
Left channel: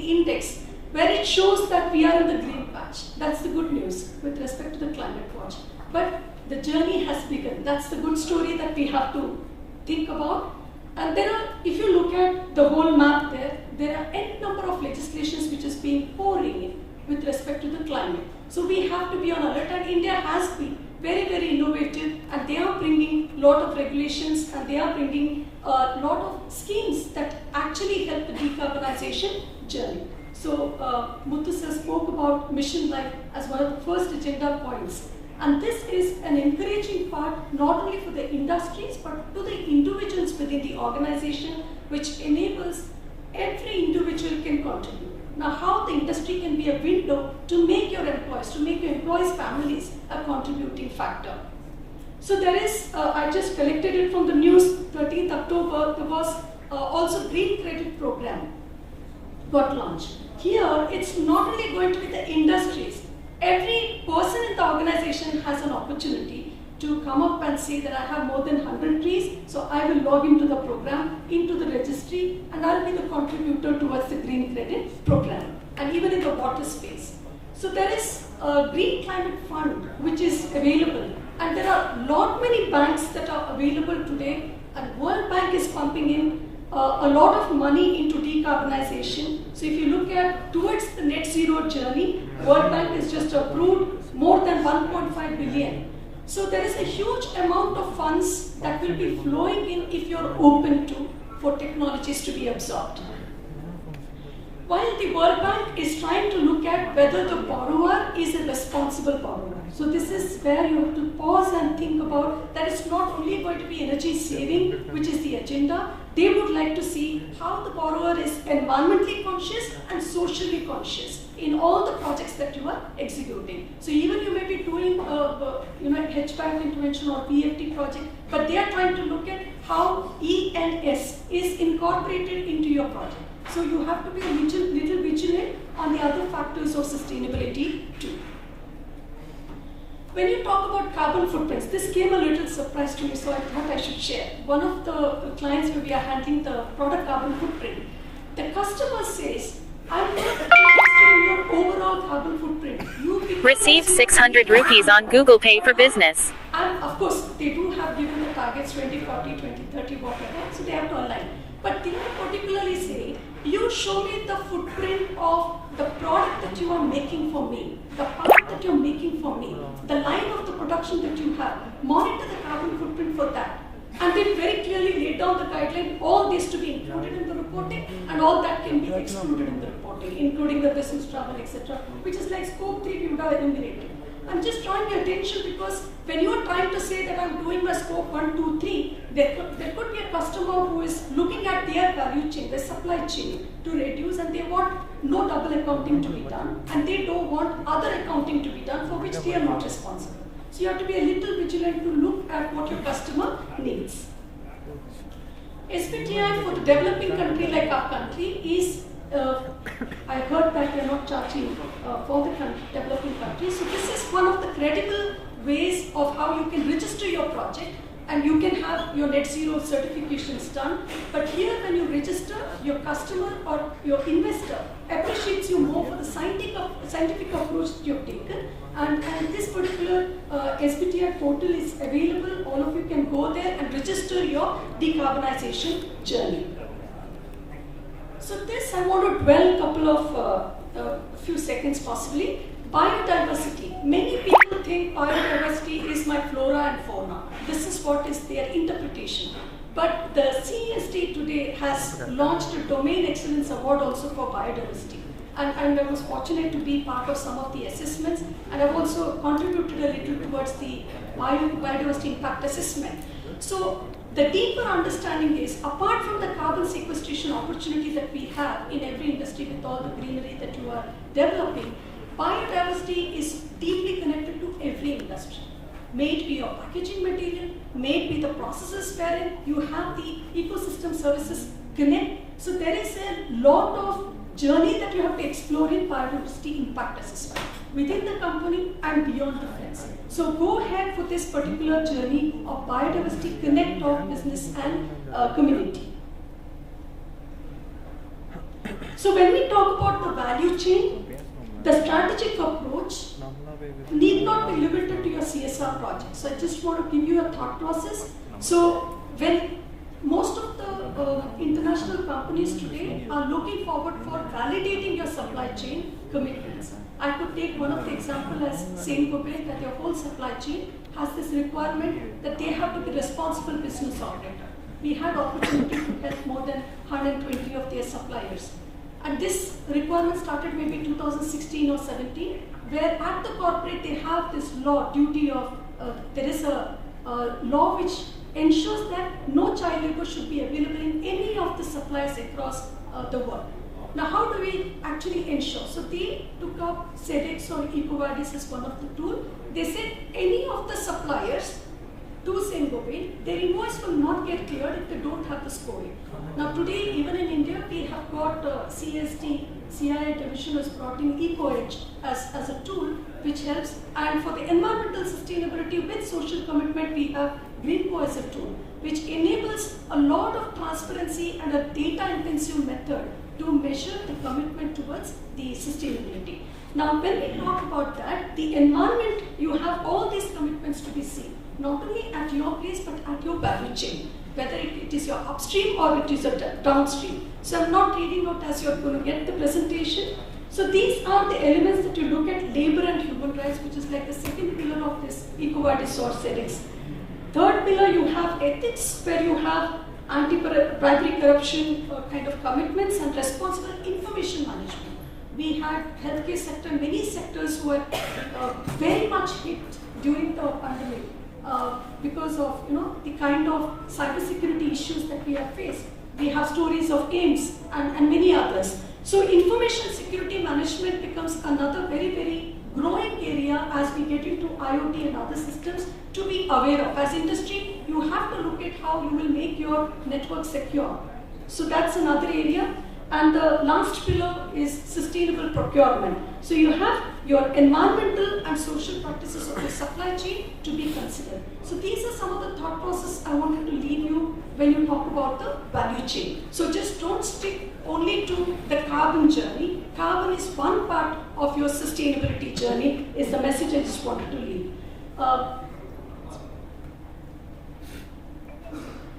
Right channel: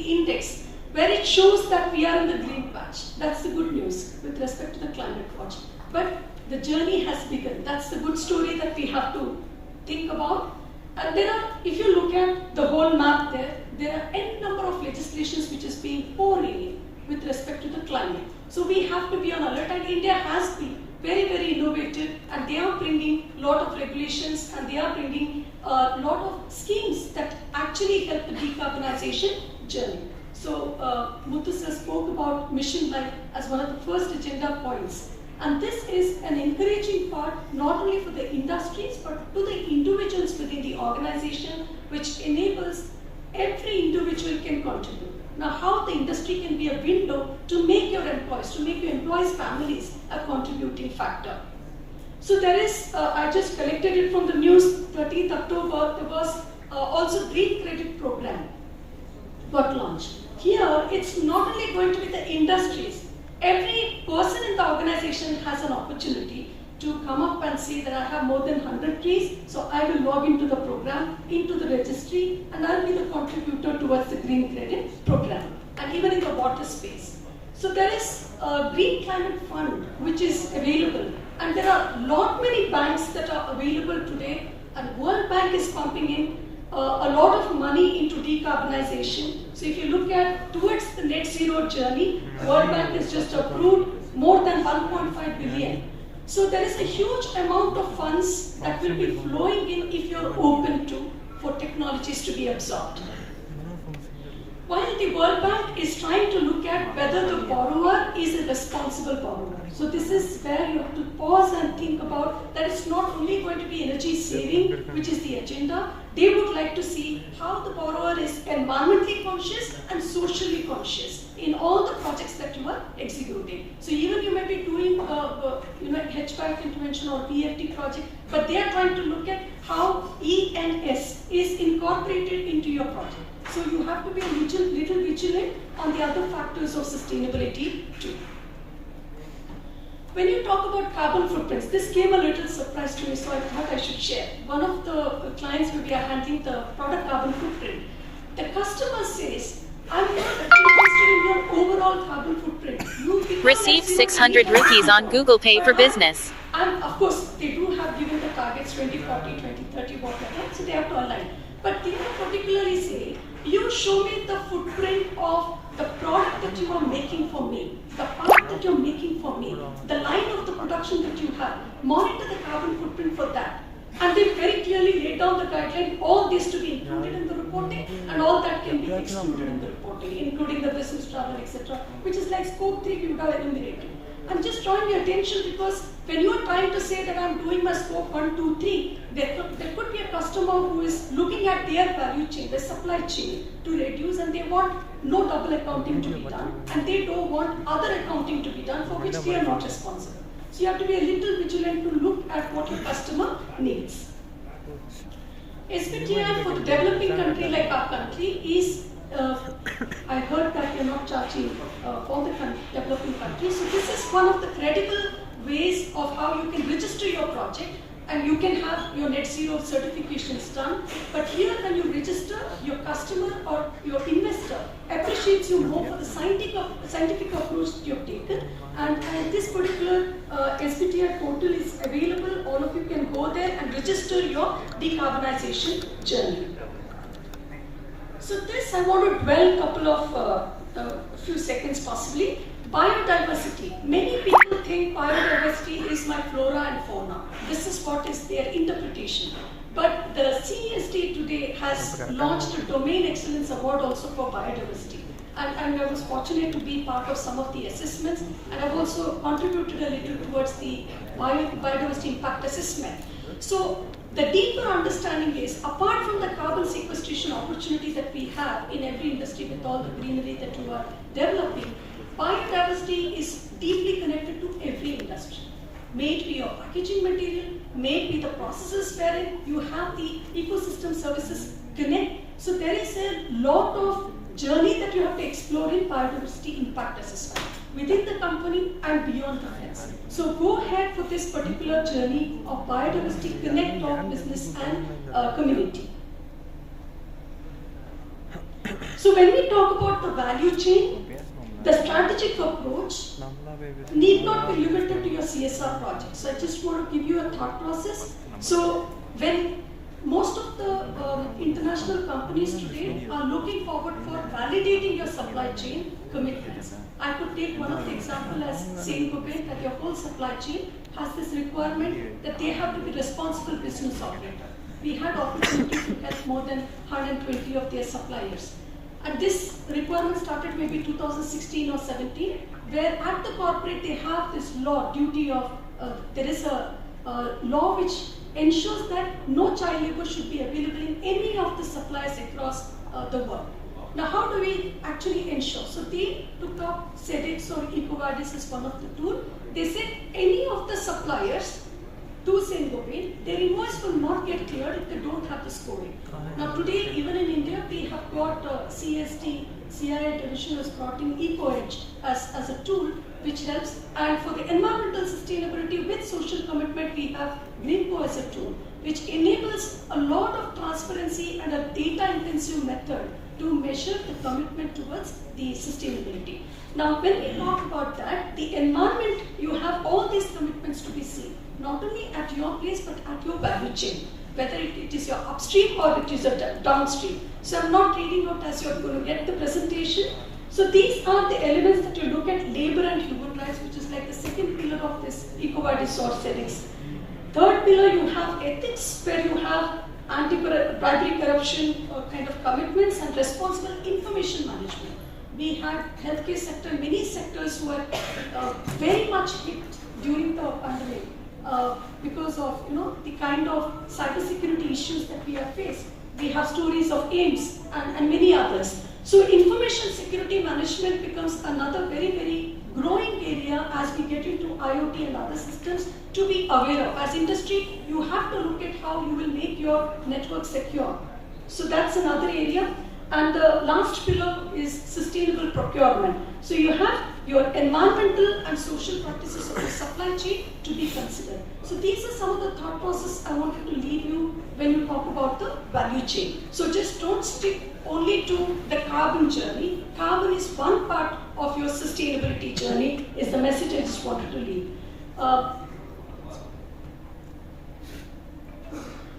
index, where it shows that we are in the green patch. That's the good news with respect to the climate watch. But the journey has begun. That's the good story that we have to think about. And there are, if you look at the whole map there are n number of legislations which is being pouring in with respect to the climate. So we have to be on alert, and India has been very, very innovative, and they are bringing a lot of regulations, and they are bringing a lot of schemes that actually help the decarbonization journey. So Muthu sir spoke about Mission Life as one of the first agenda points. And this is an encouraging part, not only for the industries, but to the individuals within the organization, which enables every individual can contribute. Now, how the industry can be a window to make your employees' families a contributing factor. So there is, I just collected it from the news, 13th October, there was also Green Credit Program got launched. Here, it's not only going to be the industries. Every person in the organization has an opportunity to come up and say that I have more than 100 trees, so I will log into the program, into the registry, and I'll be the contributor towards the Green Credit Program, and even in the water space. So there is a Green Climate Fund which is available, and there are many banks that are available today, and World Bank is pumping in a lot of money into decarbonization. So if you look at towards the net zero journey, World Bank has just approved more than 1.5 billion. So there is a huge amount of funds that will be flowing in if you're open to for technologies to be absorbed. While the World Bank is trying to look at whether the borrower is a responsible borrower. So this is where you have to pause and think about that it's not only going to be energy saving, which is the agenda. They would like to see how the borrower is environmentally conscious and socially conscious in all the projects that you are executing. So even you may be doing HVAC intervention or PFT project, but they are trying to look at how E&S is incorporated into your project. So you have to be a little vigilant on the other factors of sustainability too. When you talk about carbon footprints, this came a little surprise to me, so I thought I should share. One of the clients where we are handling the product carbon footprint, the customer says, I'm not interested in your overall carbon footprint. Receive 600 rupees on Google Pay for Business. And of course, they do have given the targets 2040, 2030, whatever, so they have to align. But they particularly say, you show me the footprint of the product that you are making for me, the part that you're making for me, the line of the production that you have, monitor the carbon footprint for that. And they very clearly laid down the guideline, all this to be included in the reporting, and all that can be excluded in the reporting, including the business travel, etc., which is like scope 3 we would have eliminated. I'm just drawing your attention because when you are trying to say that I'm doing my scope 1, 2, 3, there could be a customer who is looking at their value chain, their supply chain to reduce, and they want no double accounting to be done, and they don't want other accounting to be done for which they are not responsible. So you have to be a little vigilant to look at what your customer needs. SBTI for the developing country like our country is, I heard that you're not charging for the developing countries. So this is one of the credible ways of how you can register your project and you can have your net zero certifications done. But here when you register, your customer or your investor appreciates you more for the scientific approach that you've taken. And this particular SBTI portal is available. All of you can go there and register your decarbonization journey. So this I want to dwell a couple of few seconds possibly. Biodiversity. Many people think biodiversity is my flora and fauna. This is what is their interpretation. But the CESD today has launched a Domain Excellence Award also for biodiversity. And I was fortunate to be part of some of the assessments, and I've also contributed a little towards the biodiversity impact assessment. So the deeper understanding is, apart from the carbon sequestration opportunity that we have in every industry with all the greenery that you are developing, biodiversity is deeply connected to every industry. May it be your packaging material, may it be the processes wherein you have the ecosystem services connect. So there is a lot of journey that you have to explore in biodiversity impact assessment within the company and beyond the fence. So go ahead for this particular journey of biodiversity connect of business and community. So when we talk about the value chain, the strategic approach need not be limited to your CSR project. So I just want to give you a thought process. So when most of the international companies today are looking forward for validating your supply chain commitments. I could take one of the examples as Saint-Gobain, that your whole supply chain has this requirement that they have to be responsible business operator. We had opportunity to help more than 120 of their suppliers. And this requirement started maybe 2016 or 17, where at the corporate they have this law, duty of, there is a law which ensures that no child labor should be available in any of the suppliers across the world. Now how do we actually ensure? So they took up SEDEX or EcoVadis as one of the tools. They said any of the suppliers to Saint-Gobain, their invoice will not get cleared if they don't have the scoring. Now today, even in India, we have got CSD, CIA division has brought in EcoEdge as a tool which helps. And for the environmental sustainability with social commitment, we have Greenco as a tool, which enables a lot of transparency and a data-intensive method to measure the commitment towards the sustainability. Now, when we talk about that, the environment, you have all these commitments to be seen, not only at your place, but at your value chain, whether it is your upstream or it is your downstream. So I'm not reading out as you're going to get the presentation. So these are the elements that you look at: labor and human rights, which is like the second pillar of this EcoVadis or SEDEX. Third pillar, you have ethics, where you have anti-bribery, corruption kind of commitments, and responsible information management. We had healthcare sector, many sectors who were very much hit during the pandemic because of the kind of cybersecurity issues that we have faced. We have stories of AIMS and many others. So information security management becomes another very, very growing area as we get into IoT and other systems to be aware of. As industry, you have to look at how you will make your network secure. So that's another area. And the last pillar is sustainable procurement. So you have your environmental and social practices of the supply chain to be considered. So these are some of the thought process I wanted to leave you when you talk about the value chain. So just don't stick only to the carbon journey. Carbon is one part of your sustainability journey, is the message I just wanted to leave.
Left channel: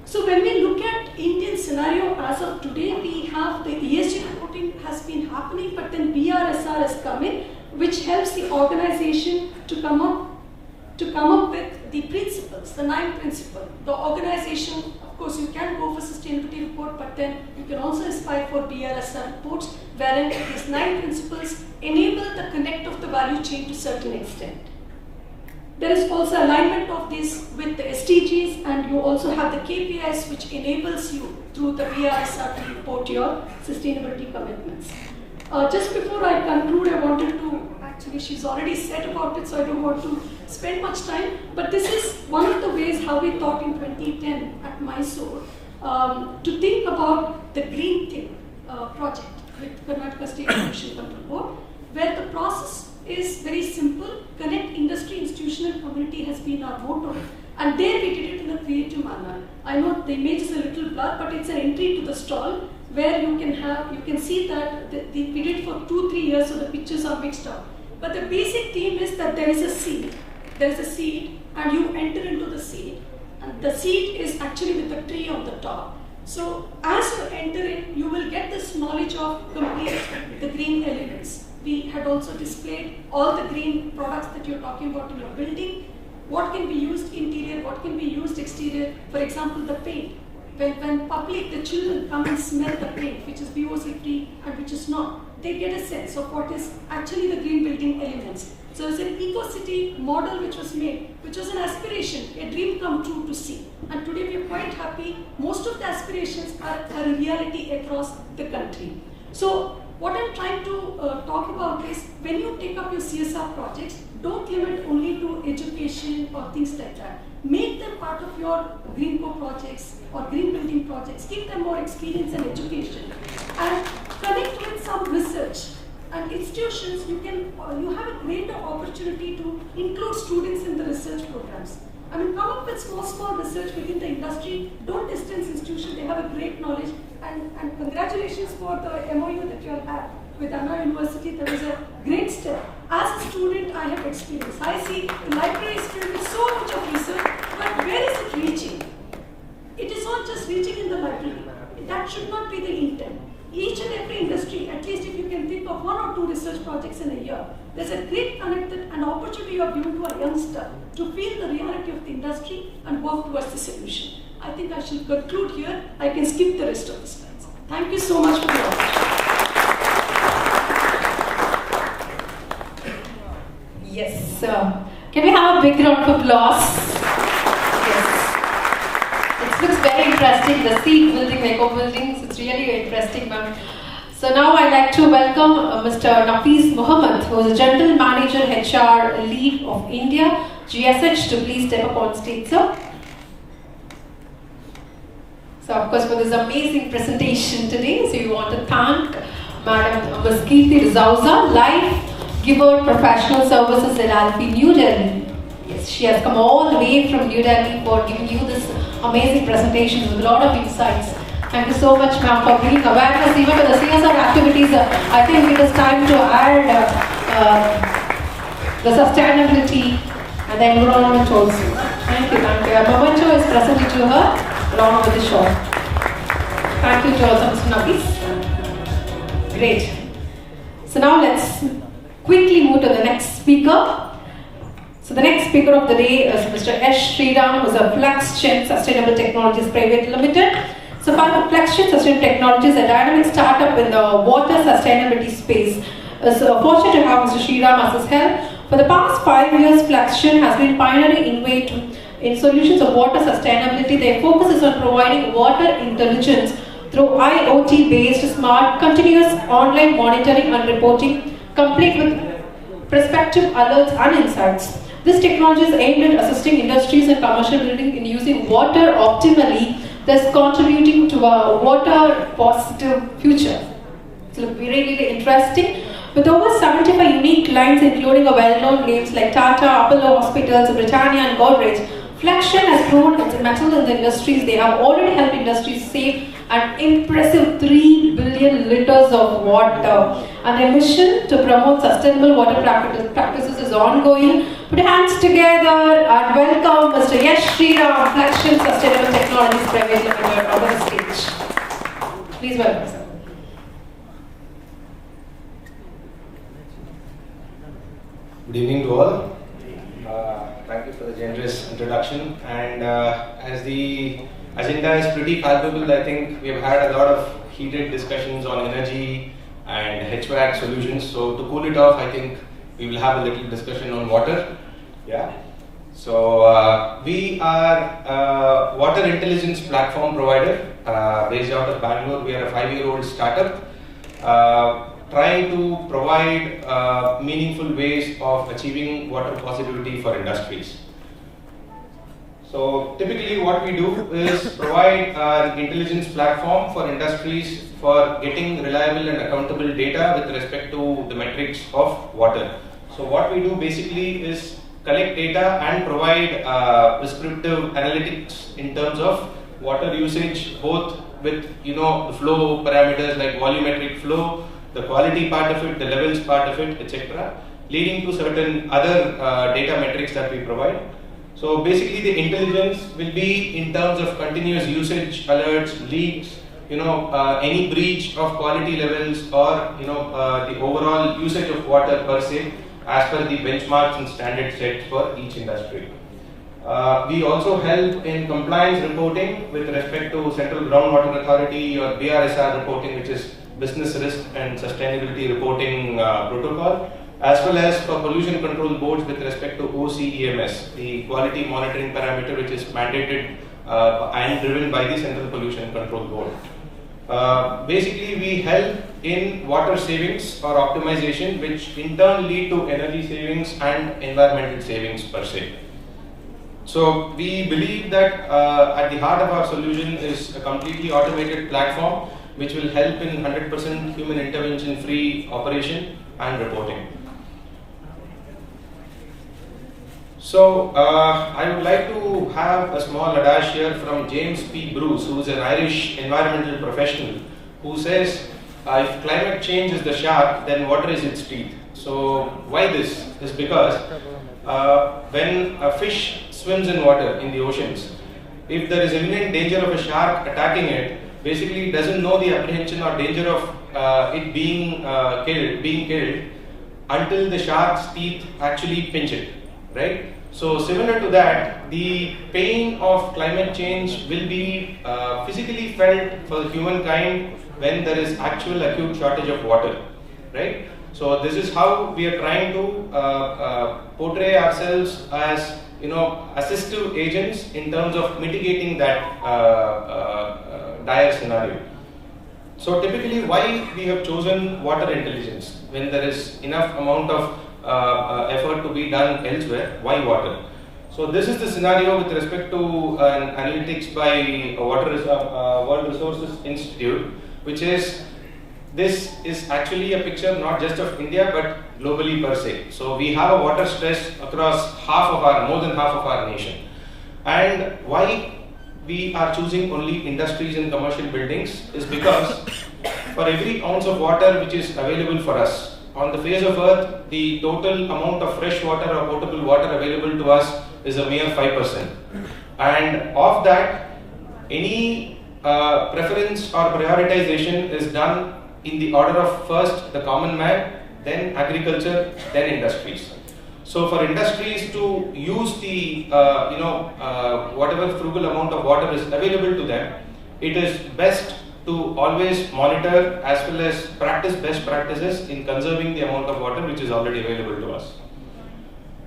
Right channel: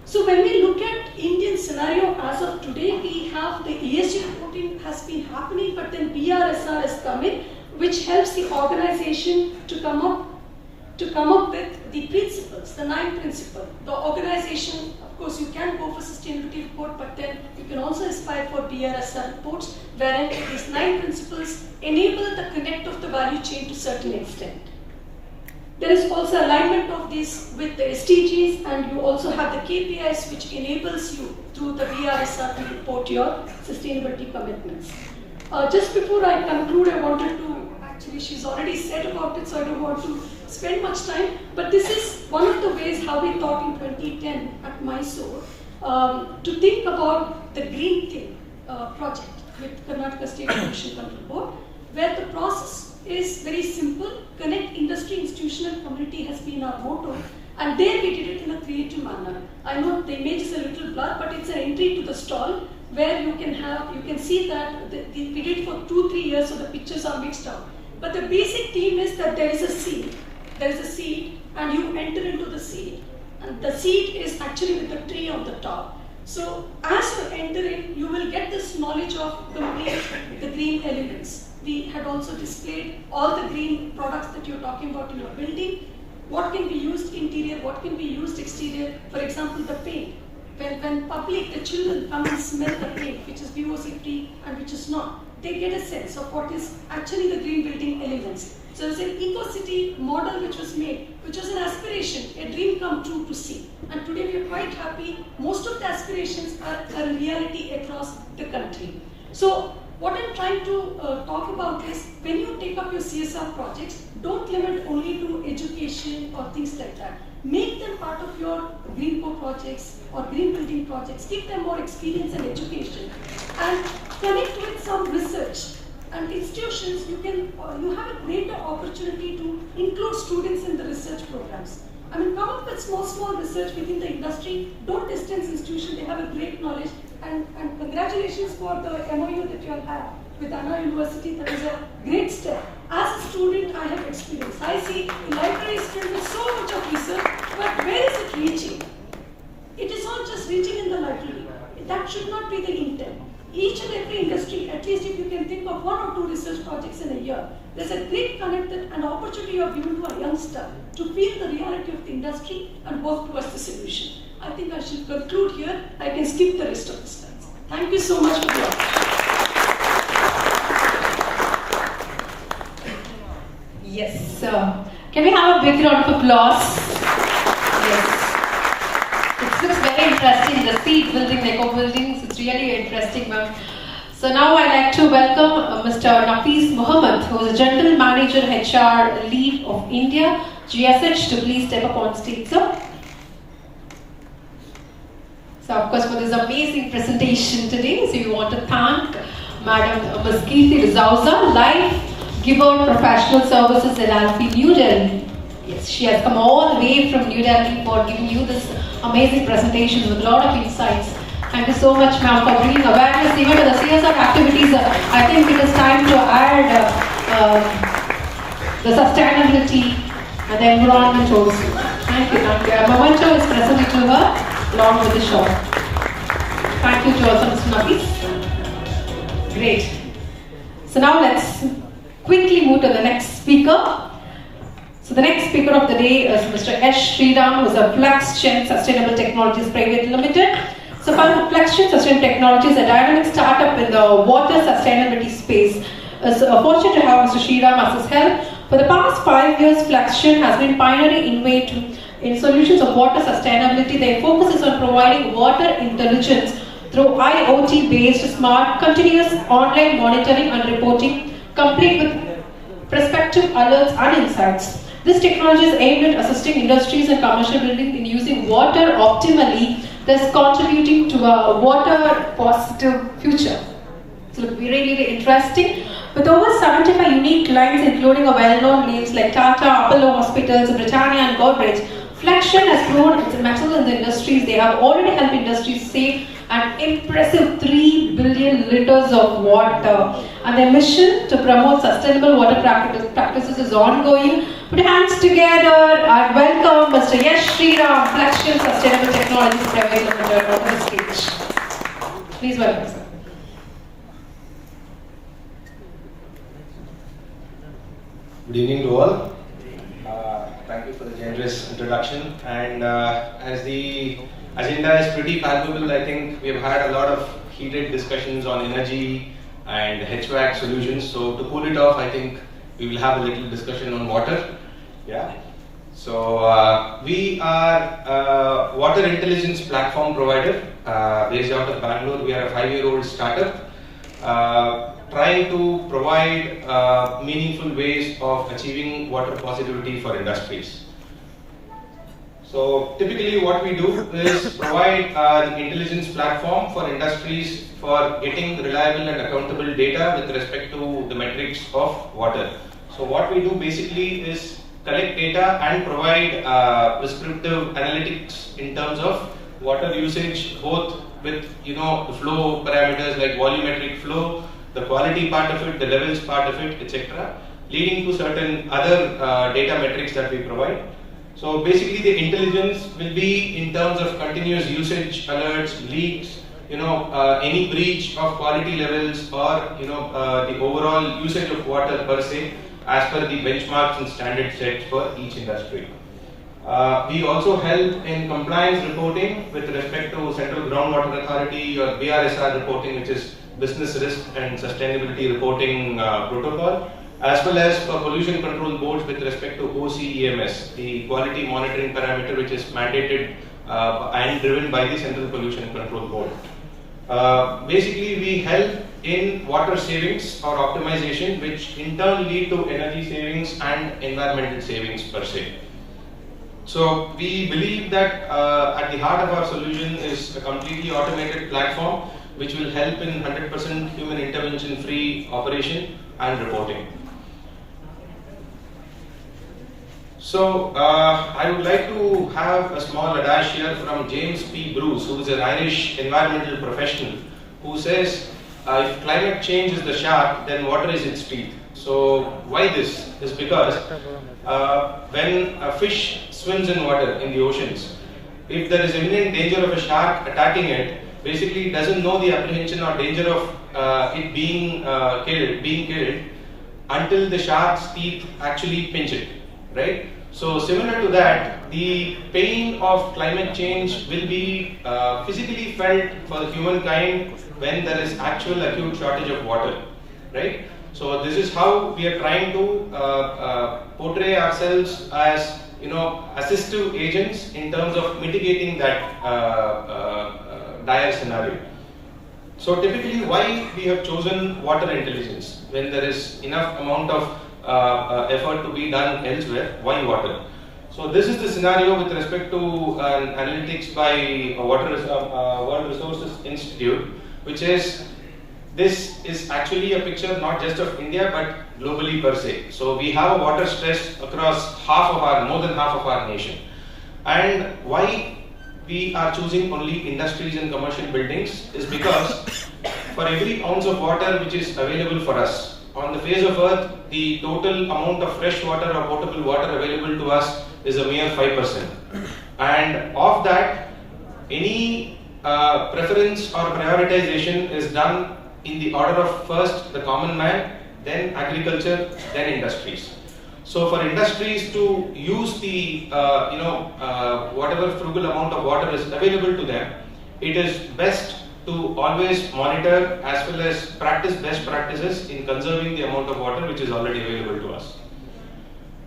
So when we look at Indian scenario as of today, we have the ESG reporting has been happening, but then BRSR has come in, which helps the organization to come up with the principles, the 9 principles. The organization, of course, you can go for sustainability report, but then you can also aspire for BRSR reports, wherein these 9 principles enable the connect of the value chain to a certain extent. There is also alignment of this with the SDGs, and you also have the KPIs, which enables you through the BRSR to report your sustainability commitments. Just before I conclude, I wanted to Actually, she's already said about it, so I don't want to spend much time. But this is one of the ways how we thought in 2010 at Mysore to think about the Green Thing project with Karnataka State Pollution Control Board, where the process is very simple. Connect industry, institutional community has been our motto. And there we did it in a creative manner. I know the image is a little blurred, but it's an entry to the stall where you can see that we did it for 2-3 years, so the pictures are mixed up. But the basic theme is that there is a seed. There is a seed, and you enter into the seed. And the seed is actually with the tree on the top. So as you enter in, you will get this knowledge of complete the green elements. We had also displayed all the green products that you're talking about in your building. What can be used interior, what can be used exterior. For example, the paint. When public, the children come and smell the paint, which is VOC free and which is not, they get a sense of what is actually the green building elements. So it's an eco-city model which was made, which was an aspiration, a dream come true to see. And today we are quite happy. Most of the aspirations are a reality across the country. So what I'm trying to talk about is, when you take up your CSR projects, don't limit only to education or things like that. Make them part of your Green Co projects or green building projects. Give them more experience and education. And connect with some research. And institutions, you have a greater opportunity to include students in the research programs. I mean, come up with small research within the industry. Don't distance institutions, they have a great knowledge. And congratulations for the MOU that you all have with Anna University. That is a great step. As a student, I have experience. I see the library is filled with so much of research, but where is it reaching? It is not just reaching in the library. That should not be the intent. Each and every industry, at least if you can think of 1 or 2 research projects in a year, there's a great connected and opportunity you are given to a youngster to feel the reality of the industry and work towards the solution. I think I should conclude here. I can skip the rest of the slides. Thank you so much for the opportunity. Yes, can we have a big round of applause? Yes. It looks very interesting, the seed building, the eco buildings, it's really interesting, ma'am. So now I'd like to welcome Mr. Nafis Mohammed, who is a General Manager HR Lead of India, GSH, to please step up on stage, sir. So of course for this amazing presentation today, so we want to thank Madam Ms. Kirti Rizauza, Life Giver Professional Services LLP, New Delhi. Yes, she has come all the way from New Delhi for giving you this amazing presentation with a lot of insights. Thank you so much, ma'am, for bringing awareness even to the CSR activities. I think it is time to add the sustainability and the environment also. Thank you, thank you. A memento is presented to her along with the show. Thank you to also Mr. Nafis. Great. So now let's quickly move to the next speaker. So the next speaker of the day is Mr. S. Sriram, who is a FluxGen Sustainable Technologies Private Limited. So FluxGen Sustainable Technologies, a dynamic startup in the water sustainability space. So fortunate to have Mr. Sriram as his help. For the past 5 years, FluxGen has been pioneering innovative in solutions of water sustainability. Their focus is on providing water intelligence through IoT-based smart, continuous online monitoring and reporting, complete with prospective alerts and insights. This technology is aimed at assisting industries and commercial building in using water optimally, thus contributing to a water-positive future. It will be really interesting. With over 75 unique clients, including a well-known names like Tata, Apollo Hospitals, Britannia, and Godrej, FluxGen has grown its mettle in the industries. They have already helped industries save an impressive 3 billion liters of water. And their mission to promote sustainable water practices is ongoing. Put your hands together and welcome Mr. Yash Sriram, FluxGen Sustainable Technologies Private Limited, on the stage. Please welcome, sir. Good evening to all. Thank you for the generous introduction. And as the agenda is pretty palpable, I think we have had a lot of heated discussions on energy and HVAC solutions. So to cool it off, I think we will have a little discussion on water. Yeah. So we are a water intelligence platform provider based out of Bangalore. We are a 5-year-old startup. trying to provide meaningful ways of achieving water positivity for industries. So typically what we do is provide an intelligence platform for industries for getting reliable and accountable data with respect to the metrics of water. So what we do basically is collect data and provide prescriptive analytics in terms of water usage, both with the flow parameters like volumetric flow, the quality part of it, the levels part of it, etc., leading to certain other data metrics that we provide. So basically the intelligence will be in terms of continuous usage alerts, leaks, any breach of quality levels, or the overall usage of water per se as per the benchmarks and standard sets for each industry. We also help in compliance reporting with respect to Central Groundwater Authority or BRSR reporting, which is Business Risk and Sustainability Reporting Protocol, as well as for pollution control boards with respect to OCEMS, the quality monitoring parameter which is mandated and driven by the Central Pollution Control Board. Basically, we help in water savings or optimization, which in turn lead to energy savings and environmental savings per se. So we believe that at the heart of our solution is a completely automated platform which will help in 100% human intervention free operation and reporting. So I would like to have a small adage here from James P. Bruce, who is an Irish environmental professional, who says, if climate change is the shark, then water is its teeth. So why this? Is because when a fish swims in water in the oceans, if there is imminent danger of a shark attacking it, basically it doesn't know the apprehension or danger of it being killed until the shark's teeth actually pinch it, right? So similar to that, the pain of climate change will be physically felt for the humankind when there is actual acute shortage of water, right? So this is how we are trying to portray ourselves as assistive agents in terms of mitigating that dire scenario. So typically, why we have chosen water intelligence when there is enough amount of effort to be done elsewhere? Why water? So this is the scenario with respect to an analytics by Water Resources Institute, which is, this is actually a picture not just of India but globally per se. So we have a water stress across more than half of our nation. And why we are choosing only industries and commercial buildings is because for every ounce of water which is available for us on the face of earth, the total amount of fresh water or potable water available to us is a mere 5%. And of that, any preference or prioritization is done in the order of first the common man, then agriculture, then industries. So for industries to use the whatever frugal amount of water is available to them, it is best to always monitor as well as practice best practices in conserving the amount of water which is already available to us.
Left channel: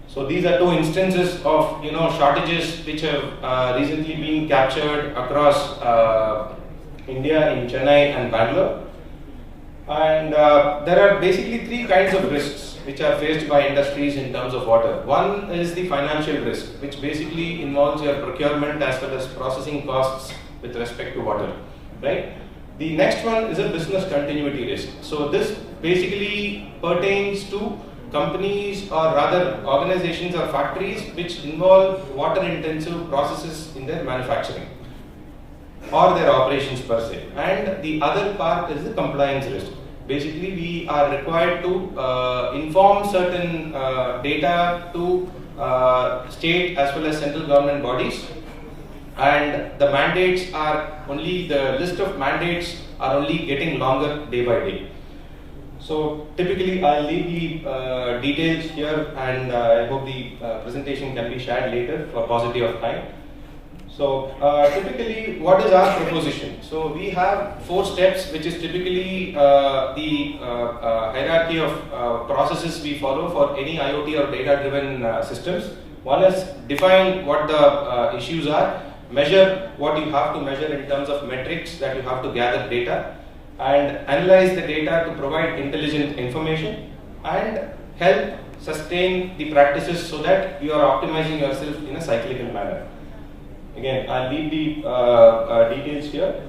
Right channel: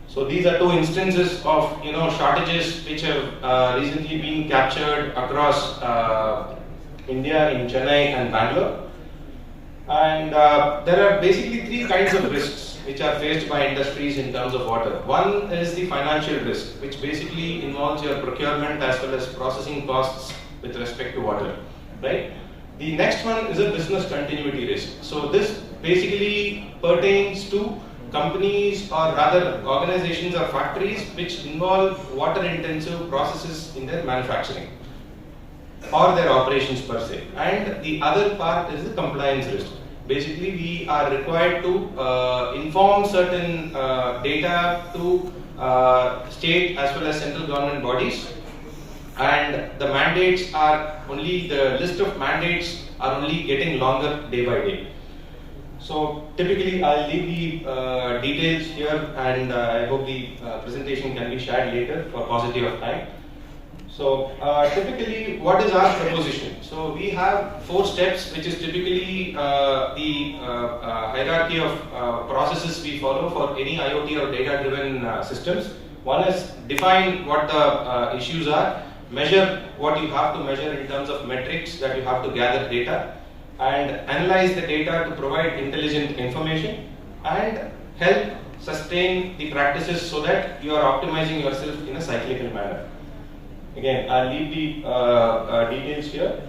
So these are two instances of shortages which have recently been captured across India in Chennai and Bangalore. And there are basically three kinds of risks which are faced by industries in terms of water. One is the financial risk, which basically involves your procurement as well as processing costs with respect to water, right? The next one is a business continuity risk. So this basically pertains to companies or rather organizations or factories which involve water intensive processes in their manufacturing or their operations per se. And the other part is the compliance risk. Basically, we are required to inform certain data to state as well as central government bodies, and the mandates are only, the list of mandates are only getting longer day by day. So typically, I'll leave the details here, and I hope the presentation can be shared later for paucity of time. So typically, what is our proposition? So we have 4 steps, which is typically the hierarchy of processes we follow for any IoT or data-driven systems. One is define what the issues are, measure what you have to measure in terms of metrics that you have to gather data, and analyze the data to provide intelligent information and help sustain the practices so that you are optimizing yourself in a cyclical manner. Again, I'll leave the details here.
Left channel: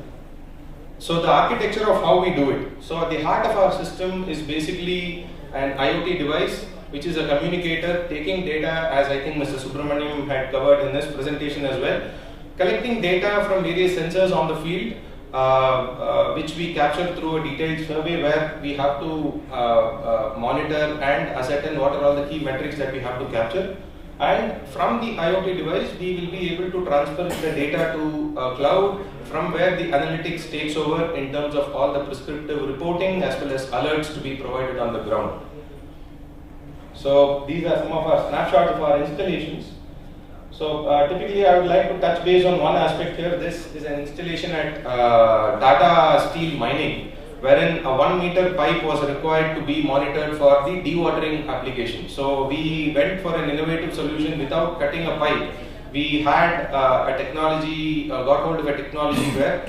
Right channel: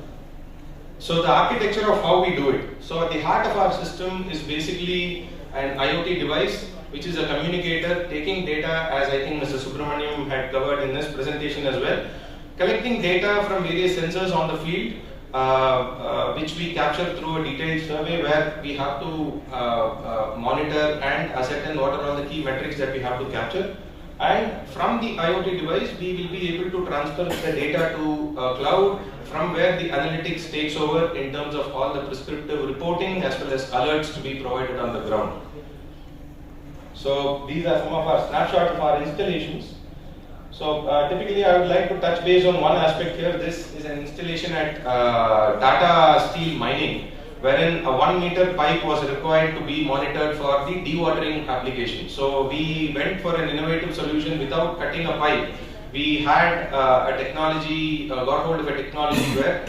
So the architecture of how we do it. So at the heart of our system is basically an IoT device, which is a communicator taking data, as I think Mr. Subramaniam had covered in his presentation as well, collecting data from various sensors on the field, which we capture through a detailed survey where we have to monitor and ascertain what are all the key metrics that we have to capture. And from the IoT device, we will be able to transfer the data to a cloud, from where the analytics takes over in terms of all the prescriptive reporting as well as alerts to be provided on the ground. So these are some of our snapshots of our installations. So typically I would like to touch base on one aspect here. This is an installation at Tata Steel Mining, wherein a 1 meter pipe was required to be monitored for the dewatering application. So we went for an innovative solution without cutting a pipe. We had a technology, got hold of a technology where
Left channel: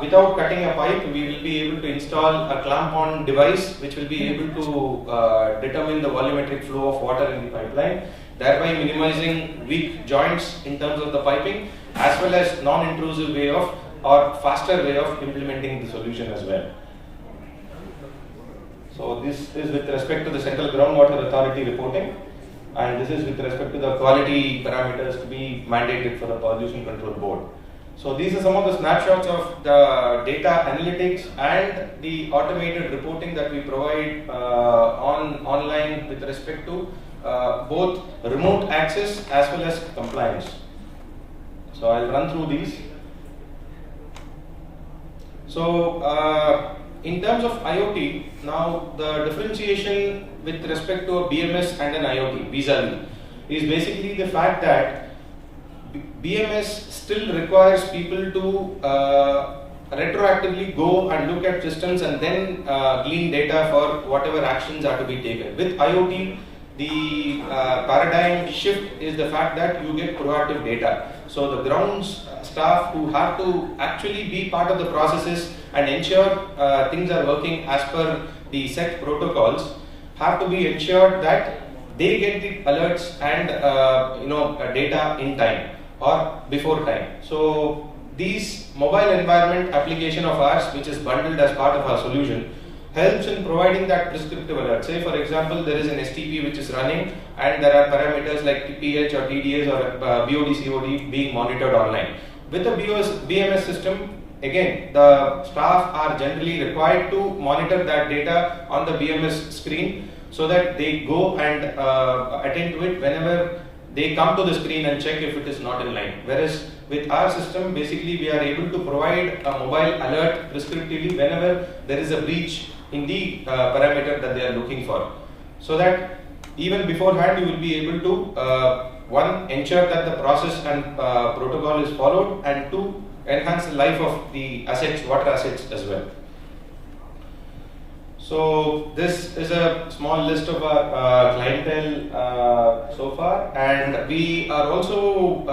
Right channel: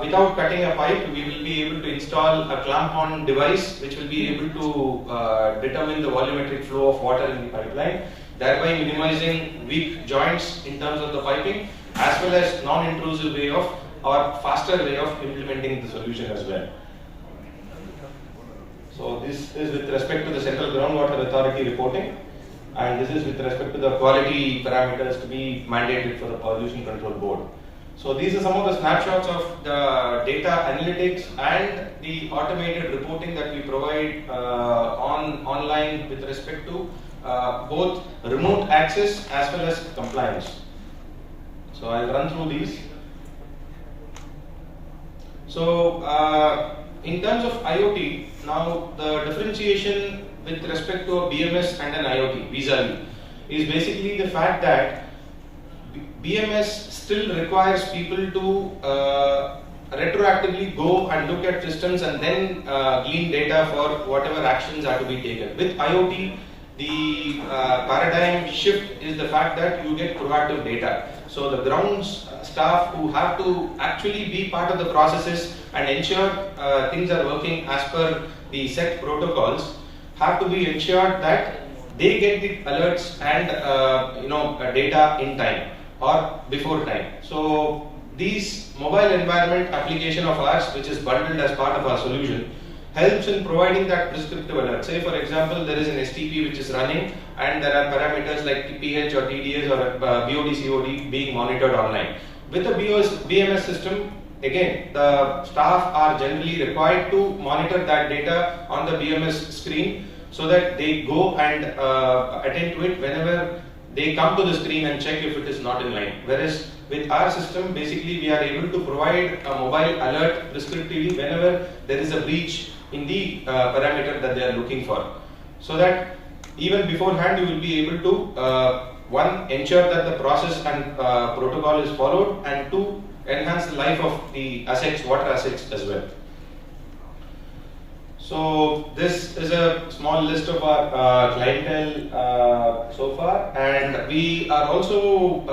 without cutting a pipe, we will be able to install a clamp-on device which will be able to determine the volumetric flow of water in the pipeline, thereby minimizing weak joints in terms of the piping, as well as non-intrusive way of or faster way of implementing the solution as well. So this is with respect to the Central Groundwater Authority reporting, and this is with respect to the quality parameters to be mandated for the Pollution Control Board. So these are some of the snapshots of the data analytics and the automated reporting that we provide online with respect to both remote access as well as compliance. So I'll run through these. So in terms of IoT, now the differentiation with respect to a BMS and an IoT vis-a-vis is basically the fact that BMS still requires people to retroactively go and look at systems and then glean data for whatever actions are to be taken. With IoT, the paradigm shift is the fact that you get proactive data. So the grounds staff who have to actually be part of the processes and ensure things are working as per the set protocols have to be ensured that they get the alerts and data in time or before time. So these mobile environment application of ours, which is bundled as part of our solution, helps in providing that prescriptive alert. Say for example, there is an STP which is running and there are parameters like pH or TDS or BOD COD being monitored online. With a BMS system, again, the staff are generally required to monitor that data on the BMS screen so that they go and attend to it whenever they come to the screen and check if it is not in line. Whereas with our system, basically we are able to provide a mobile alert prescriptively whenever there is a breach in the parameter that they are looking for. So that even beforehand you will be able to one, ensure that the process and protocol is followed, and two, enhance the life of the assets, water assets as well. So this is a small list of our clientele so far, and we are also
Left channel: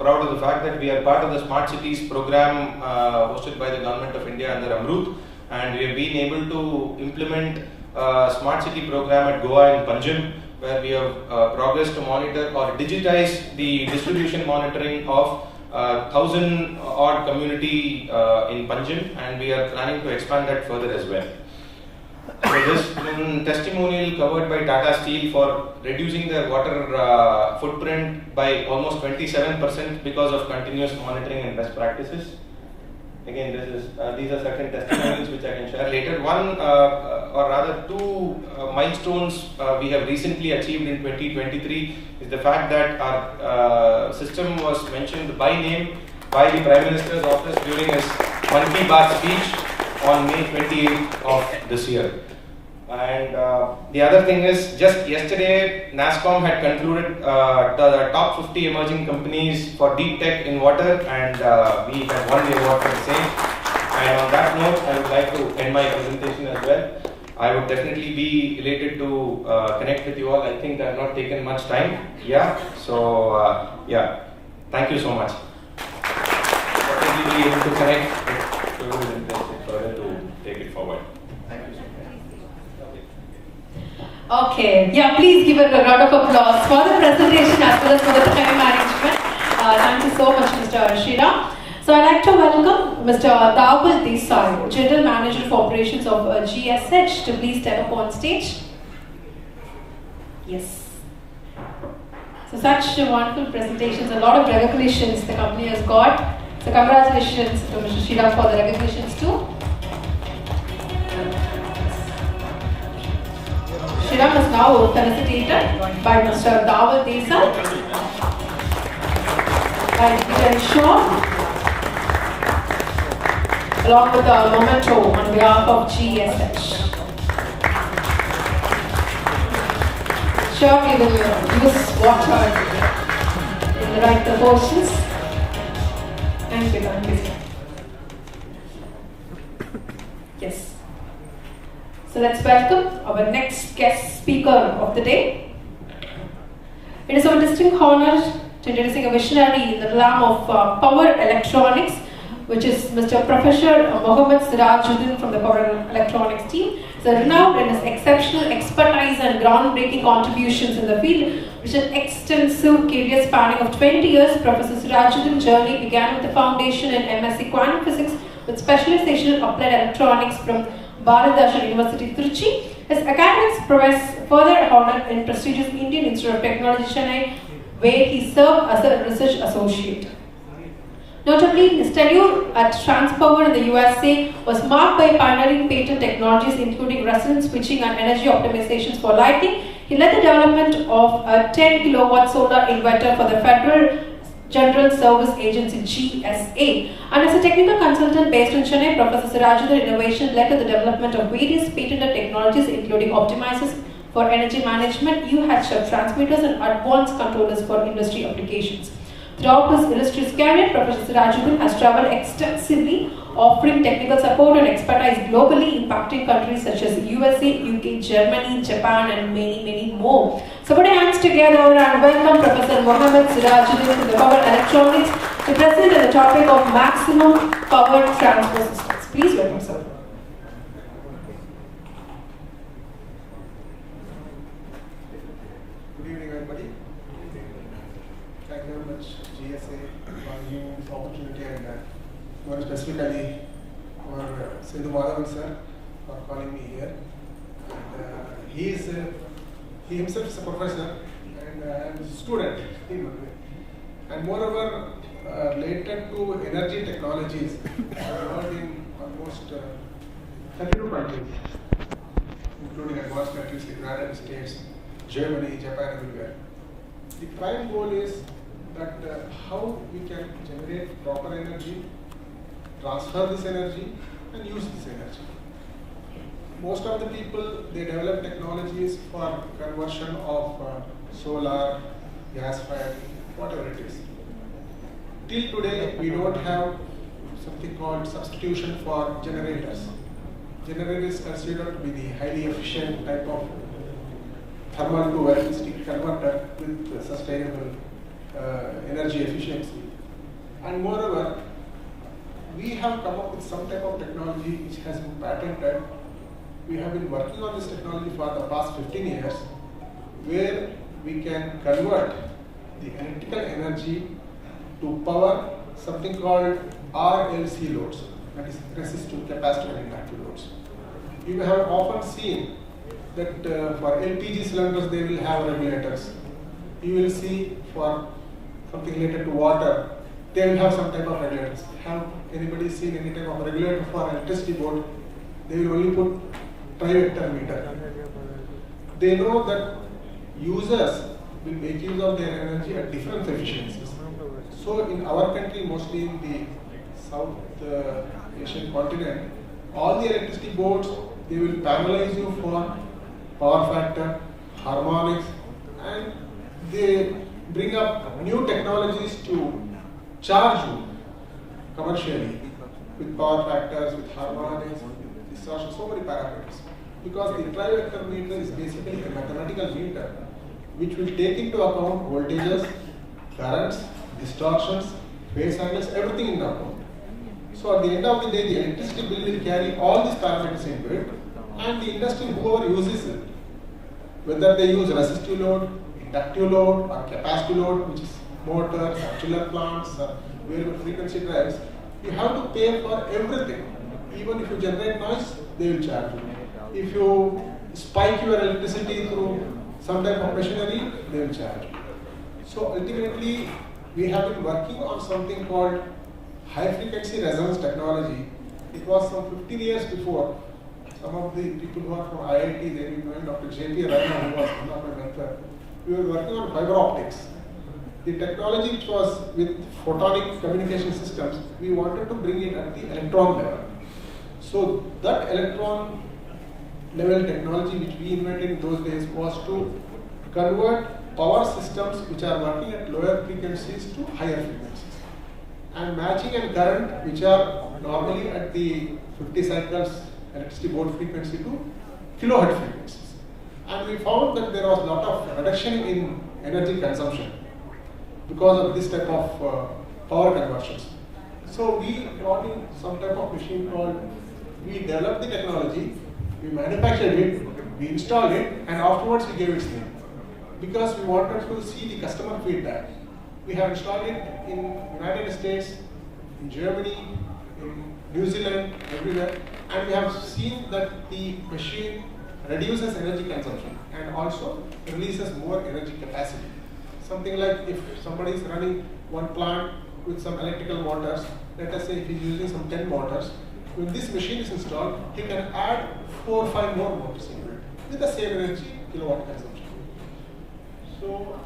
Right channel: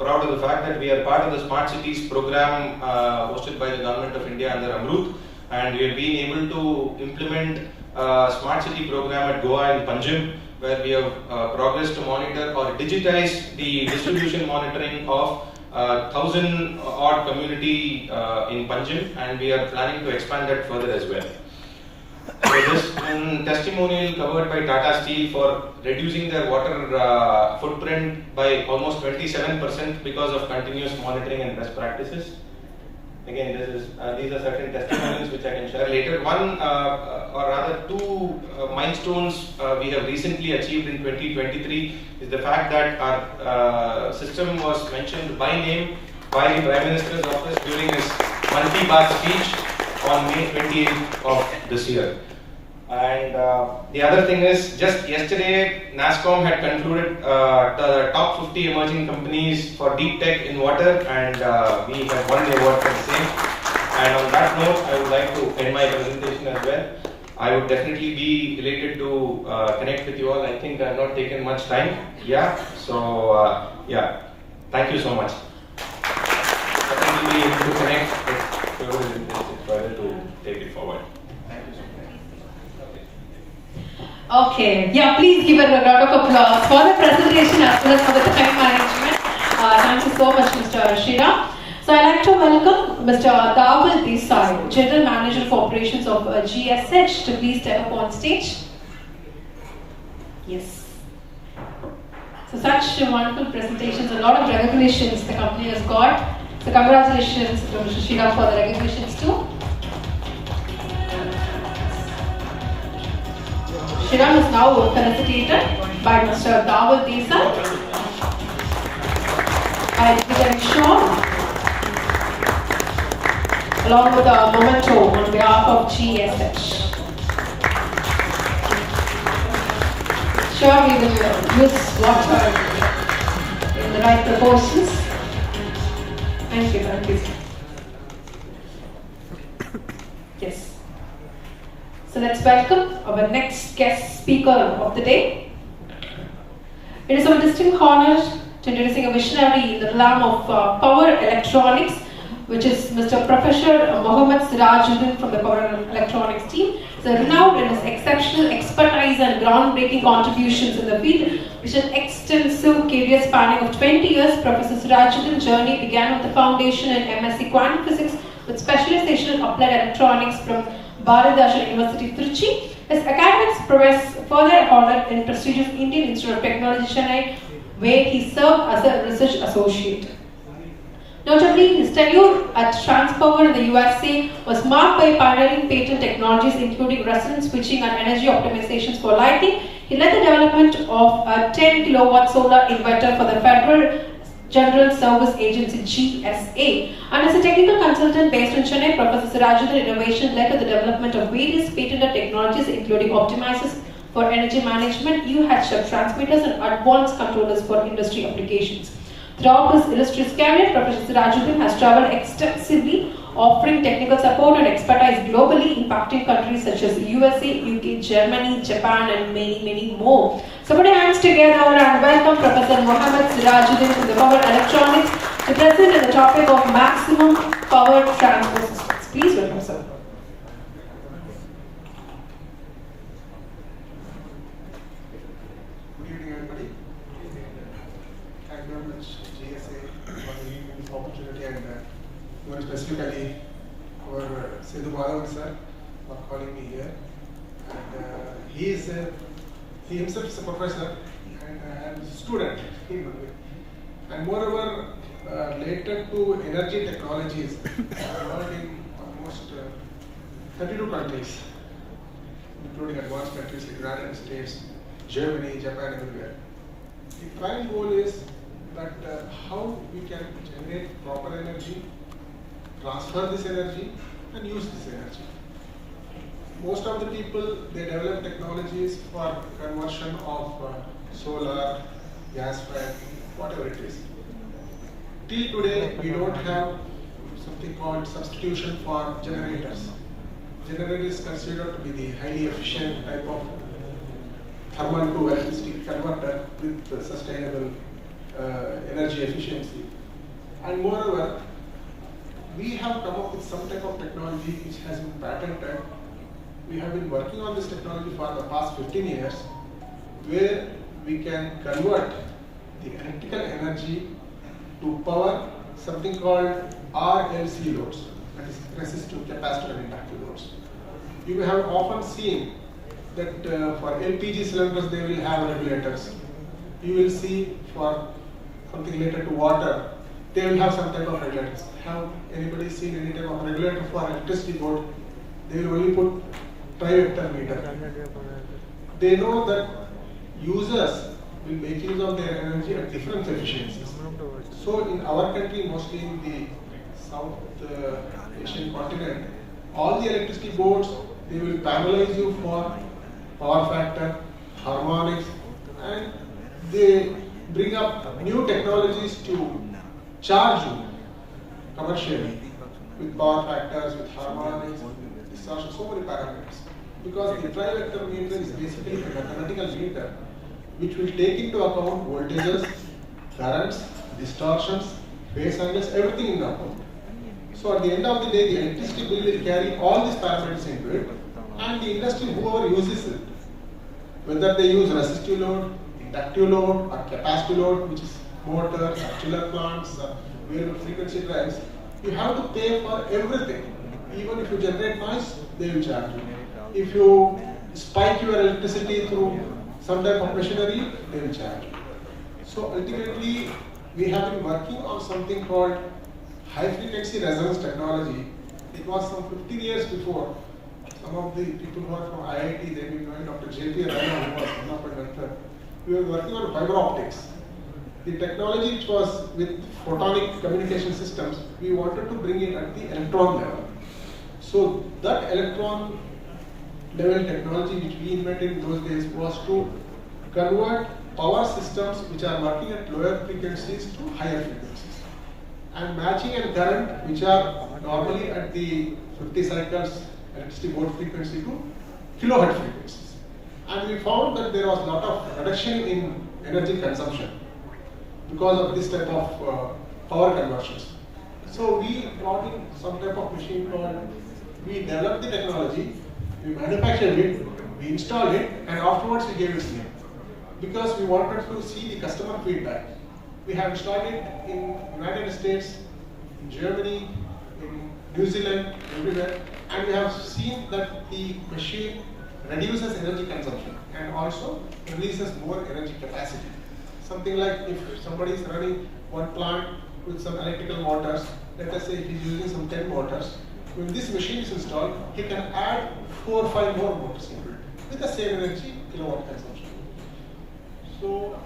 proud of the fact that we are part of the Smart Cities program hosted by the Government of India under Amrut, and we have been able to implement a Smart City program at Goa and Panjim, where we have progressed to monitor or digitize the distribution monitoring of 1,000 odd community in Panjim, and we are planning to expand that further as well. So this testimonial covered by Tata Steel for reducing their water footprint by almost 27% because of continuous monitoring and best practices. Again, these are certain testimonials which I can share later. One or rather two milestones we have recently achieved in 2023 is the fact that our system was mentioned by name by the Prime Minister's office during his Mann Ki Baat speech on May 28th of this year. And the other thing is, just yesterday NASSCOM had concluded the top 50 emerging companies for deep tech in water, and we have won the award for the same. And on that note, I would like to end my presentation as well. I would definitely be elated to connect with you all. I think I have not taken much time. Yeah, so thank you so much. I think we'll be able to connect with whoever is interested further to take it forward. Thank you so much. Okay, yeah, please give a round of applause for the presentation as well as for the time management. Thank you so much, Mr. Shira. So I'd like to welcome Mr. Dawal Desai, General Manager for Operations of GSH, to please step up on stage. Yes. So such wonderful presentations, a lot of recognitions the company has got. So congratulations to Mr. Shira for the recognitions too. Shira is now felicitated by Mr. Dawal Desai. And we can show along with the memento on behalf of GSH. Sure, we will use water in the right proportions. Thank you, sir. Yes. So let's welcome our next guest speaker of the day. It is our distinct honor to introducing a visionary in the realm of power electronics, which is Mr. Professor Mohammad Sirajuddin from the Power Electronics team. He's renowned in his exceptional expertise and groundbreaking contributions in the field, which an extensive career spanning of 20 years. Professor Sirajuddin's journey began with the foundation in MSc Quantum Physics with specialization in applied electronics from Bharatdasan University, Trichy. His academics prowess further honored in prestigious Indian Institute of Technology, Chennai, where he served as a research associate. Notably, his tenure at Transpower in the USA was marked by pioneering patent technologies including resonance switching and energy optimizations for lighting. He led the development of a 10 kilowatt solar inverter for the Federal General Service Agency GSA. And as a technical consultant based in Chennai, Professor Sirajuddin's innovation led to the development of various patented technologies including optimizers for energy management, UHF transmitters and advanced controllers for industry applications. Throughout his illustrious career, Professor Sirajuddin has travelled extensively, offering technical support and expertise globally, impacting countries such as USA, UK, Germany, Japan, and many, many more. So put your hands together and welcome Professor Mohammad Sirajuddin from the Power Electronics to present on the topic of maximum power transfer systems. Please welcome, sir. Good evening, everybody. Thank you very much, GSA, for giving me this opportunity, and more specifically, for Sindhu Madhavan sir for calling me here. And he himself is a professor and a student, and moreover, related to energy technologies, worked in almost 32 countries, including advanced countries like United States, Germany, Japan, everywhere. The prime goal is that how we can generate proper energy, transfer this energy, and use this energy. Most of the people, they develop technologies for conversion of solar, gas-fired, whatever it is. Till today, we don't have something called substitution for generators. Generator is considered to be the highly efficient type of thermal to electricity converter with sustainable energy efficiency. And moreover, we have come up with some type of technology which has been patented. We have been working on this technology for the past 15 years, where we can convert the electrical energy to power something called RLC loads, that is resistive capacitor inductive loads. You have often seen that for LPG cylinders they will have regulators. You will see for something related to water, they will have some type of regulators. Have anybody seen any type of regulator for electricity board? They will only put tri-vector meter. They know that users will make use of their energy at different efficiencies. So in our country, mostly in the South Asian continent, all the electricity boards, they will penalize you for power factor, harmonics, and they bring up new technologies to charge you commercially with power factors, with harmonics, distortion, so many parameters. Because the tri-vector meter is basically a mathematical meter which will take into account voltages, currents, distortions, phase angles, everything into account. So at the end of the day, the electricity bill will carry all these parameters into it, and the industry, whoever uses it, whether they use resistive load, inductive load, or capacitive load, which is motors, or chiller plants, or variable frequency drives, you have to pay for everything. Even if you generate noise, they will charge you. If you spike your electricity through some type of machinery, they will charge you. So ultimately, we have been working on something called high frequency resonance technology. It was some 15 years before. Some of the people who are from IIT, they will know Dr. J.P. Rana, who was one of my mentors. We were working on fiber optics. The technology which was with photonic communication systems, we wanted to bring it at the electron level. So that electron level technology which we invented in those days was to convert power systems which are working at lower frequencies to higher frequencies, and matching and current which are normally at the 50 cycles electricity board frequency to kilohertz frequencies. And we found that there was a lot of reduction in energy consumption because of this type of power conversions. So we brought in some type of machine called, we developed the technology, we manufactured it, we installed it, and afterwards we gave it name. Because we wanted to see the customer feedback. We have installed it in United States, in Germany, in New Zealand, everywhere, and we have seen that the machine reduces energy consumption and also releases more energy capacity. Something like if somebody is running one plant with some electrical motors, let us say if he's using some 10 motors, when this machine is installed, he can add 4 or 5 more motors into it with the same energy kilowatt consumption. So,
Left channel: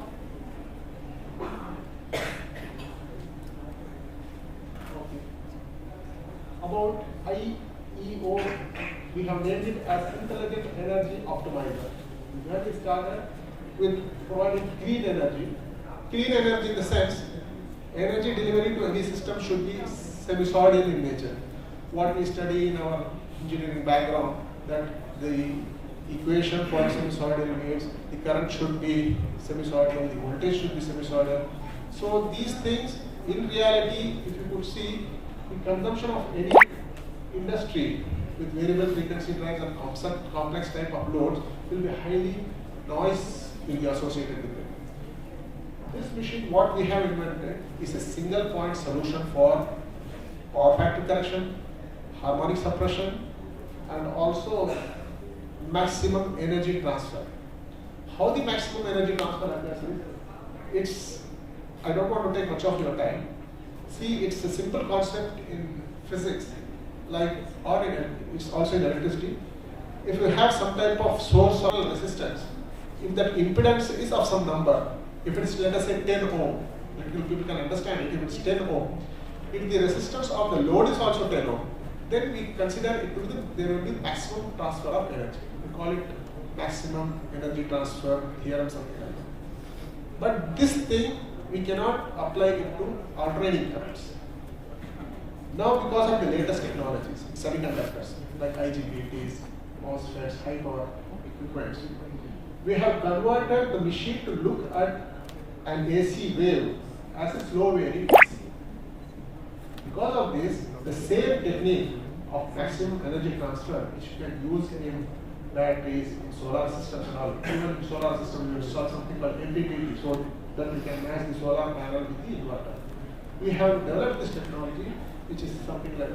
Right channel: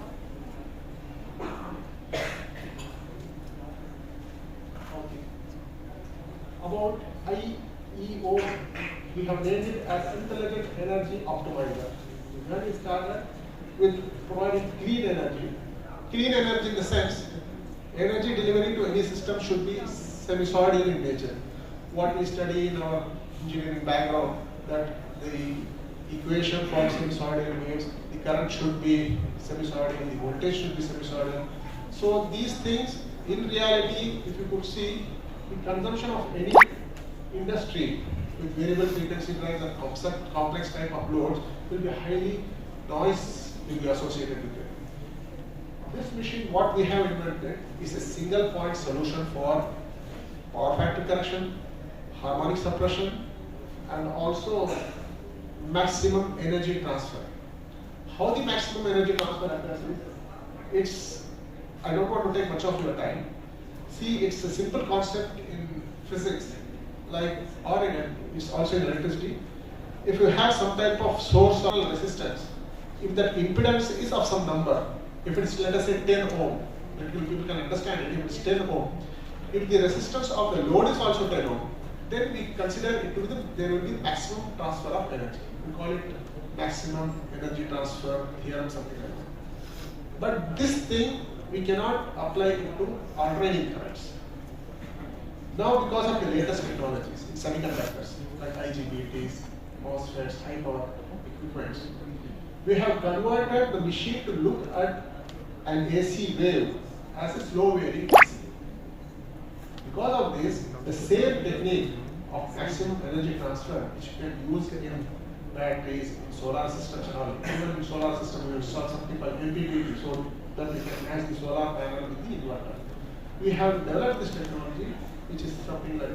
about IEO, we have named it as Intelligent Energy Optimizer. When we started with providing clean energy in the sense, energy delivery to any system should be sinusoidal in nature. What we study in our engineering background, that the equation for sinusoidal means the current should be sinusoidal, the voltage should be sinusoidal. So these things, in reality, if you could see, the consumption of any industry with variable frequency drives and complex type of loads will be highly noise will be associated with it. This machine, what we have invented, is a single point solution for power factor correction, harmonic suppression, and also maximum energy transfer. How the maximum energy transfer occurs is, it's, I don't want to take much of your time. See, it's a simple concept in physics, like, or it's also in electricity. If you have some type of source or resistance, if that impedance is of some number, if it's, let us say, 10 ohm, people can understand it, if it's 10 ohm, if the resistance of the load is also 10 ohm, then we consider it to be there will be maximum transfer of energy. We call it maximum energy transfer theorem, something like that. But this thing, we cannot apply it to alternating currents. Now, because of the latest technologies in semiconductors, like IGBTs, MOSFETs, high power equipments, we have converted the machine to look at an AC wave as a slow varying AC. Because of this, the same technique of maximum energy transfer, which you can use in batteries, in solar systems and all, even in solar systems, we install something called MPPT, so that we can match the solar panel with the inverter. We have developed this technology, which is something like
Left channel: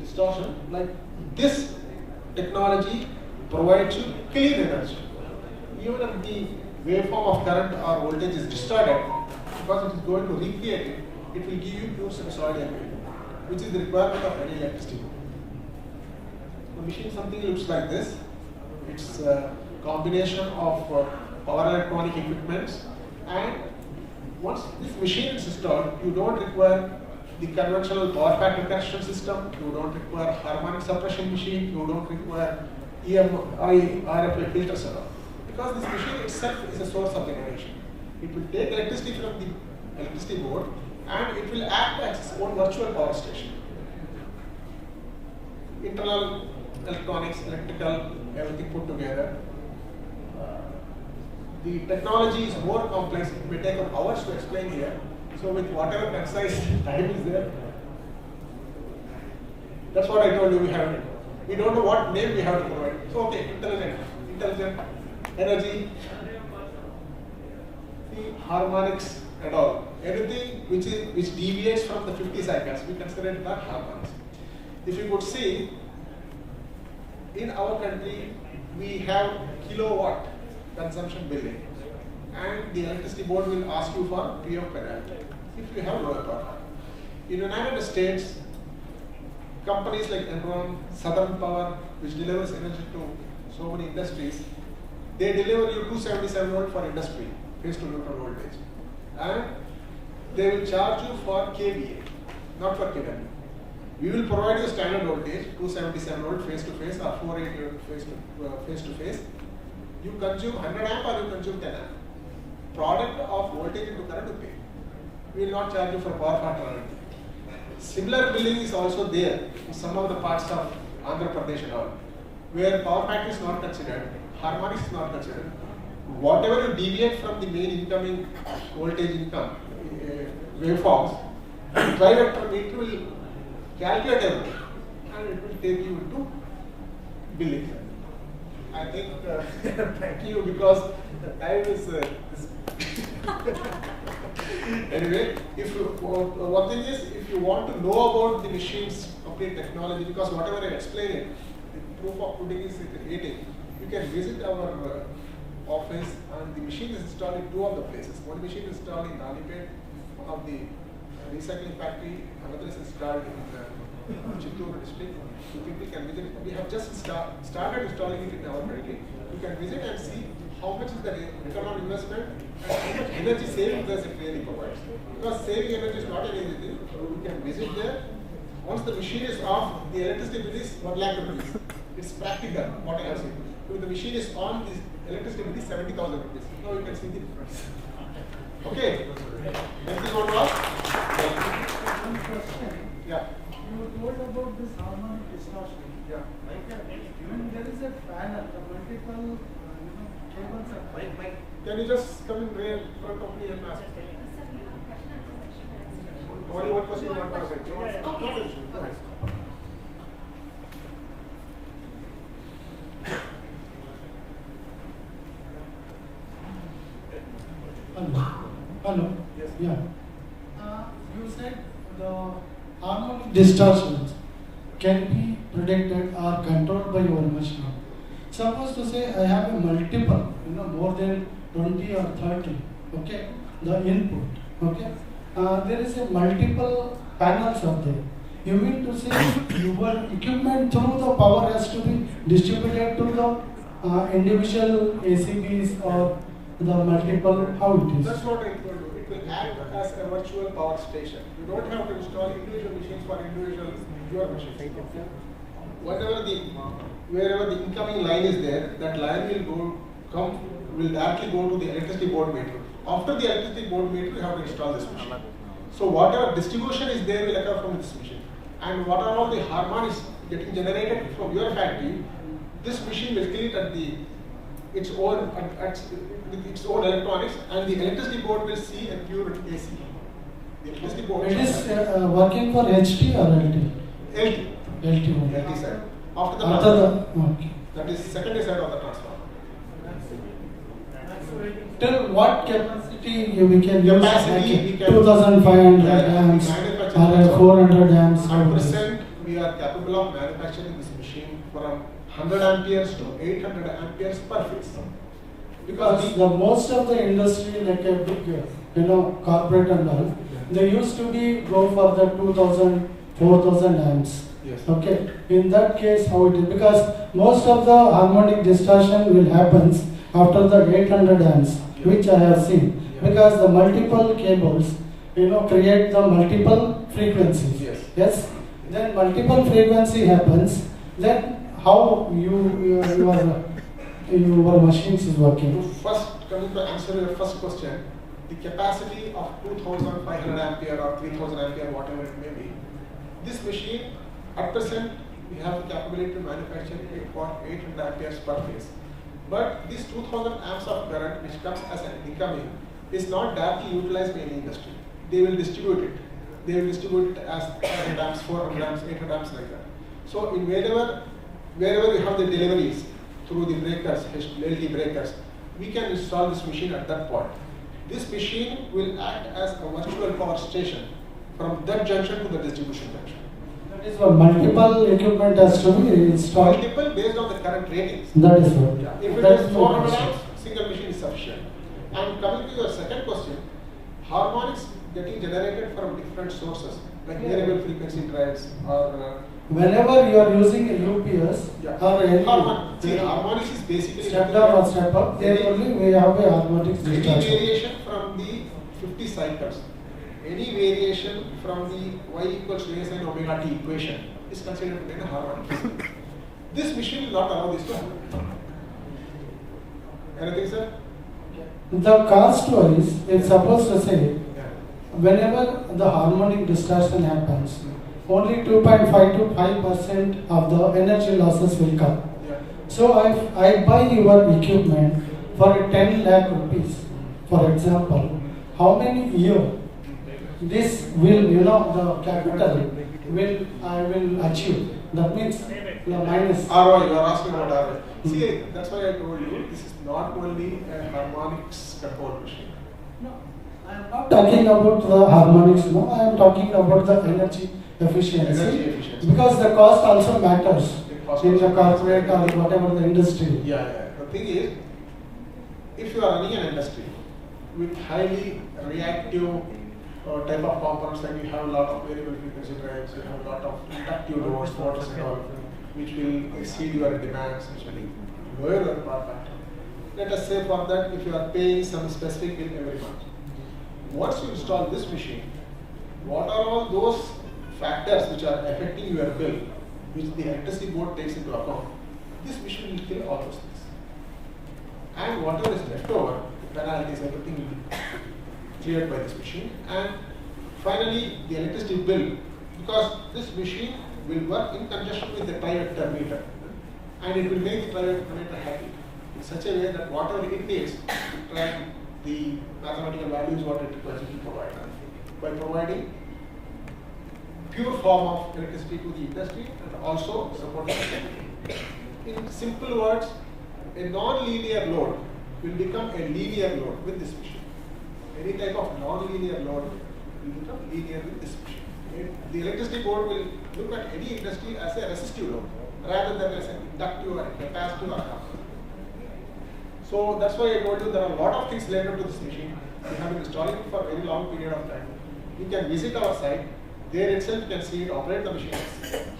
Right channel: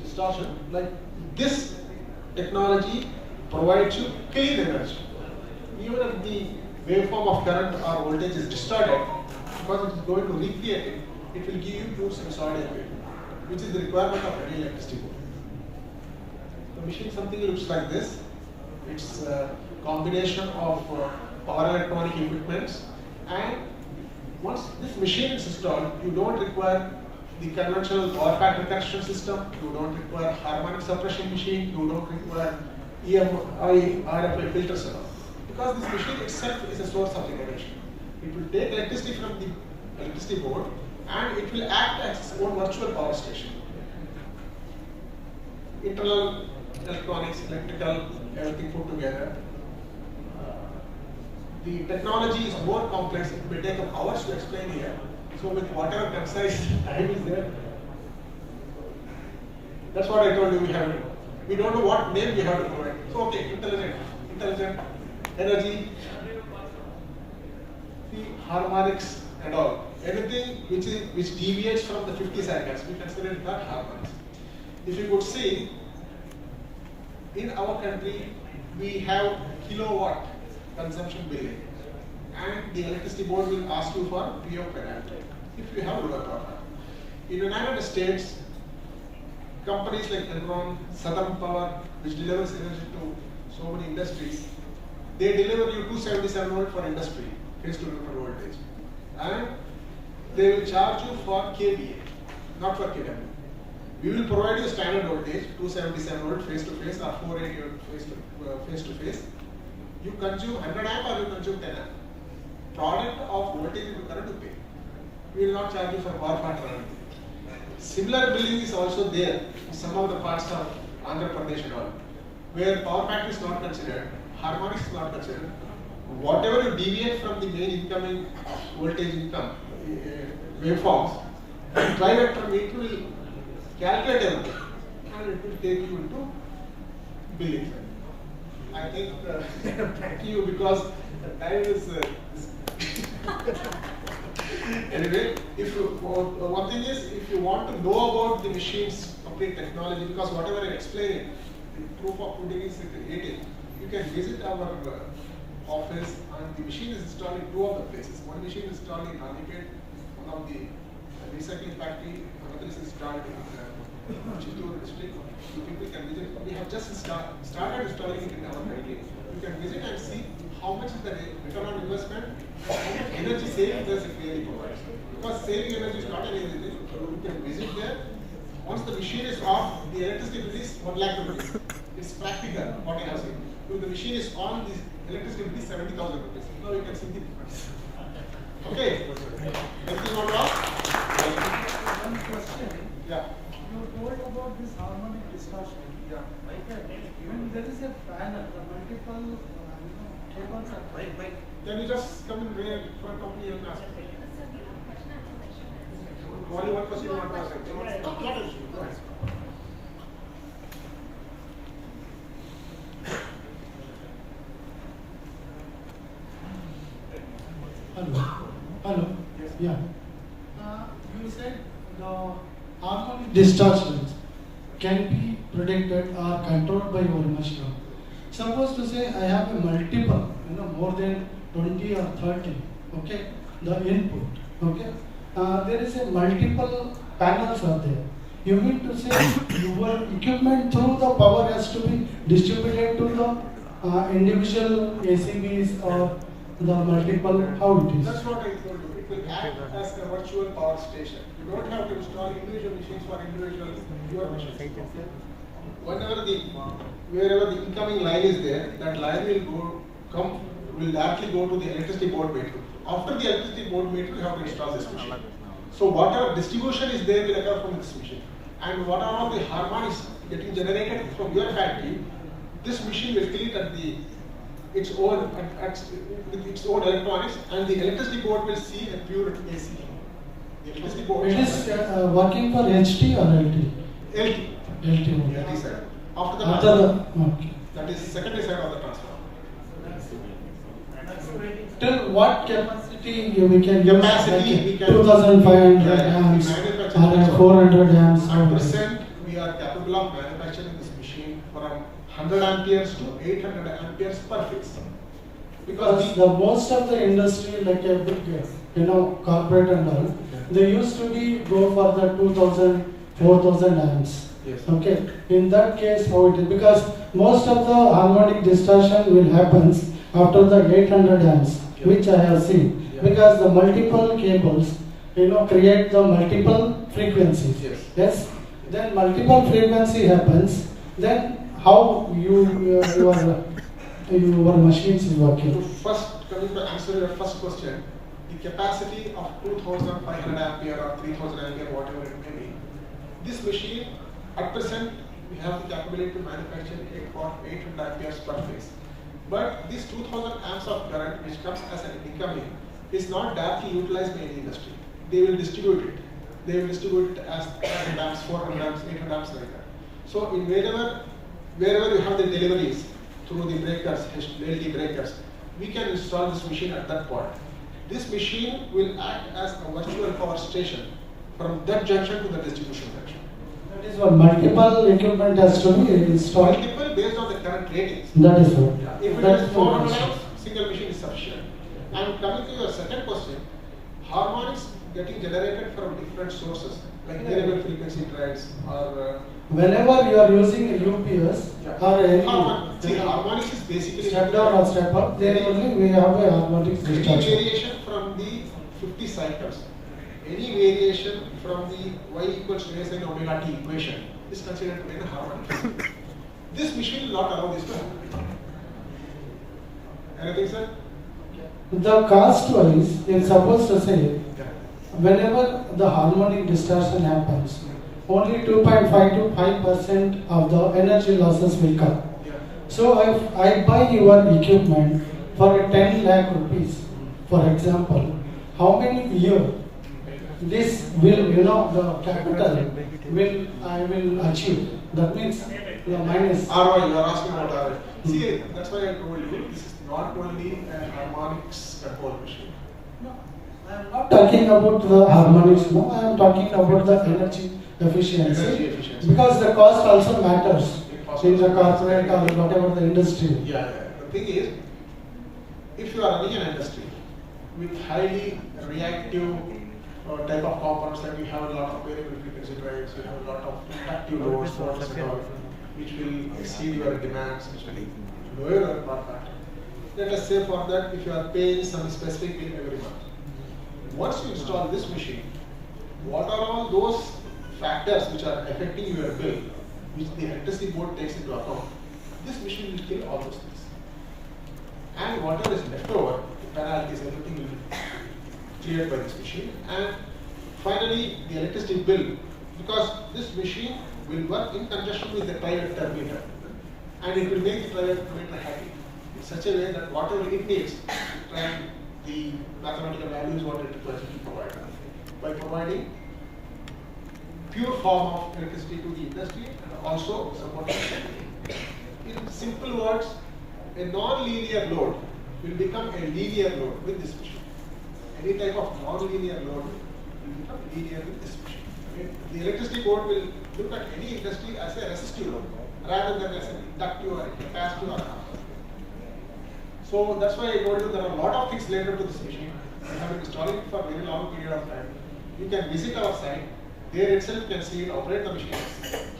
distortion. Like this technology provides you clean energy. Even if the waveform of current or voltage is distorted, because it is going to recreate it, it will give you true sinusoidal wave, which is the requirement of any electricity board. The machine something looks like this. It's a combination of power electronic equipments, and once this machine is installed, you don't require the conventional power factor correction system, you don't require harmonic suppression machine, you don't require EMI, RFA filters at all. Because this machine itself is a source of energy. It will take electricity from the electricity board and it will act as its own virtual power station. Internal electronics, electrical, everything put together. the technology is more complex. It may take hours to explain here. So with whatever concise time is there, that's what I told you we have to do. We don't know what name we have to provide. So okay, intelligent, energy, the harmonics and all. Anything which deviates from the 50 cycles, we consider it not harmonics. If you could see, in our country, we have kilowatt consumption billing, and the electricity board will ask you for PO parameter if you have lower power. In the United States, companies like Enron, Southern Power, which delivers energy to so many industries, they deliver you 277 volt for industry, phase to neutral voltage, and they will charge you for kVA, not for kW. We will provide you standard voltage, 277 volt face to face or 480 face to face. You consume 100 amp or you consume 10 amp. Product of voltage into current you pay. We will not charge you for power factor or anything. Similar billing is also there in some of the parts of Andhra Pradesh and all, where power factor is not considered, harmonics is not considered. Whatever you deviate from the main incoming voltage income waveforms, drive vector meter will calculate everything and it will take you into billing. I think thank you because the time is. Anyway, if you one thing is, if you want to know about the machine's complete technology, because whatever I explain it, proof of pudding is creating, you can visit our office, and the machine is installed in 2 of the places. One machine is installed in Ranipet, one of the recycling factory, another is installed in Chittoor district. You people can visit. We have just started installing it in our country. You can visit and see how much is the return on investment and how much energy saving does it really provides. Because saving energy is not an easy thing. You can visit there. Once the machine is off, the electricity bill is 1 lakh rupees. It's practical, what I have seen. If the machine is on, the electricity bill is 70,000 rupees. Now you can see the difference. Okay. Anything more to ask? One question. Yeah. You told about this harmonic distortion. Yeah. Okay. Even there is a panel, multiple cables are. Can you just come in real for a company and ask? Only one question you want to ask. Okay. Go ahead. Hello. Yes. Yeah. You said the harmonic distortions can be predicted or controlled by your machine. Suppose to say I have a multiple, more than 20 or 30, okay, the input, okay. There is a multiple panels are there. You mean to say your equipment through the power has to be distributed to the individual ACBs or the multiple, how it is? That's what it will do. It will act as a virtual power station. You don't have to install individual machines for individual your machines. Wherever the incoming line is there, that line will directly go to the electricity board meter. After the electricity board meter, you have to install this machine. So whatever distribution is there will occur from this machine. And whatever all the harmonics getting generated from your factory, this machine will kill it at its own electronics, and the electricity board will see a pure AC. The electricity board. It is working for HT or LT? LT. LT side. After okay. That is secondary side of the transformer. Till what capacity we can use? Capacity we can 2,500 amps or 400 amps. At present, we are capable of manufacturing this machine from 100 amperes to 800 amperes per phase. Because the most of the industry, like a big, corporate and all, they used to go for the 2,000, 4,000 amps. Yes. Okay. In that case, how it is? Because most of the harmonic distortion will happen after the 800 amps, which I have seen. Yeah. Because the multiple cables, create the multiple frequencies. Yes. Yes. Then multiple frequency happens. Then how your machines is working? First, coming to answer your first question, the capacity of 2,500 ampere or 3,000 ampere, whatever it may be, this machine, at present, we have the capability to manufacture 800 amperes per phase. But this 2000 amps of current which comes as an incoming is not directly utilized by any industry. They will distribute it. They will distribute it as 100 amps, 400 amps, 800 amps like that. So in wherever we have the deliveries through the breakers, LT breakers, we can install this machine at that point. This machine will act as a virtual power station from that junction to the distribution junction. That is what multiple equipment has to be installed. Multiple based on the current ratings. That is what. Yeah. If it That is is 400 what. amps, single machine is sufficient. And coming to your second question, harmonics getting generated from different sources, like variable frequency drives or Whenever you are using a UPS or any harmonics is basically step down or step up, then only we have a harmonics any discharge. variation from the 50 cycles, any variation from the y equals to a sin omega t equation is considered to be a harmonic. This machine will not allow this to happen. Anything, sir? The cost wise, it's supposed to say, whenever the harmonic distortion happens, only 2.5 to 5% of the energy losses will come. So if I buy your equipment for 10 lakh rupees, for example, how many years this will, the capital I will achieve? That means your minus. ROI, you are asking about ROI. See, that's why I told you, this is not only a harmonics control machine. I am not talking about the harmonics, no. I am talking about the energy efficiency. Energy efficiency. Because the cost also matters in the corporate or whatever the industry. Yeah. The thing is, if you are running an industry with highly reactive type of components, like you have a lot of variable frequency drives, you have a lot of inductive loads, motors and all, which will exceed your demands, which will lower your power factor. Let us say for that, if you are paying some specific bill every month, once you install this machine, what are all those factors which are affecting your bill, which the electricity board takes into account? This machine will kill all those things. And whatever is left over, penalties, everything will be cleared by this machine. And finally, the electricity bill, because this machine will work in conjunction with the private meter, and it will make the private meter happy in such a way that whatever it needs, and the mathematical values what it will provide by providing pure form of electricity to the industry and also supporting the in simple words, a non-linear load will become a linear load with this machine. Any type of non-linear load will become linear with this machine. The electricity board will look at any industry as a resistive load rather than as an inductive or capacitive or not. So that's why I told you there are a lot of things related to this machine. We have been installing it for a very long period of time. You can visit our site. There itself you can see it operate the machine,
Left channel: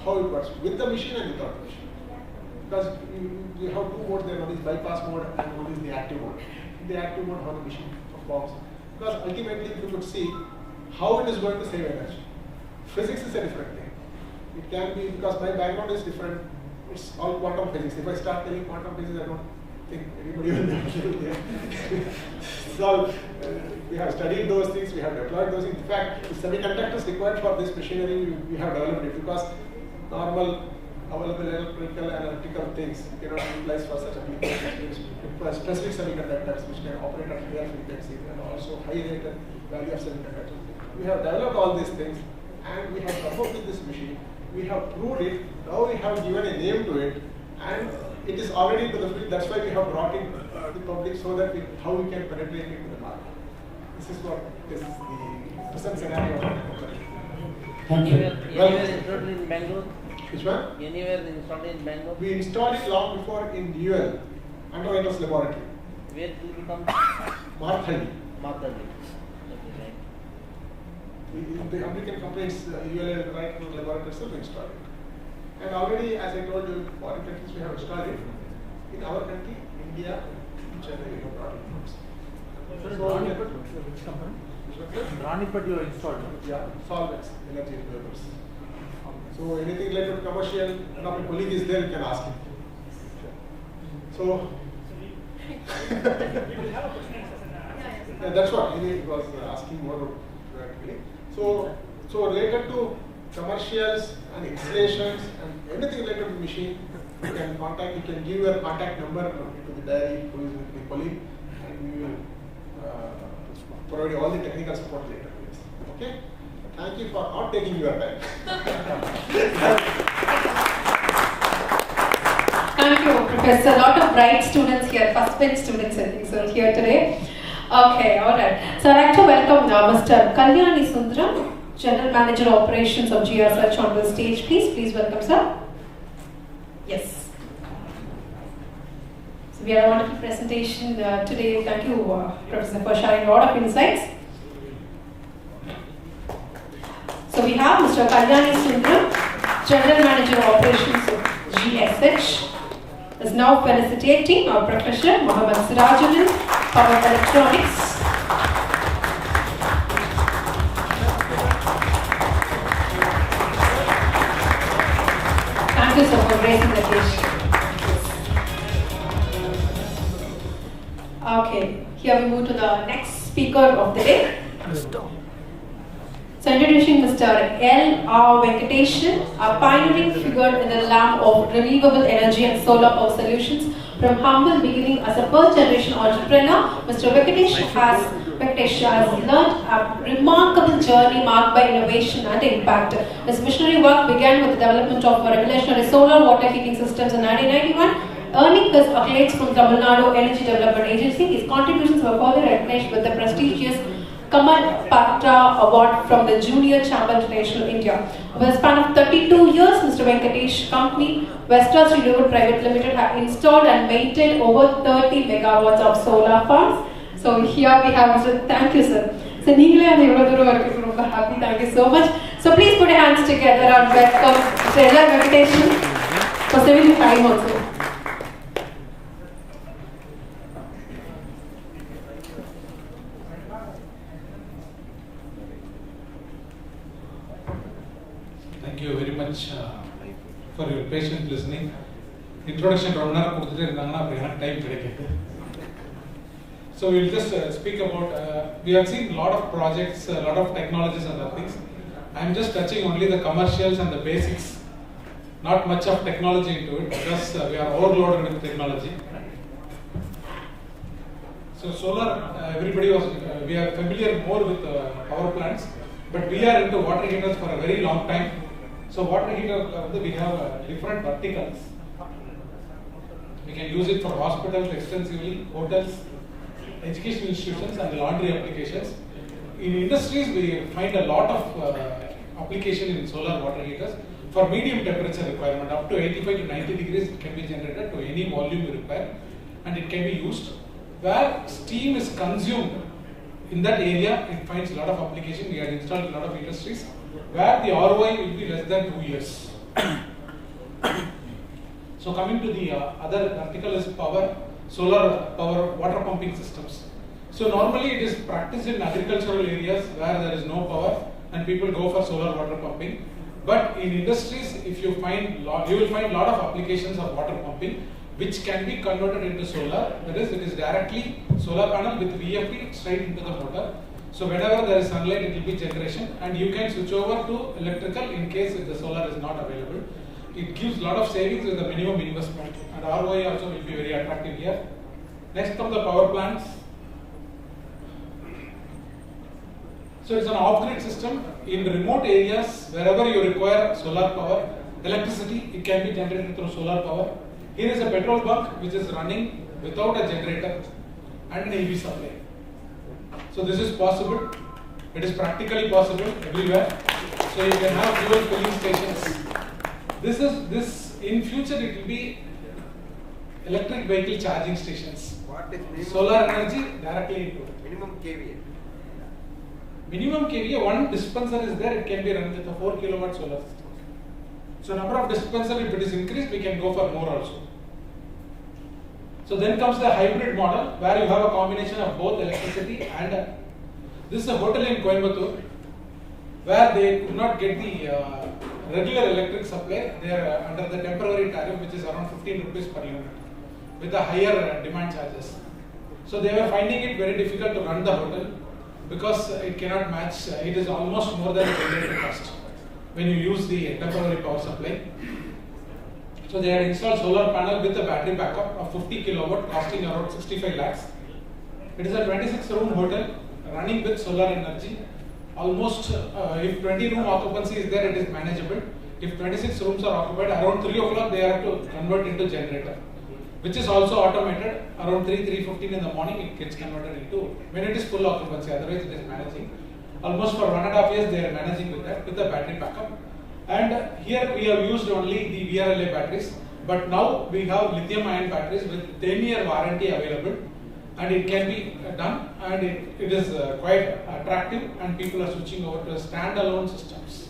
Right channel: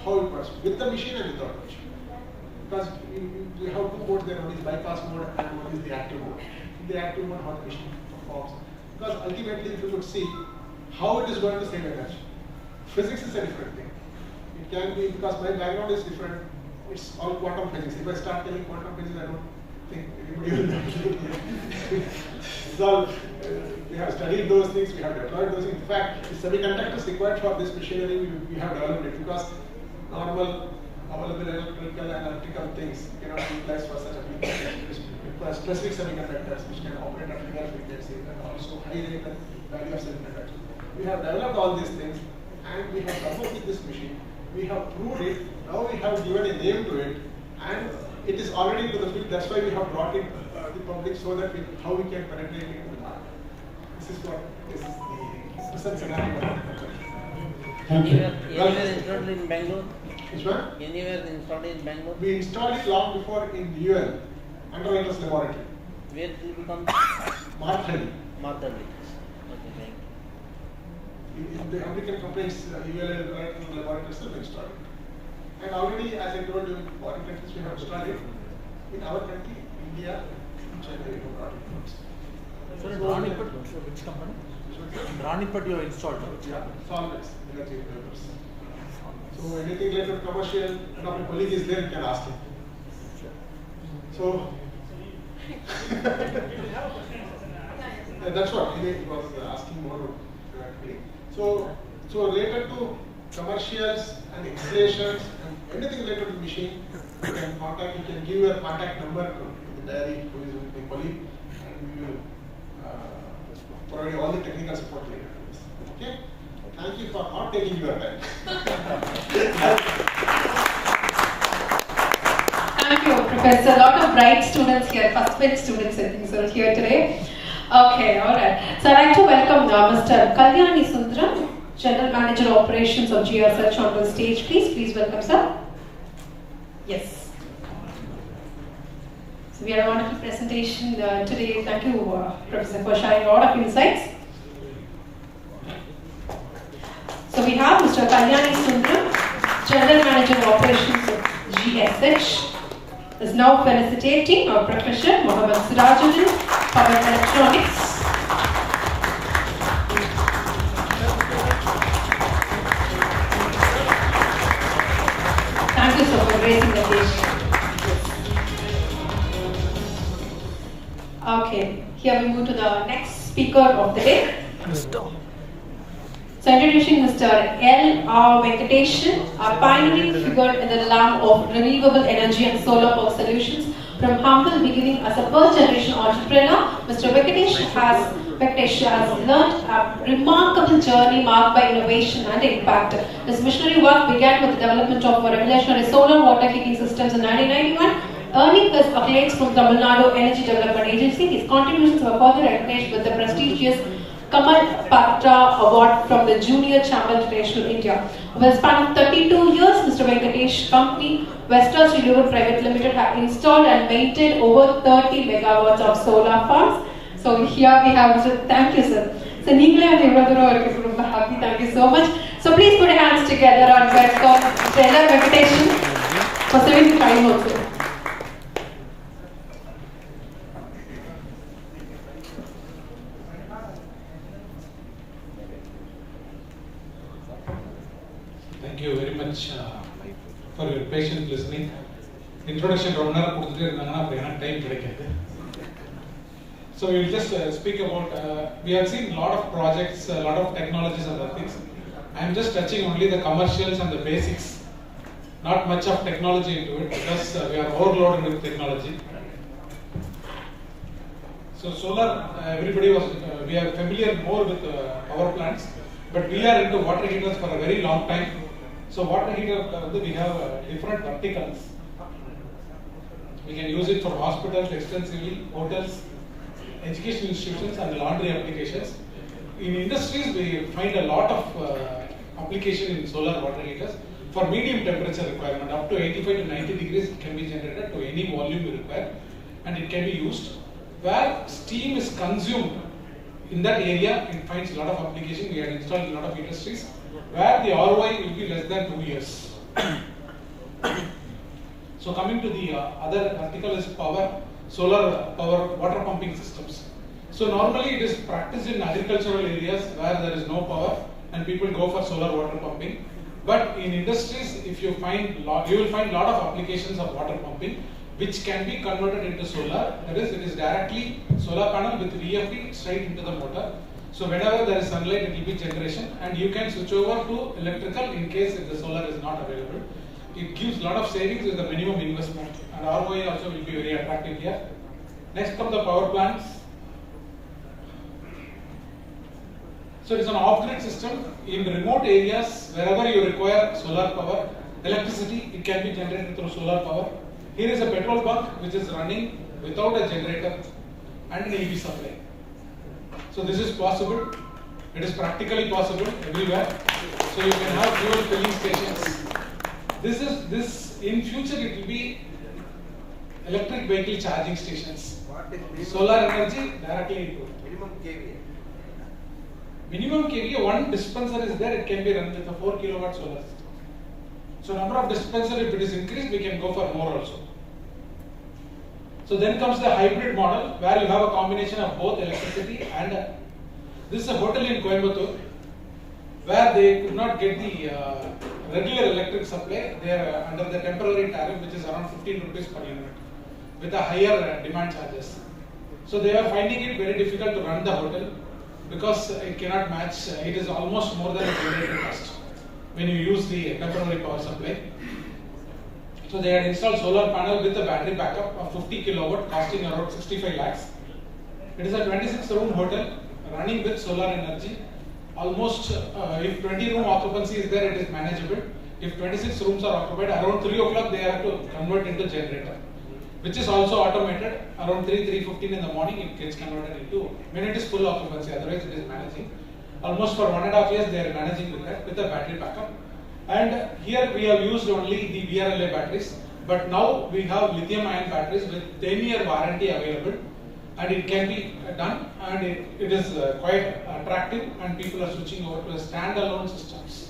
how it works with the machine and without the machine. Because you have two modes there, one is bypass mode and one is the active mode. In the active mode, how the machine performs. Because ultimately, if you could see how it is going to save energy. Physics is a different thing. It can be, because my background is different, it's all quantum physics. If I start telling quantum physics, I don't think anybody will know. So, we have studied those things, we have deployed those things. In fact, the semiconductors required for this machinery, we have developed it because normal available electrical and electrical things cannot be utilized for such applications. For specific semiconductors which can operate at higher frequency and also high value of semiconductors. We have developed all these things and we have come up with this machine. We have proved it. Now we have given a name to it and it is already into the field. That's why we have brought it to the public so that how we can penetrate it into the market. This is what this is the present scenario. Thank you. Anywhere installed in Bangalore? Which one? Anywhere installed in Bangalore? We installed it long before in UL, Underwriters Laboratory. Where it will come? Marthali. Marthali. The American companies, UL and Underwriters Laboratory have installed it. And already, as I told you, foreign countries we have installed it. In our country, India, China, we have brought it. Ranipat you installed? Yeah, solvents, energy vapors. So anything related to commercial, one of my colleague is there, you can ask him. So that's what he was asking more directly. So related to commercials and installations and everything related to the machine, you can contact. You can give your contact number to the Dari, who is my colleague, and we will provide all the technical support later to this. Okay? Thank you for not taking your time. Thank you, Professor. A lot of bright students here, first bench students, I think, so here today. Okay, all right. So I'd like to welcome now Mr. Kalyani Sundaram, General Manager Operations of GSH on the stage, please. Please welcome, sir. Yes. So we had a wonderful presentation today. Thank you, Professor, for sharing a lot of insights. So we have Mr. Kalyani Sundaram, General Manager Operations of GSH, is now felicitating our Professor Mohammad Sirajuddin, Power Electronics. Thank you so for raising the dish. Okay, here we move to the next speaker of the day. So introducing Mr. L.R. Venkateshan, a pioneering figure in the realm of renewable energy and solar power solutions. From humble beginning as a first-generation entrepreneur, Mr. Venkateshan has learned a remarkable journey marked by innovation and impact. His missionary work began with the development of revolutionary solar water heating systems in 1991. Earning his accolades from Tamil Nadu Energy Development Agency, his contributions were further recognized with the prestigious Kamal Patra Award from the Junior Chamber International India. Over a span of 32 years, Mr. Venkatesh company, Western Renewable Private Limited, have installed and maintained over 30 megawatts of solar farms. So here we have, thank you, sir. So I'm happy, thank you so much. So please put your hands together and welcome Mr. L.R. Venkateshan for 75 also. Thank you very much for your patient listening. Introduction round time. So we'll just speak about, we have seen a lot of projects, a lot of technologies and other things. I'm just touching only the commercials and the basics. Not much of technology into it because we are overloaded with technology. So solar, everybody was, we are familiar more with power plants, but we are into water heaters for a very long time. So water heater, we have different verticals. We can use it for hospitals extensively, hotels, education institutions and laundry applications. In industries, we find a lot of application in solar water heaters. For medium temperature requirement, up to 85 to 90 degrees, it can be generated to any volume you require, and it can be used. Where steam is consumed, in that area, it finds a lot of application. We have installed a lot of industries where the ROI will be less than 2 years. So coming to the other vertical is power, solar power water pumping systems. So normally it is practiced in agricultural areas where there is no power and people go for solar water pumping. But in industries, if you find you will find a lot of applications of water pumping which can be converted into solar. That is, it is directly solar panel with VFD straight into the motor. So whenever there is sunlight, it will be generation, and you can switch over to electrical in case if the solar is not available. It gives a lot of savings with the minimum investment, and ROI also will be very attractive here. Next come the power plants. So it is an off-grid system. In remote areas, wherever you require solar power, electricity, it can be generated through solar power. Here is a petrol bunk which is running without a generator and an EV supply. So this is possible. It is practically possible everywhere. So you can have fuel filling stations. This in future it will be electric vehicle charging stations. What is Solar energy directly into it. minimum kVA? Minimum kVA, one dispenser is there, it can be run with a 4 kilowatt solar system. So number of dispenser, if it is increased, we can go for more also. So then comes the hybrid model where you have a combination of both electricity and this is a hotel in Coimbatore where they could not get the regular electric supply. They are under the temporary tariff which is around 15 rupees per unit with a higher demand charges. So they were finding it very difficult to run the hotel because it cannot match, it is almost more than the generator cost when you use the temporary power supply. So they had installed solar panel with a battery backup of 50 kilowatt costing around 65 lakhs. It is a 26-room hotel running with solar energy. Almost if 20 room occupancy is there, it is manageable. If 26 rooms are occupied, around 3 o'clock they have to convert into generator, which is also automated. Around 3:15 in the morning it gets converted into, when it is full occupancy, otherwise it is managing. Almost for 1.5 years they are managing with that, with the battery backup. And here we have used only the VRLA batteries, but now we have lithium ion batteries with 10-year warranty available, and it can be done, and it is quite attractive, and people are switching over to standalone systems.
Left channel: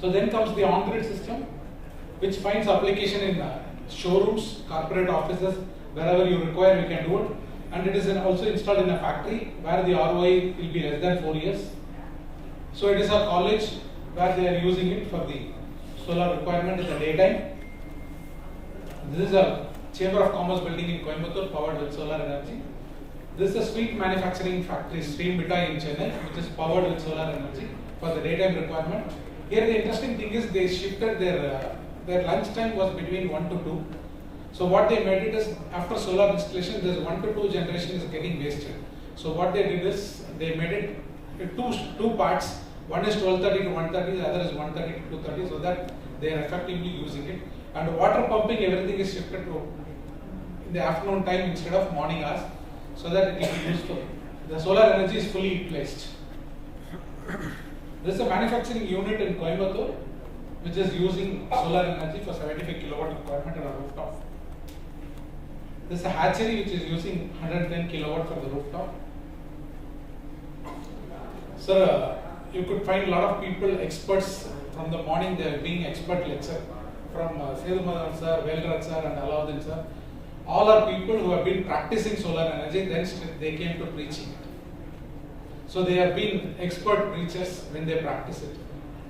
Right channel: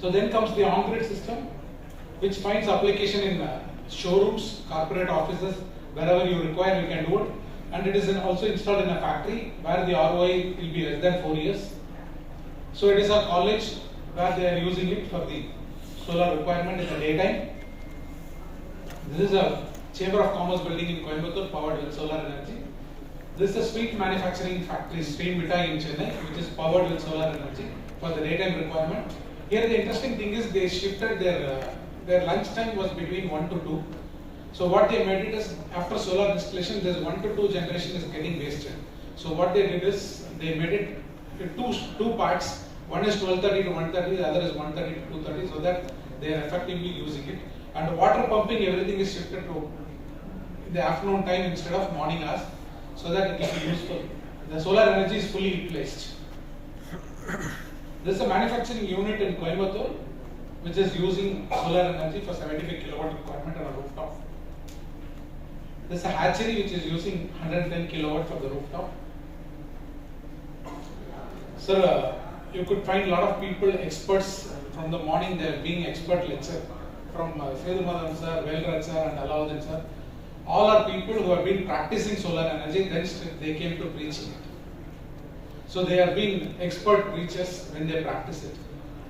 So then comes the on-grid system, which finds application in showrooms, corporate offices, wherever you require you can do it, and it is also installed in a factory where the ROI will be less than 4 years. So it is a college where they are using it for the solar requirement in the daytime. This is a Chamber of Commerce building in Coimbatore powered with solar energy. This is a sweet manufacturing factory, Stream Vita in Chennai, which is powered with solar energy for the daytime requirement. Here the interesting thing is they shifted their lunch time was between 1 to 2. So what they made it is, after solar installation, this 1 to 2 generation is getting wasted. So what they did is they made it two parts. One is 12:30 to 1:30, the other is 1:30 to 2:30, so that they are effectively using it. And water pumping, everything is shifted to in the afternoon time instead of morning hours, so that it can be useful. The solar energy is fully placed. This is a manufacturing unit in Coimbatore, which is using solar energy for 75 kilowatt requirement on a rooftop. This is a hatchery which is using 110 kilowatt for the rooftop. So you could find a lot of people, experts from the morning. They are being expert lecture from Sedu Madan sir, Velraj sir, and Alauddin sir. All are people who have been practicing solar energy. Then they came to preaching it. So they have been expert preachers when they practice it.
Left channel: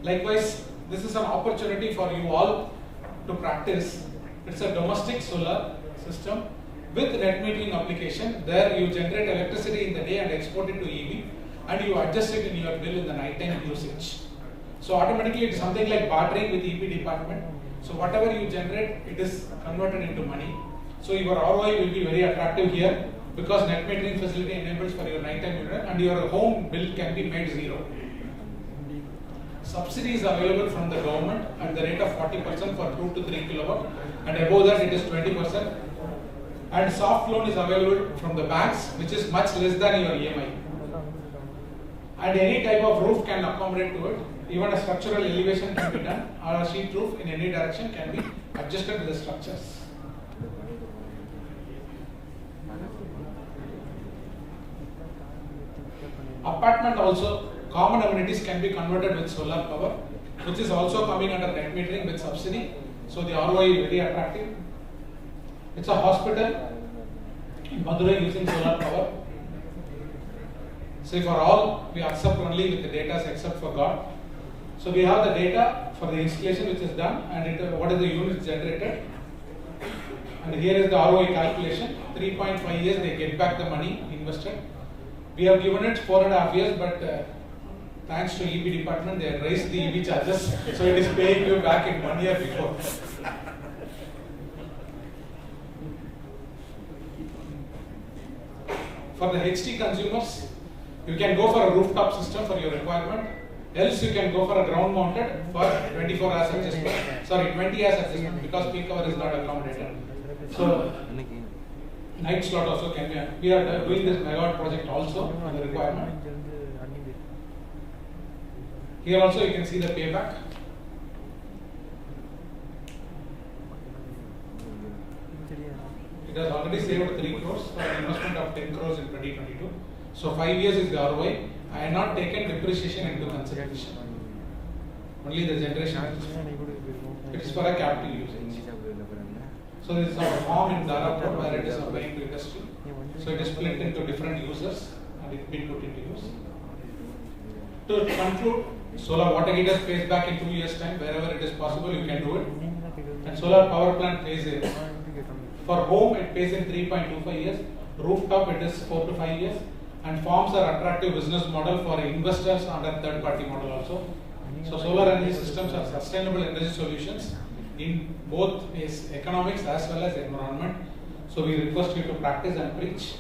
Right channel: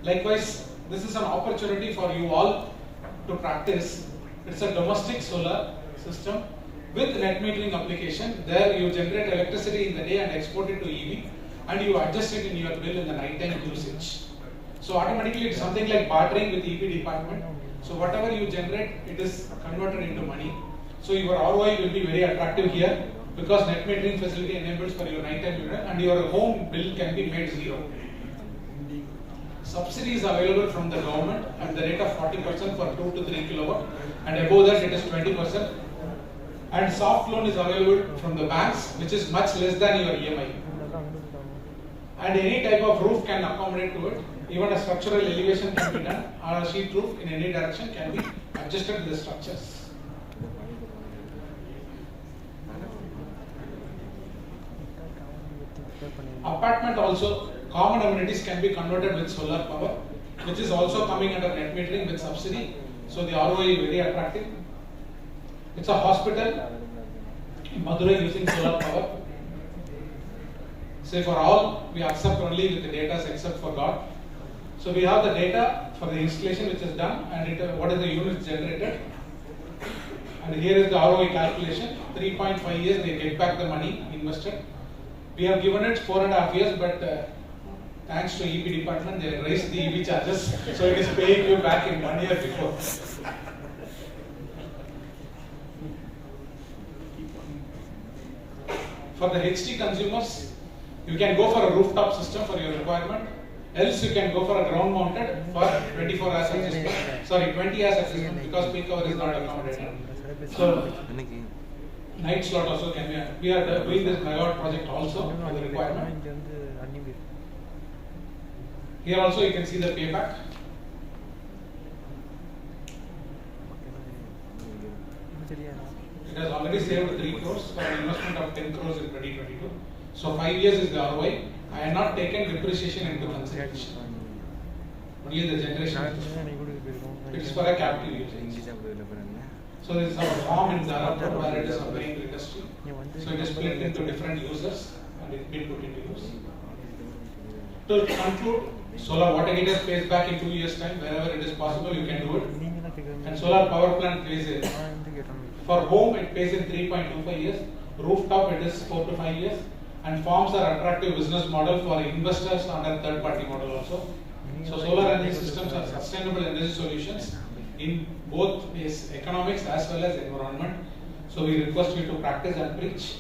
Likewise, this is an opportunity for you all to practice. It's a domestic solar system with net metering application. There you generate electricity in the day and export it to EV, and you adjust it in your bill in the nighttime usage. So automatically it's something like bartering with EP department. So whatever you generate, it is converted into money. So your ROI will be very attractive here, because net metering facility enables for your nighttime meter, and your home bill can be made zero. Subsidy is available from the government at the rate of 40% for 2 to 3 kilowatt, and above that it is 20%. And soft loan is available from the banks, which is much less than your EMI. And any type of roof can accommodate to it. Even a structural elevation can be done, or a sheet roof in any direction can be adjusted to the structures. Apartment also, common amenities can be converted with solar power, which is also coming under net metering with subsidy. So the ROI is very attractive. It's a hospital in Madurai using solar power. Say for all, we accept only with the data except for God. So we have the data for the installation which is done, and what is the units generated. And here is the ROI calculation. 3.5 years they get back the money invested. We have given it 4.5 years, but thanks to EP department, they have raised the EV charges, so it is paying you back in 1 year before. For the HT consumers, you can go for a rooftop system for your requirement. Else you can go for a ground mounted for 24 hours adjustment. Sorry, 20 hours adjustment, because peak hour is not accommodated. So night slot also can be. We are doing this megawatt project also for the requirement. Here also you can see the payback. It has already saved 3 crores for an investment of 10 crores in 2022. So 5 years is the ROI. I have not taken depreciation into consideration. Only the generation. It is for a capital usage. So this is our farm in Dharapur where it is supplying to industry. So it is split into different users and it will put into use. To conclude, solar water heater pays back in 2 years' time. Wherever it is possible, you can do it. And solar power plant pays in. For home, it pays in 3.25 years. Rooftop, it is 4 to 5 years. And farms are attractive business model for investors under third-party model also. So solar energy systems are sustainable energy solutions in both is economics as well as environment. So we request you to practice and preach.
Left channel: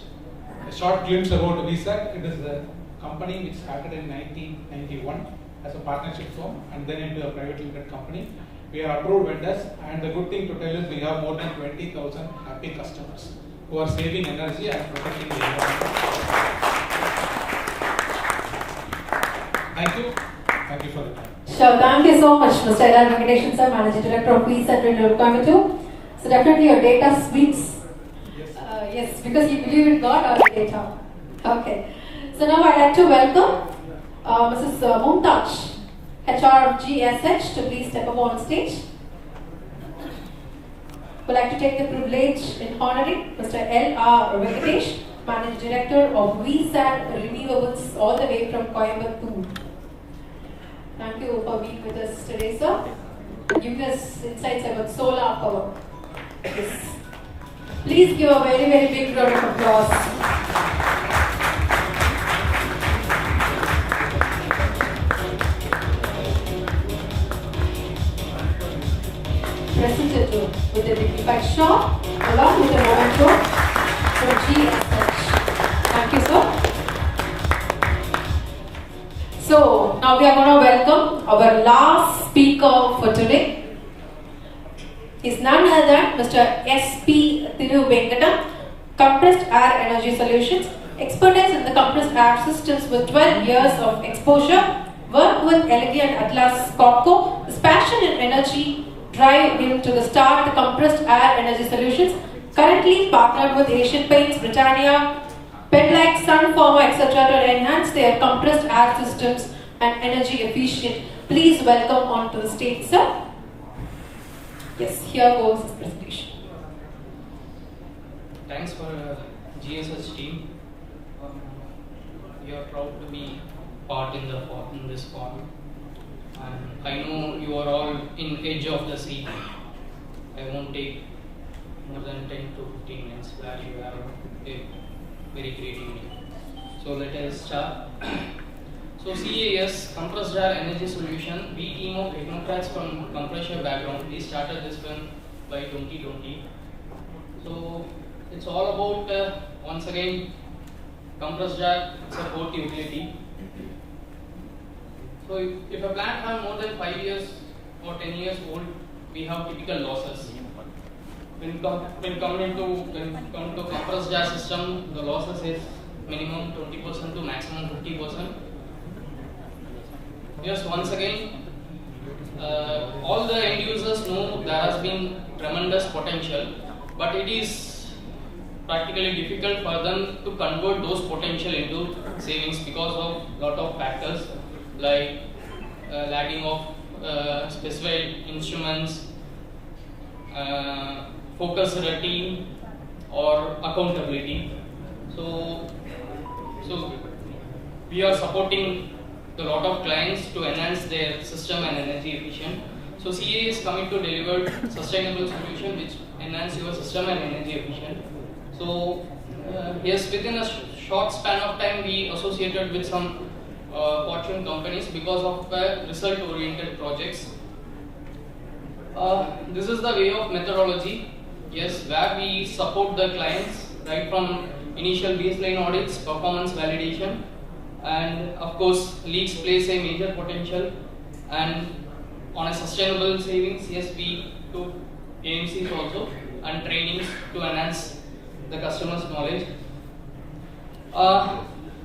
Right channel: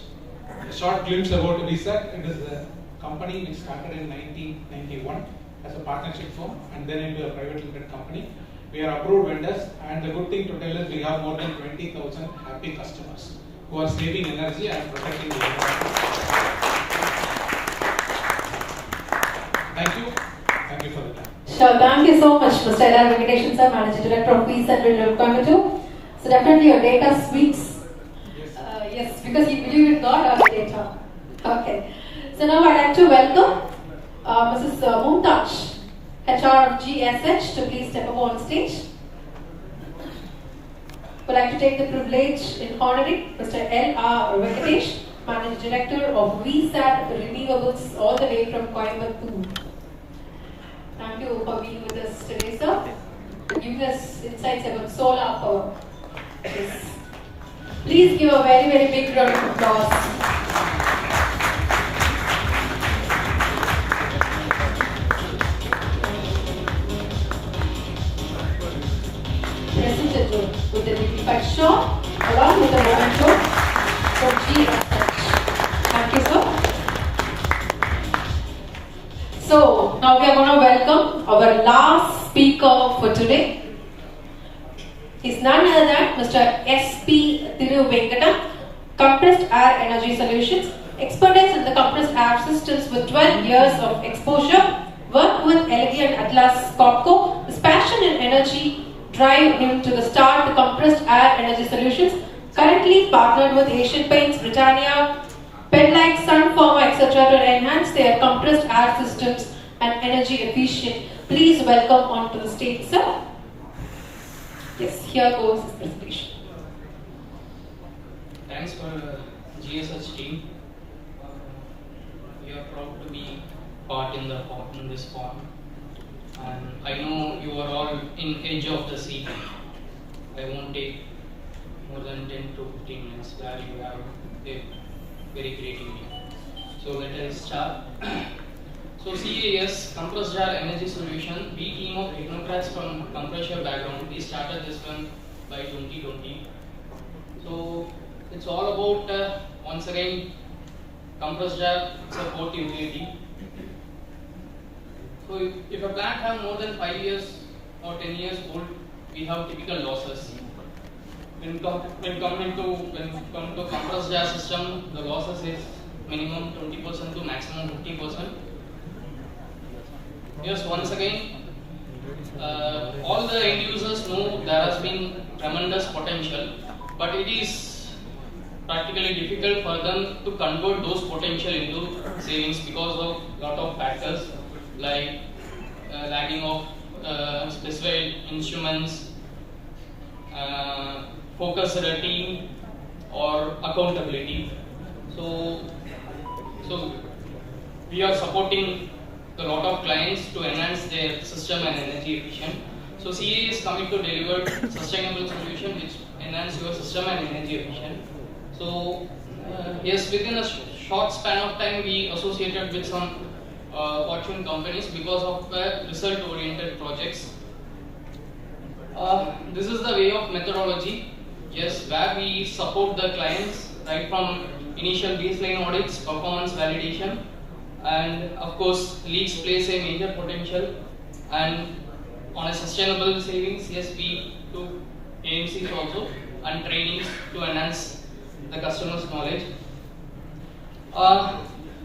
A short glimpse about VSAT. It is a company which started in 1991 as a partnership firm and then into a private limited company. We are approved vendors, and the good thing to tell is we have more than 20,000 happy customers who are saving energy and protecting the environment. Thank you. Thank you for the time. Sure, thank you so much, Mr. L. Venkateshan sir, Managing Director of VSAT in Coimbatore. So definitely your data speaks. Yes, because you believe in God or the data. Okay. So now I'd like to welcome Mrs. Mumtaj, HR of GSH, to please step up on stage. Would like to take the privilege in honoring Mr. L. Venkatesh, Managing Director of VSAT Renewables, all the way from Coimbatore. Thank you for being with us today, sir. Giving us insights about solar power. Yes. Please give a very, very big round of applause. Presented with the dignified show, along with the memento for GSH. Thank you, sir. So, now we are going to welcome our last speaker for today. Is none other than Mr. S.P. Thiruvenkatam, Compressed Air Energy Solutions, expertise in the compressed air systems with 12 years of exposure, work with LG and Atlas Copco. His passion and energy drive him to the start the Compressed Air Energy Solutions, currently partnered with Asian Paints, Britannia, Pedlac, Sun Pharma, etc. to enhance their compressed air systems and energy efficient. Please welcome onto the stage, sir. Yes, here goes his presentation. Thanks for GSH team. We are proud to be part in this forum. And I know you are all in edge of the seat. I won't take more than 10 to 15 minutes. Glad you have a very great evening. So let us start. So CAS, Compressed Air Energy Solution, we team of technocrats from compressor background. We started this one by 2020. So it's all about, once again, compressed air, it's a port utility. So if a plant has more than 5 years or 10 years old, we have typical losses. When come to compressed air system, the losses is minimum 20% to maximum 50%. Yes, once again, all the end users know there has been tremendous potential, but it is practically difficult for them to convert those potential into savings because of lot of factors like lacking of specified instruments, focus at a team, or accountability. So we are supporting a lot of clients to enhance their system and energy efficient. So CA is coming to deliver sustainable solution which enhance your system and energy efficient. So yes, within a short span of time, we associated with some Fortune companies because of result-oriented projects. This is the way of methodology. Yes, where we support the clients right from initial baseline audits, performance validation, and of course leads plays a major potential. And on a sustainable savings, yes, we do AMCs also and trainings to enhance the customer's knowledge.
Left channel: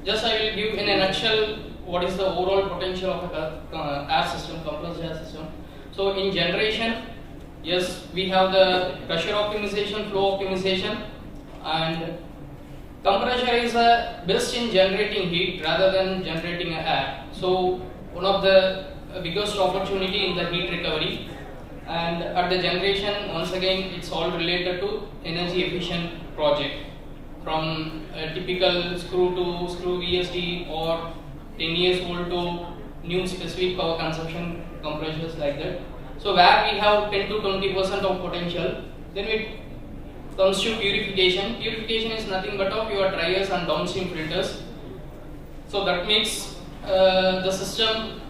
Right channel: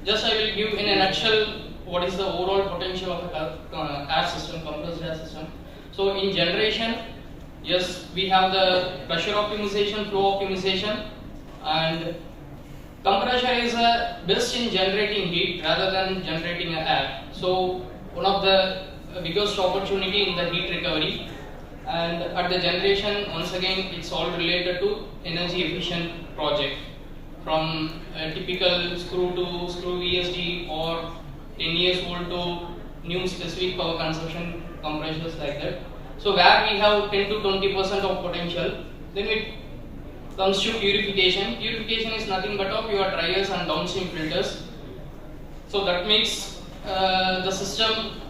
Just I will give in a nutshell what is the overall potential of a air system, compressed air system. So in generation, yes, we have the pressure optimization, flow optimization, and compressor is best in generating heat rather than generating air. So one of the biggest opportunity in the heat recovery. And at the generation, once again, it's all related to energy efficient project, from a typical screw to screw VSD or 10 years old to new specific power consumption compressors like that. So where we have 10 to 20% of potential, then it comes to purification. Purification is nothing but of your dryers and downstream filters. So that makes the system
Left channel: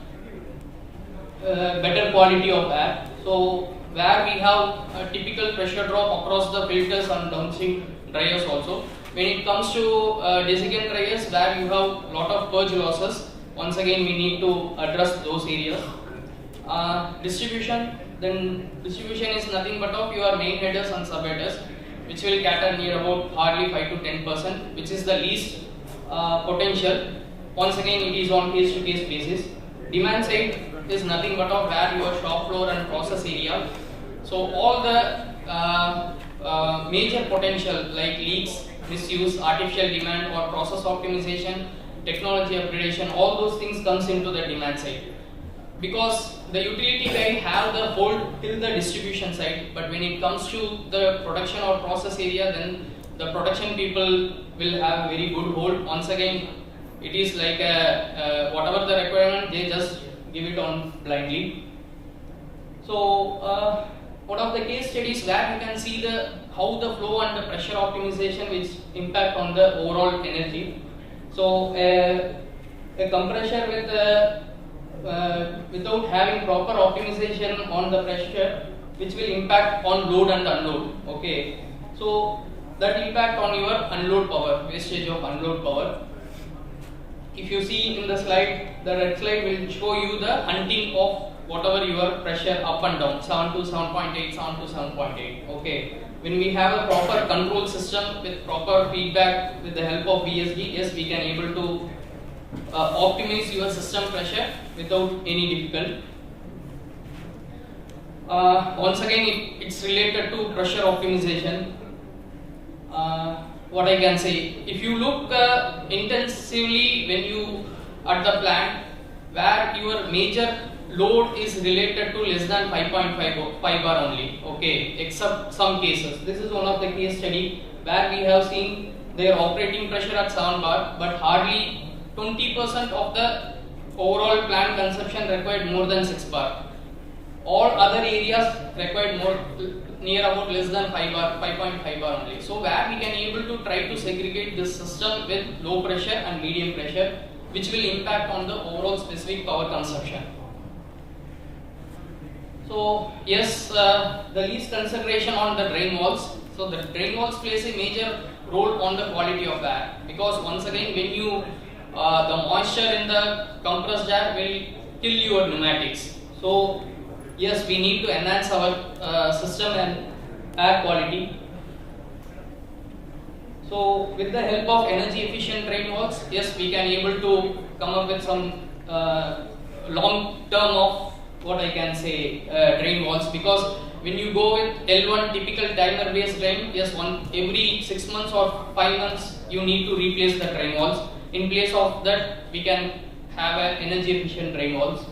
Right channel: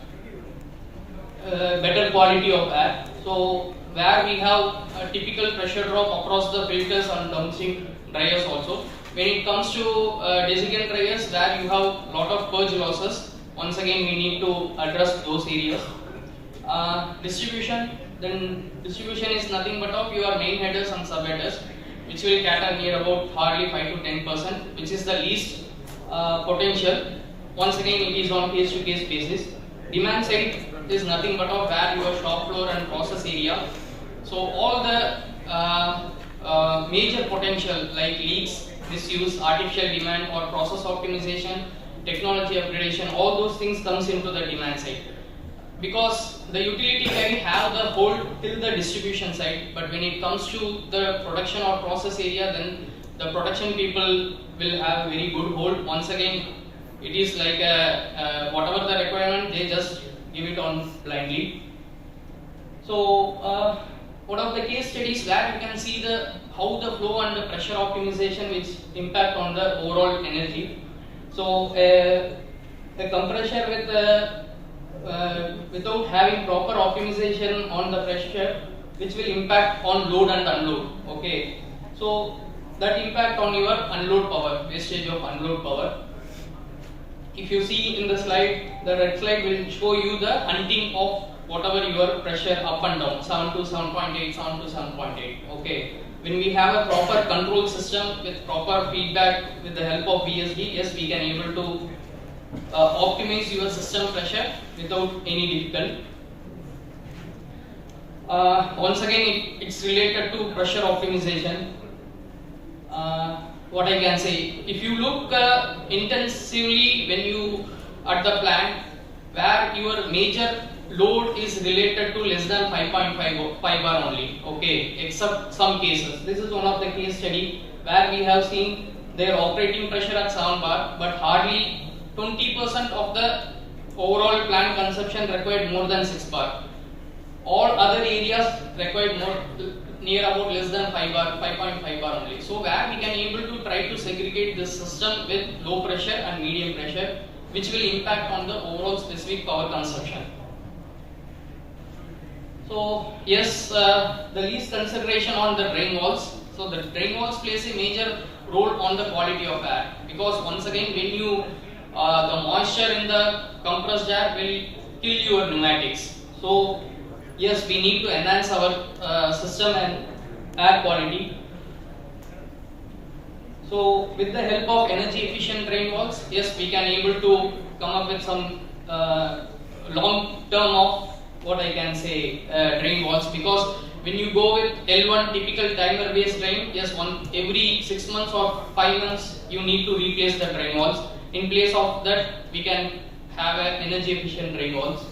better quality of air. So where we have a typical pressure drop across the filters and downstream dryers also. When it comes to desiccant dryers, where you have a lot of purge losses, once again we need to address those areas. Distribution is nothing but of your main headers and subheaders, which will cater near about hardly 5 to 10%, which is the least potential. Once again, it is on case to case basis. Demand side is nothing but of where your shop floor and process area. So all the major potential like leaks, misuse, artificial demand or process optimization, technology upgradation, all those things comes into the demand side. Because the utility guy have the hold till the distribution side, but when it comes to the production or process area, then the production people will have very good hold. Once again, it is like whatever the requirement, they just give it on blindly. So one of the case studies where you can see how the flow and the pressure optimization which impact on the overall energy. So a compressor with without having proper optimization on the pressure, which will impact on load and unload. Okay, so that impact on your unload power, wastage of unload power. If you see in the slide, the red slide will show you the hunting of whatever your pressure up and down, 7 to 7.8, 7 to 7.8. Okay, when we have a proper control system with proper feedback with the help of VSD, yes, we can able to optimize your system pressure without any difficulty. Once again, it's related to pressure optimization. What I can say, if you look intensively when you at the plant where your major load is related to less than 5.5 bar only, okay, except some cases. This is one of the case study where we have seen their operating pressure at 7 bar, but hardly 20% of the overall plant consumption required more than 6 bar. All other areas required more near about less than 5 bar, 5.5 bar only. So where we can able to try to segregate this system with low pressure and medium pressure, which will impact on the overall specific power consumption. So yes, the least consideration on the drain walls. So the drain walls plays a major role on the quality of air, because once again when you the moisture in the compressed air will kill your pneumatics. So yes, we need to enhance our system and air quality. So with the help of energy efficient drain walls, yes, we can able to come up with some long term of what I can say drain walls, because when you go with L1 typical timer based drain, yes, every 6 months or 5 months you need to replace the drain walls. In place of that, we can have an energy efficient drain walls.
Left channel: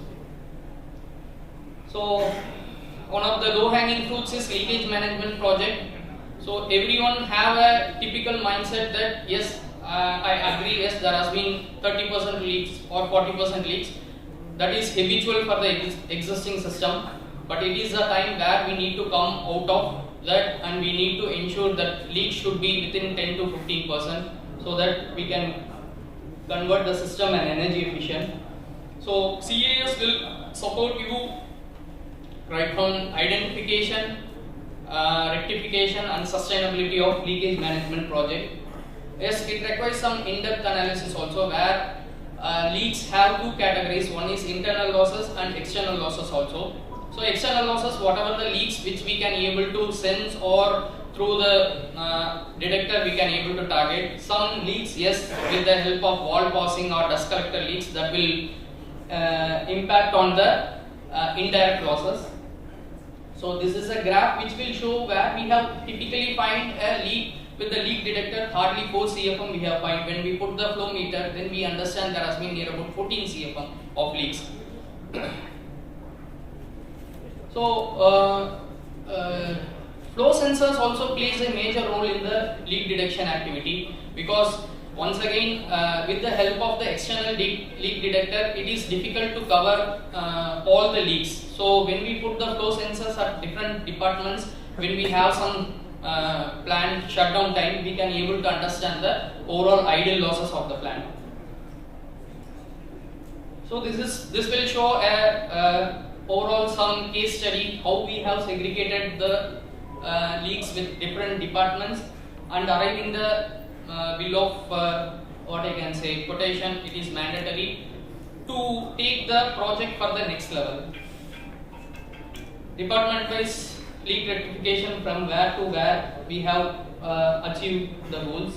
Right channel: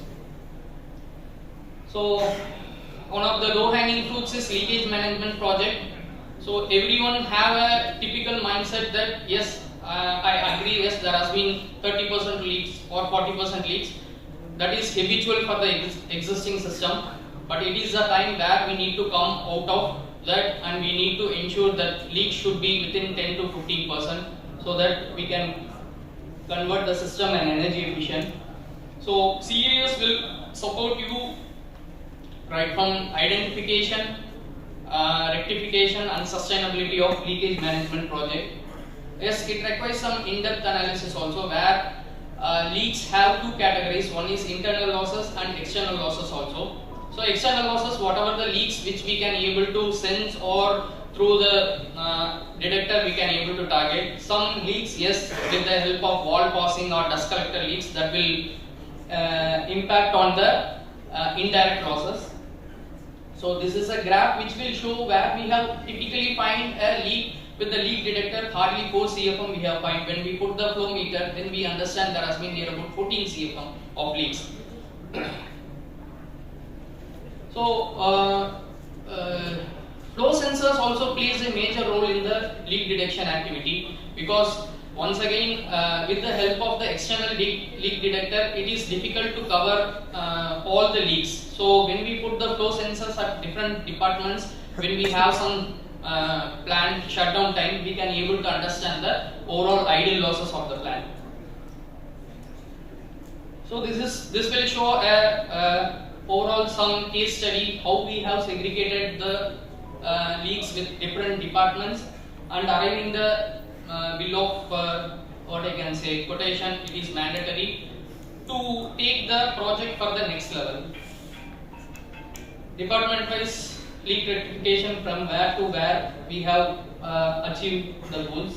So one of the low hanging fruits is leakage management project. So everyone have a typical mindset that yes, I agree, yes, there has been 30% leaks or 40% leaks. That is habitual for the existing system, but it is the time where we need to come out of that and we need to ensure that leaks should be within 10 to 15% so that we can convert the system and energy efficient. So CAS will support you right from identification, rectification and sustainability of leakage management project. Yes, it requires some in-depth analysis also where leaks have two categories. One is internal losses and external losses also. So external losses, whatever the leaks which we can able to sense or through the detector we can able to target. Some leaks, yes, with the help of wall passing or dust collector leaks, that will impact on the indirect losses. So this is a graph which will show where we have typically find a leak with the leak detector, hardly 4 CFM we have find. When we put the flow meter, then we understand there has been near about 14 CFM of leaks. So flow sensors also plays a major role in the leak detection activity, because once again with the help of the external leak detector, it is difficult to cover all the leaks. So when we put the flow sensors at different departments, when we have some plant shutdown time, we can able to understand the overall idle losses of the plant. So this will show a overall some case study how we have segregated the leagues with different departments and arriving the bill of what I can say quotation. It is mandatory to take the project for the next level. Department-wise league rectification from where to where we have achieved the goals.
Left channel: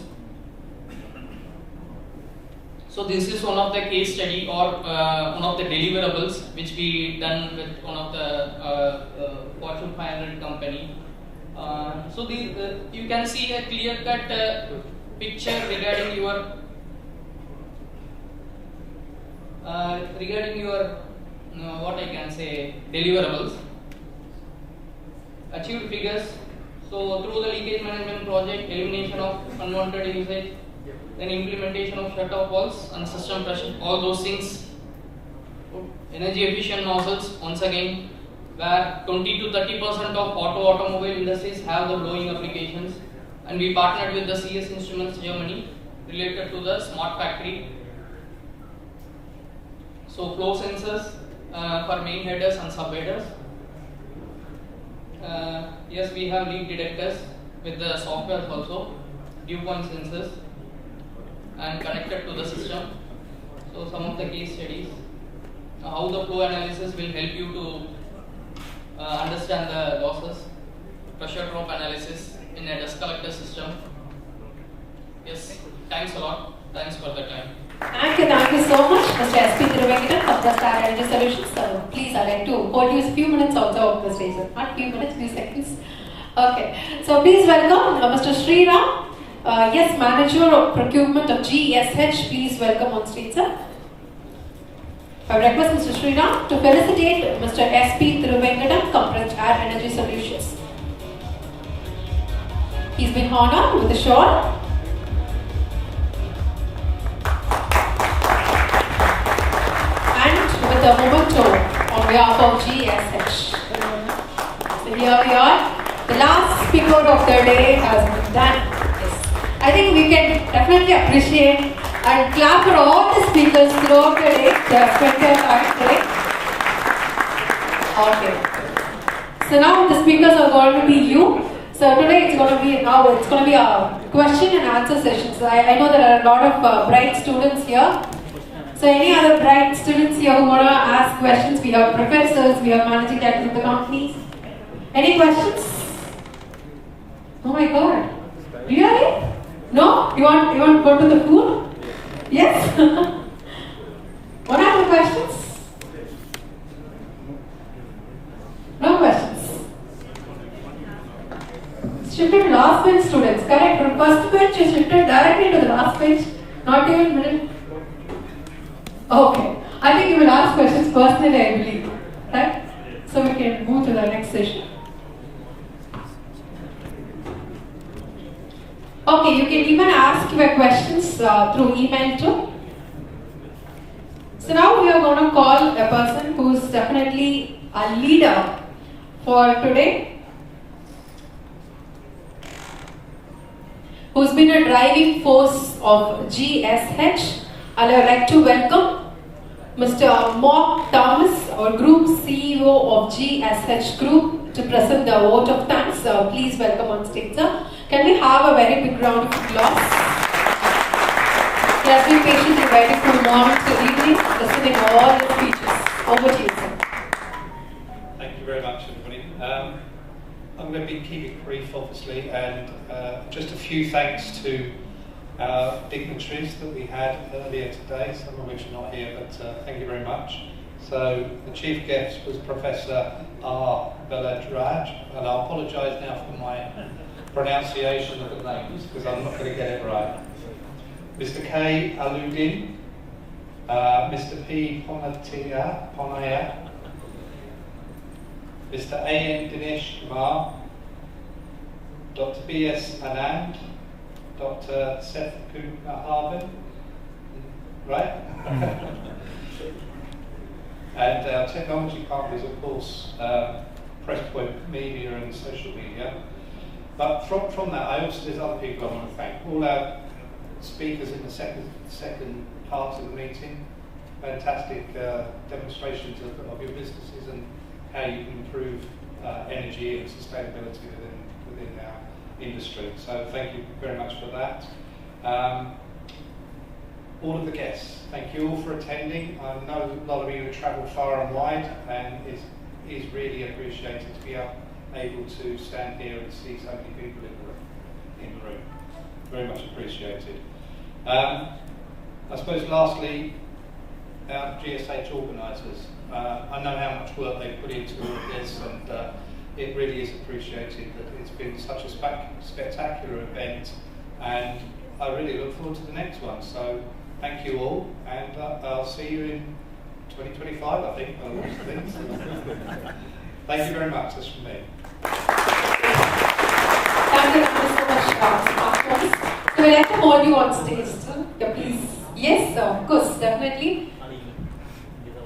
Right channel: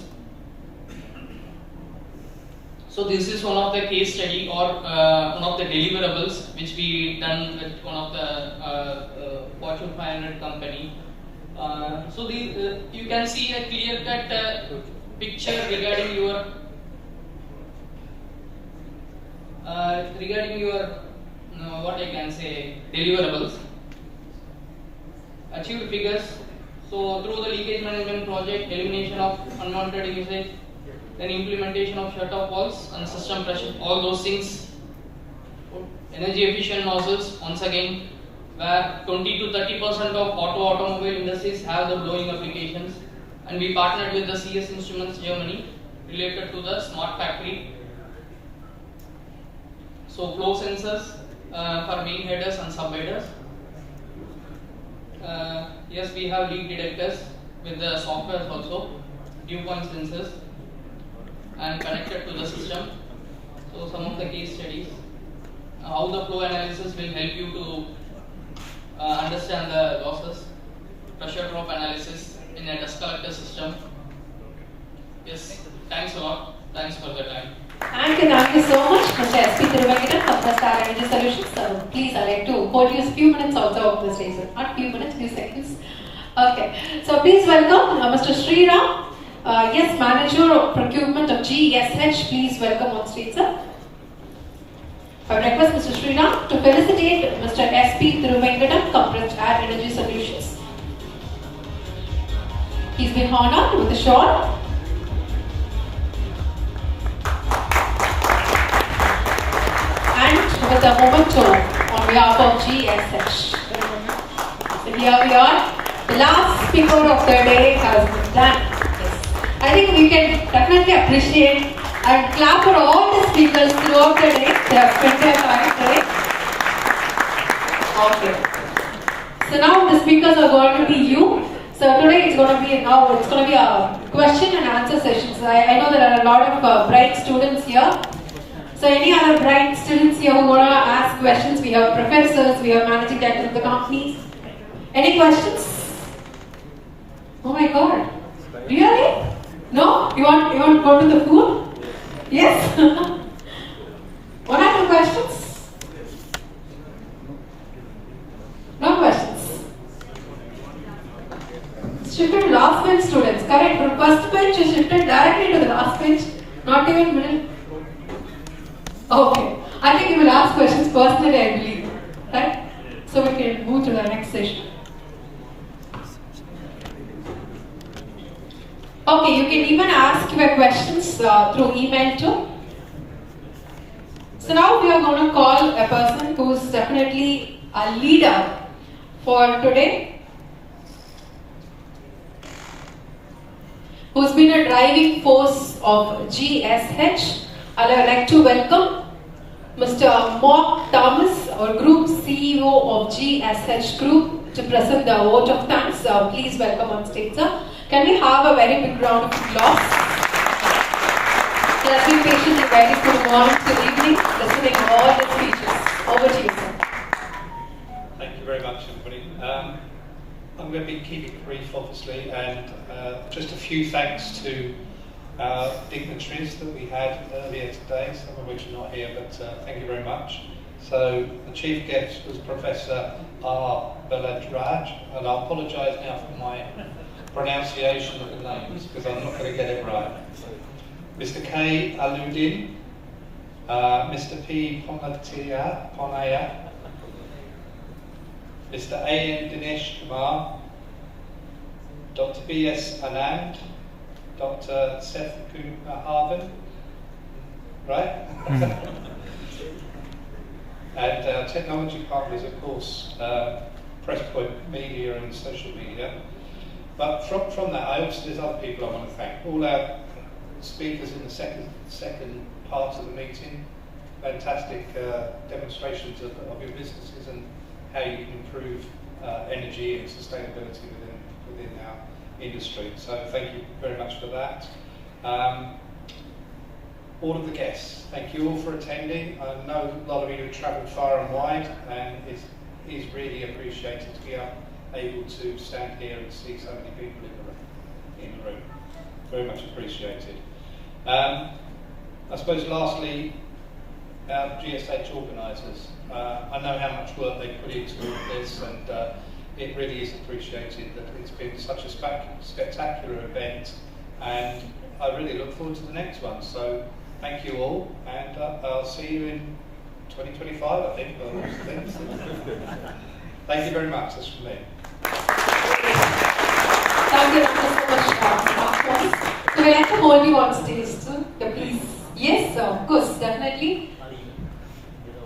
So this is one of the case study or one of the deliverables which we done with one of the Fortune 500 company. So you can see a clear-cut picture regarding your what I can say deliverables. Achieved figures. So through the leakage management project, elimination of unwanted usage, then implementation of shut-off valves and system pressure, all those things. Energy efficient nozzles, once again, where 20 to 30% of automobile industries have the blowing applications, and we partnered with the CS Instruments Germany related to the smart factory. So flow sensors for main headers and sub headers. Yes, we have leak detectors with the software also, dew point sensors, and connected to the system. So some of the case studies, how the flow analysis will help you to understand the losses, pressure drop analysis in a dust collector system. Yes, thanks a lot. Thanks for the time. Thank you so much, Mr. S.P. Thiruvenkatam from the Star Energy Solutions. So please, I'd like to hold you a few minutes also of the stage. Not few minutes, few seconds. Okay, so please welcome Mr. Sriram, yes, Manager of Procurement of GSH. Please welcome on stage, sir. I request Mr. Sriram to felicitate Mr. S.P. Thiruvenkatam, Corporate Air Energy Solutions. He's been honored with a shawl. With a memento on behalf of GSH. So here we are. The last speaker of the day has been done. Yes. I think we can definitely appreciate and clap for all the speakers throughout the day. They have spent their time today. Okay. So now the speakers are going to be you. So today it's going to be a question and answer session. So I know there are a lot of bright students here. So any other bright students here who want to ask questions? We have professors, we have managing directors of the companies. Any questions? Oh my God. Really? No? You want to go to the food? Yes? What are the questions? No questions. Shifted last bench students, correct? From first bench you shifted directly to the last bench, not even minute. Okay, I think you will ask questions personally, I believe, right? So we can move to the next session. Okay, you can even ask your questions through email too. So now we are going to call a person who is definitely a leader for today, who's been a driving force of GSH. I would like to welcome Mr. Mark Thomas, our Group CEO of GSH Group, to present the vote of thanks. Please welcome on stage, sir. Can we have a very big round of applause? Let's be patiently waiting from morning to evening, listening to all the speeches. Over to you, sir. Thank you very much, everybody. I'm going to be keeping it brief, obviously, and just a few thanks to our dignitaries that we had earlier today, some of which are not here, but thank you very much. So the chief guest was Professor R. Baladraj, and I'll apologise now for my pronunciation of the names because I'm not going to get it right. Mr. K. Aludin, Mr. P. Ponaya, Mr. A. M. Dinesh Kumar, Dr. B. S. Anand, Dr. Seth Harvin, right? And our technology partners, of course, Presspoint Media and social media. But from that, there's other people I want to thank. All our speakers in the second part of the meeting, fantastic demonstrations of your businesses and how you can improve energy and sustainability within our industry. So thank you very much for that. All of the guests, thank you all for attending. I know a lot of you have travelled far and wide, and it is really appreciated to be able to stand here and see so many people in the room. Very much appreciated. I suppose lastly, our GSH organisers. I know how much work they put into all of this, and it really is appreciated that it's been such a spectacular event, and I really look forward to the next one. So thank you all, and I'll see you in 2025, I think. Thank you very much. That's from me. Thank you so much, so we'd like to hold you on stage, sir. Please. Yes, of course, definitely.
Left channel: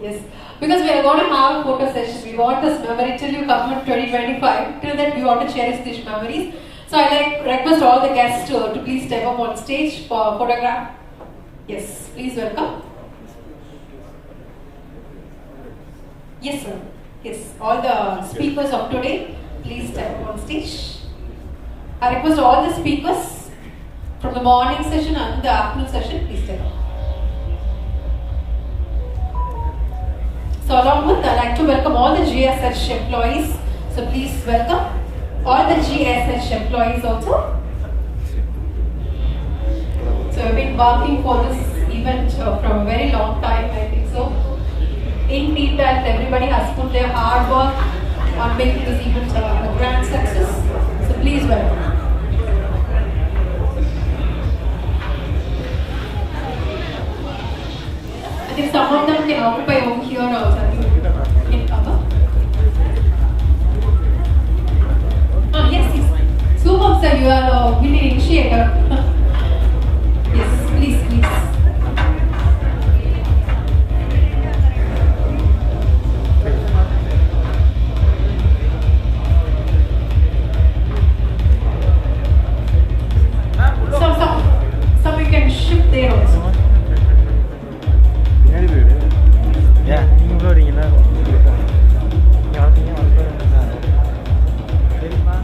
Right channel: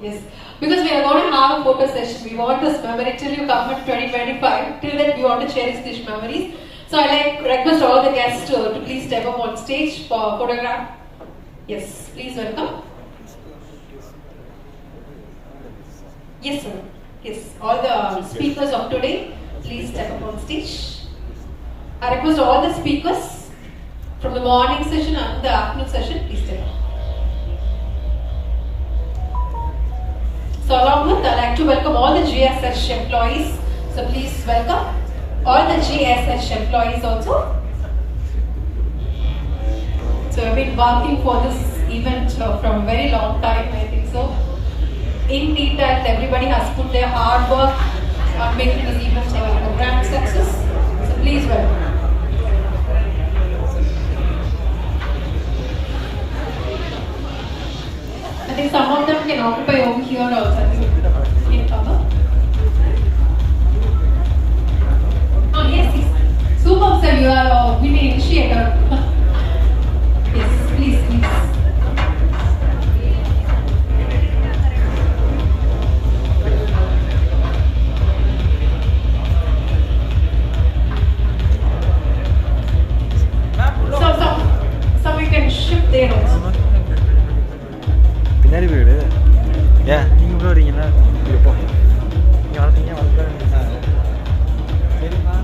Yes, because we are going to have a photo session. We want this memory till you come in 2025. Till then, we want to cherish these memories. So I request all the guests to please step up on stage for photograph. Yes, please welcome. Yes, sir. Yes, all the speakers of today, please step up on stage. I request all the speakers from the morning session and the afternoon session, please step up. So along with, I'd like to welcome all the GSH employees. So please welcome all the GSH employees also. So I've been working for this event from a very long time, I think so. In detail, everybody has put their hard work on making this event a grand success. So please welcome. I think some of them can occupy over here also. Can come up. Oh yes. Super sir, you are an initiator. Yes, please. So we can shift there also. பின்னாடி போயிடு ஏன் நீங்கள் உள்ள வரீங்களா நீங்கள் வளர்த்தீங்க சரிம்மா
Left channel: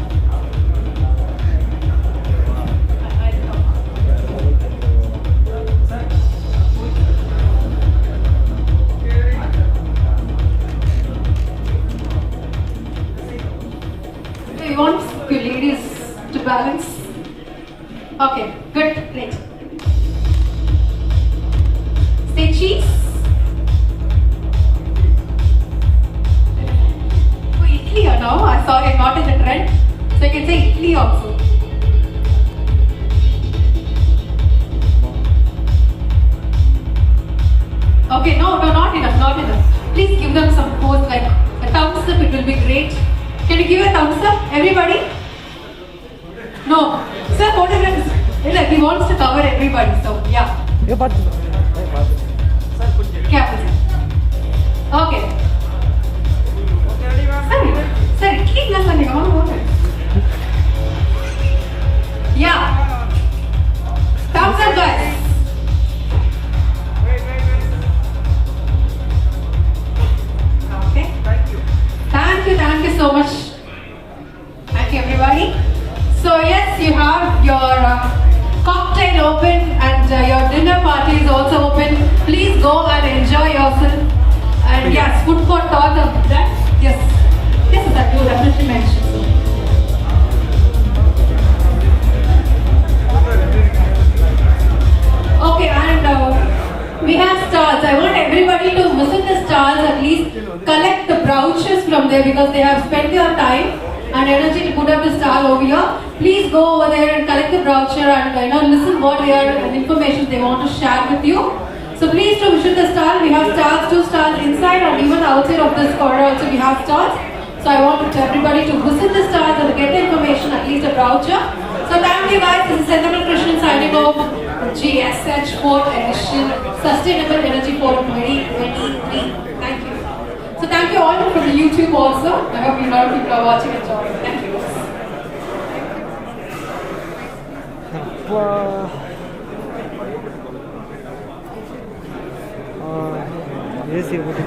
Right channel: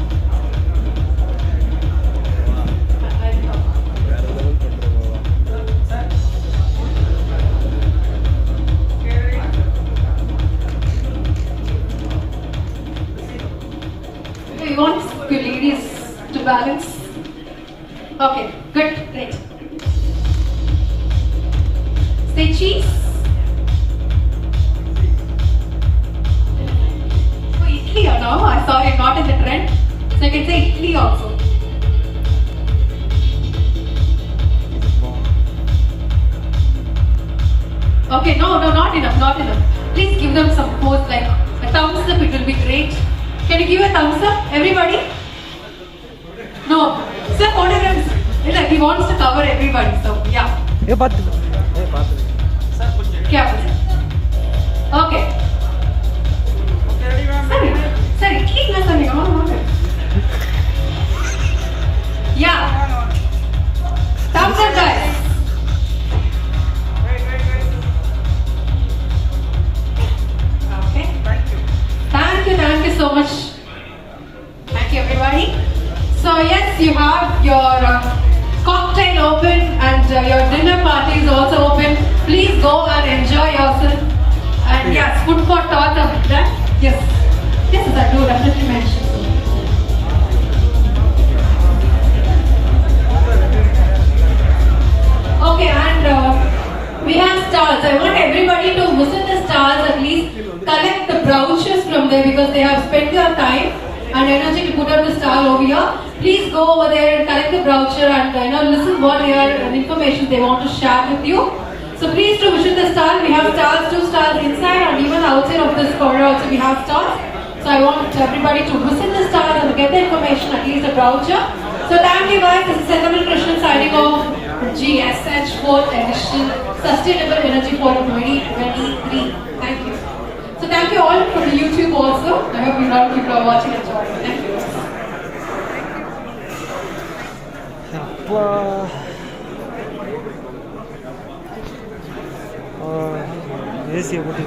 You want your ladies to balance? Okay, good, great. Say cheese. Oh, Italy or no? I'm sorry, I'm not in the trend. So you can say Italy also. Okay, no, not enough. Please give them some pose, like a thumbs up, it will be great. Can you give a thumbs up, everybody? No, sir, photographs. He wants to cover everybody, so yeah. Okay. Sir, keep listening. Come on. Yeah. Thumbs up, guys. Okay. Thank you so much. Thank you, everybody. So yes, you have your cocktail open and your dinner party is also open. Please go and enjoy yourself. And yes, food for thought of that. Yes, I do definitely mention. Okay, and we have stalls. I want everybody to visit the stalls, at least collect the brochures from there because they have spent their time and energy to put up the stall over here. Please go over there and collect the brochure and listen what information they want to share with you. So please to visit the stall. We have stalls, 2 stalls inside and even outside of this corridor also we have stalls. So I want everybody to visit the stalls and get the information, at least a brochure. So thank you guys. This is Sendamal Krishnan signing off. GSH 4th edition Sustainable Energy Forum 2023. Thank you. So thank you all for the YouTube also. I hope you love people are watching and enjoying. Thank you. Wow. ஏசியை போட்டு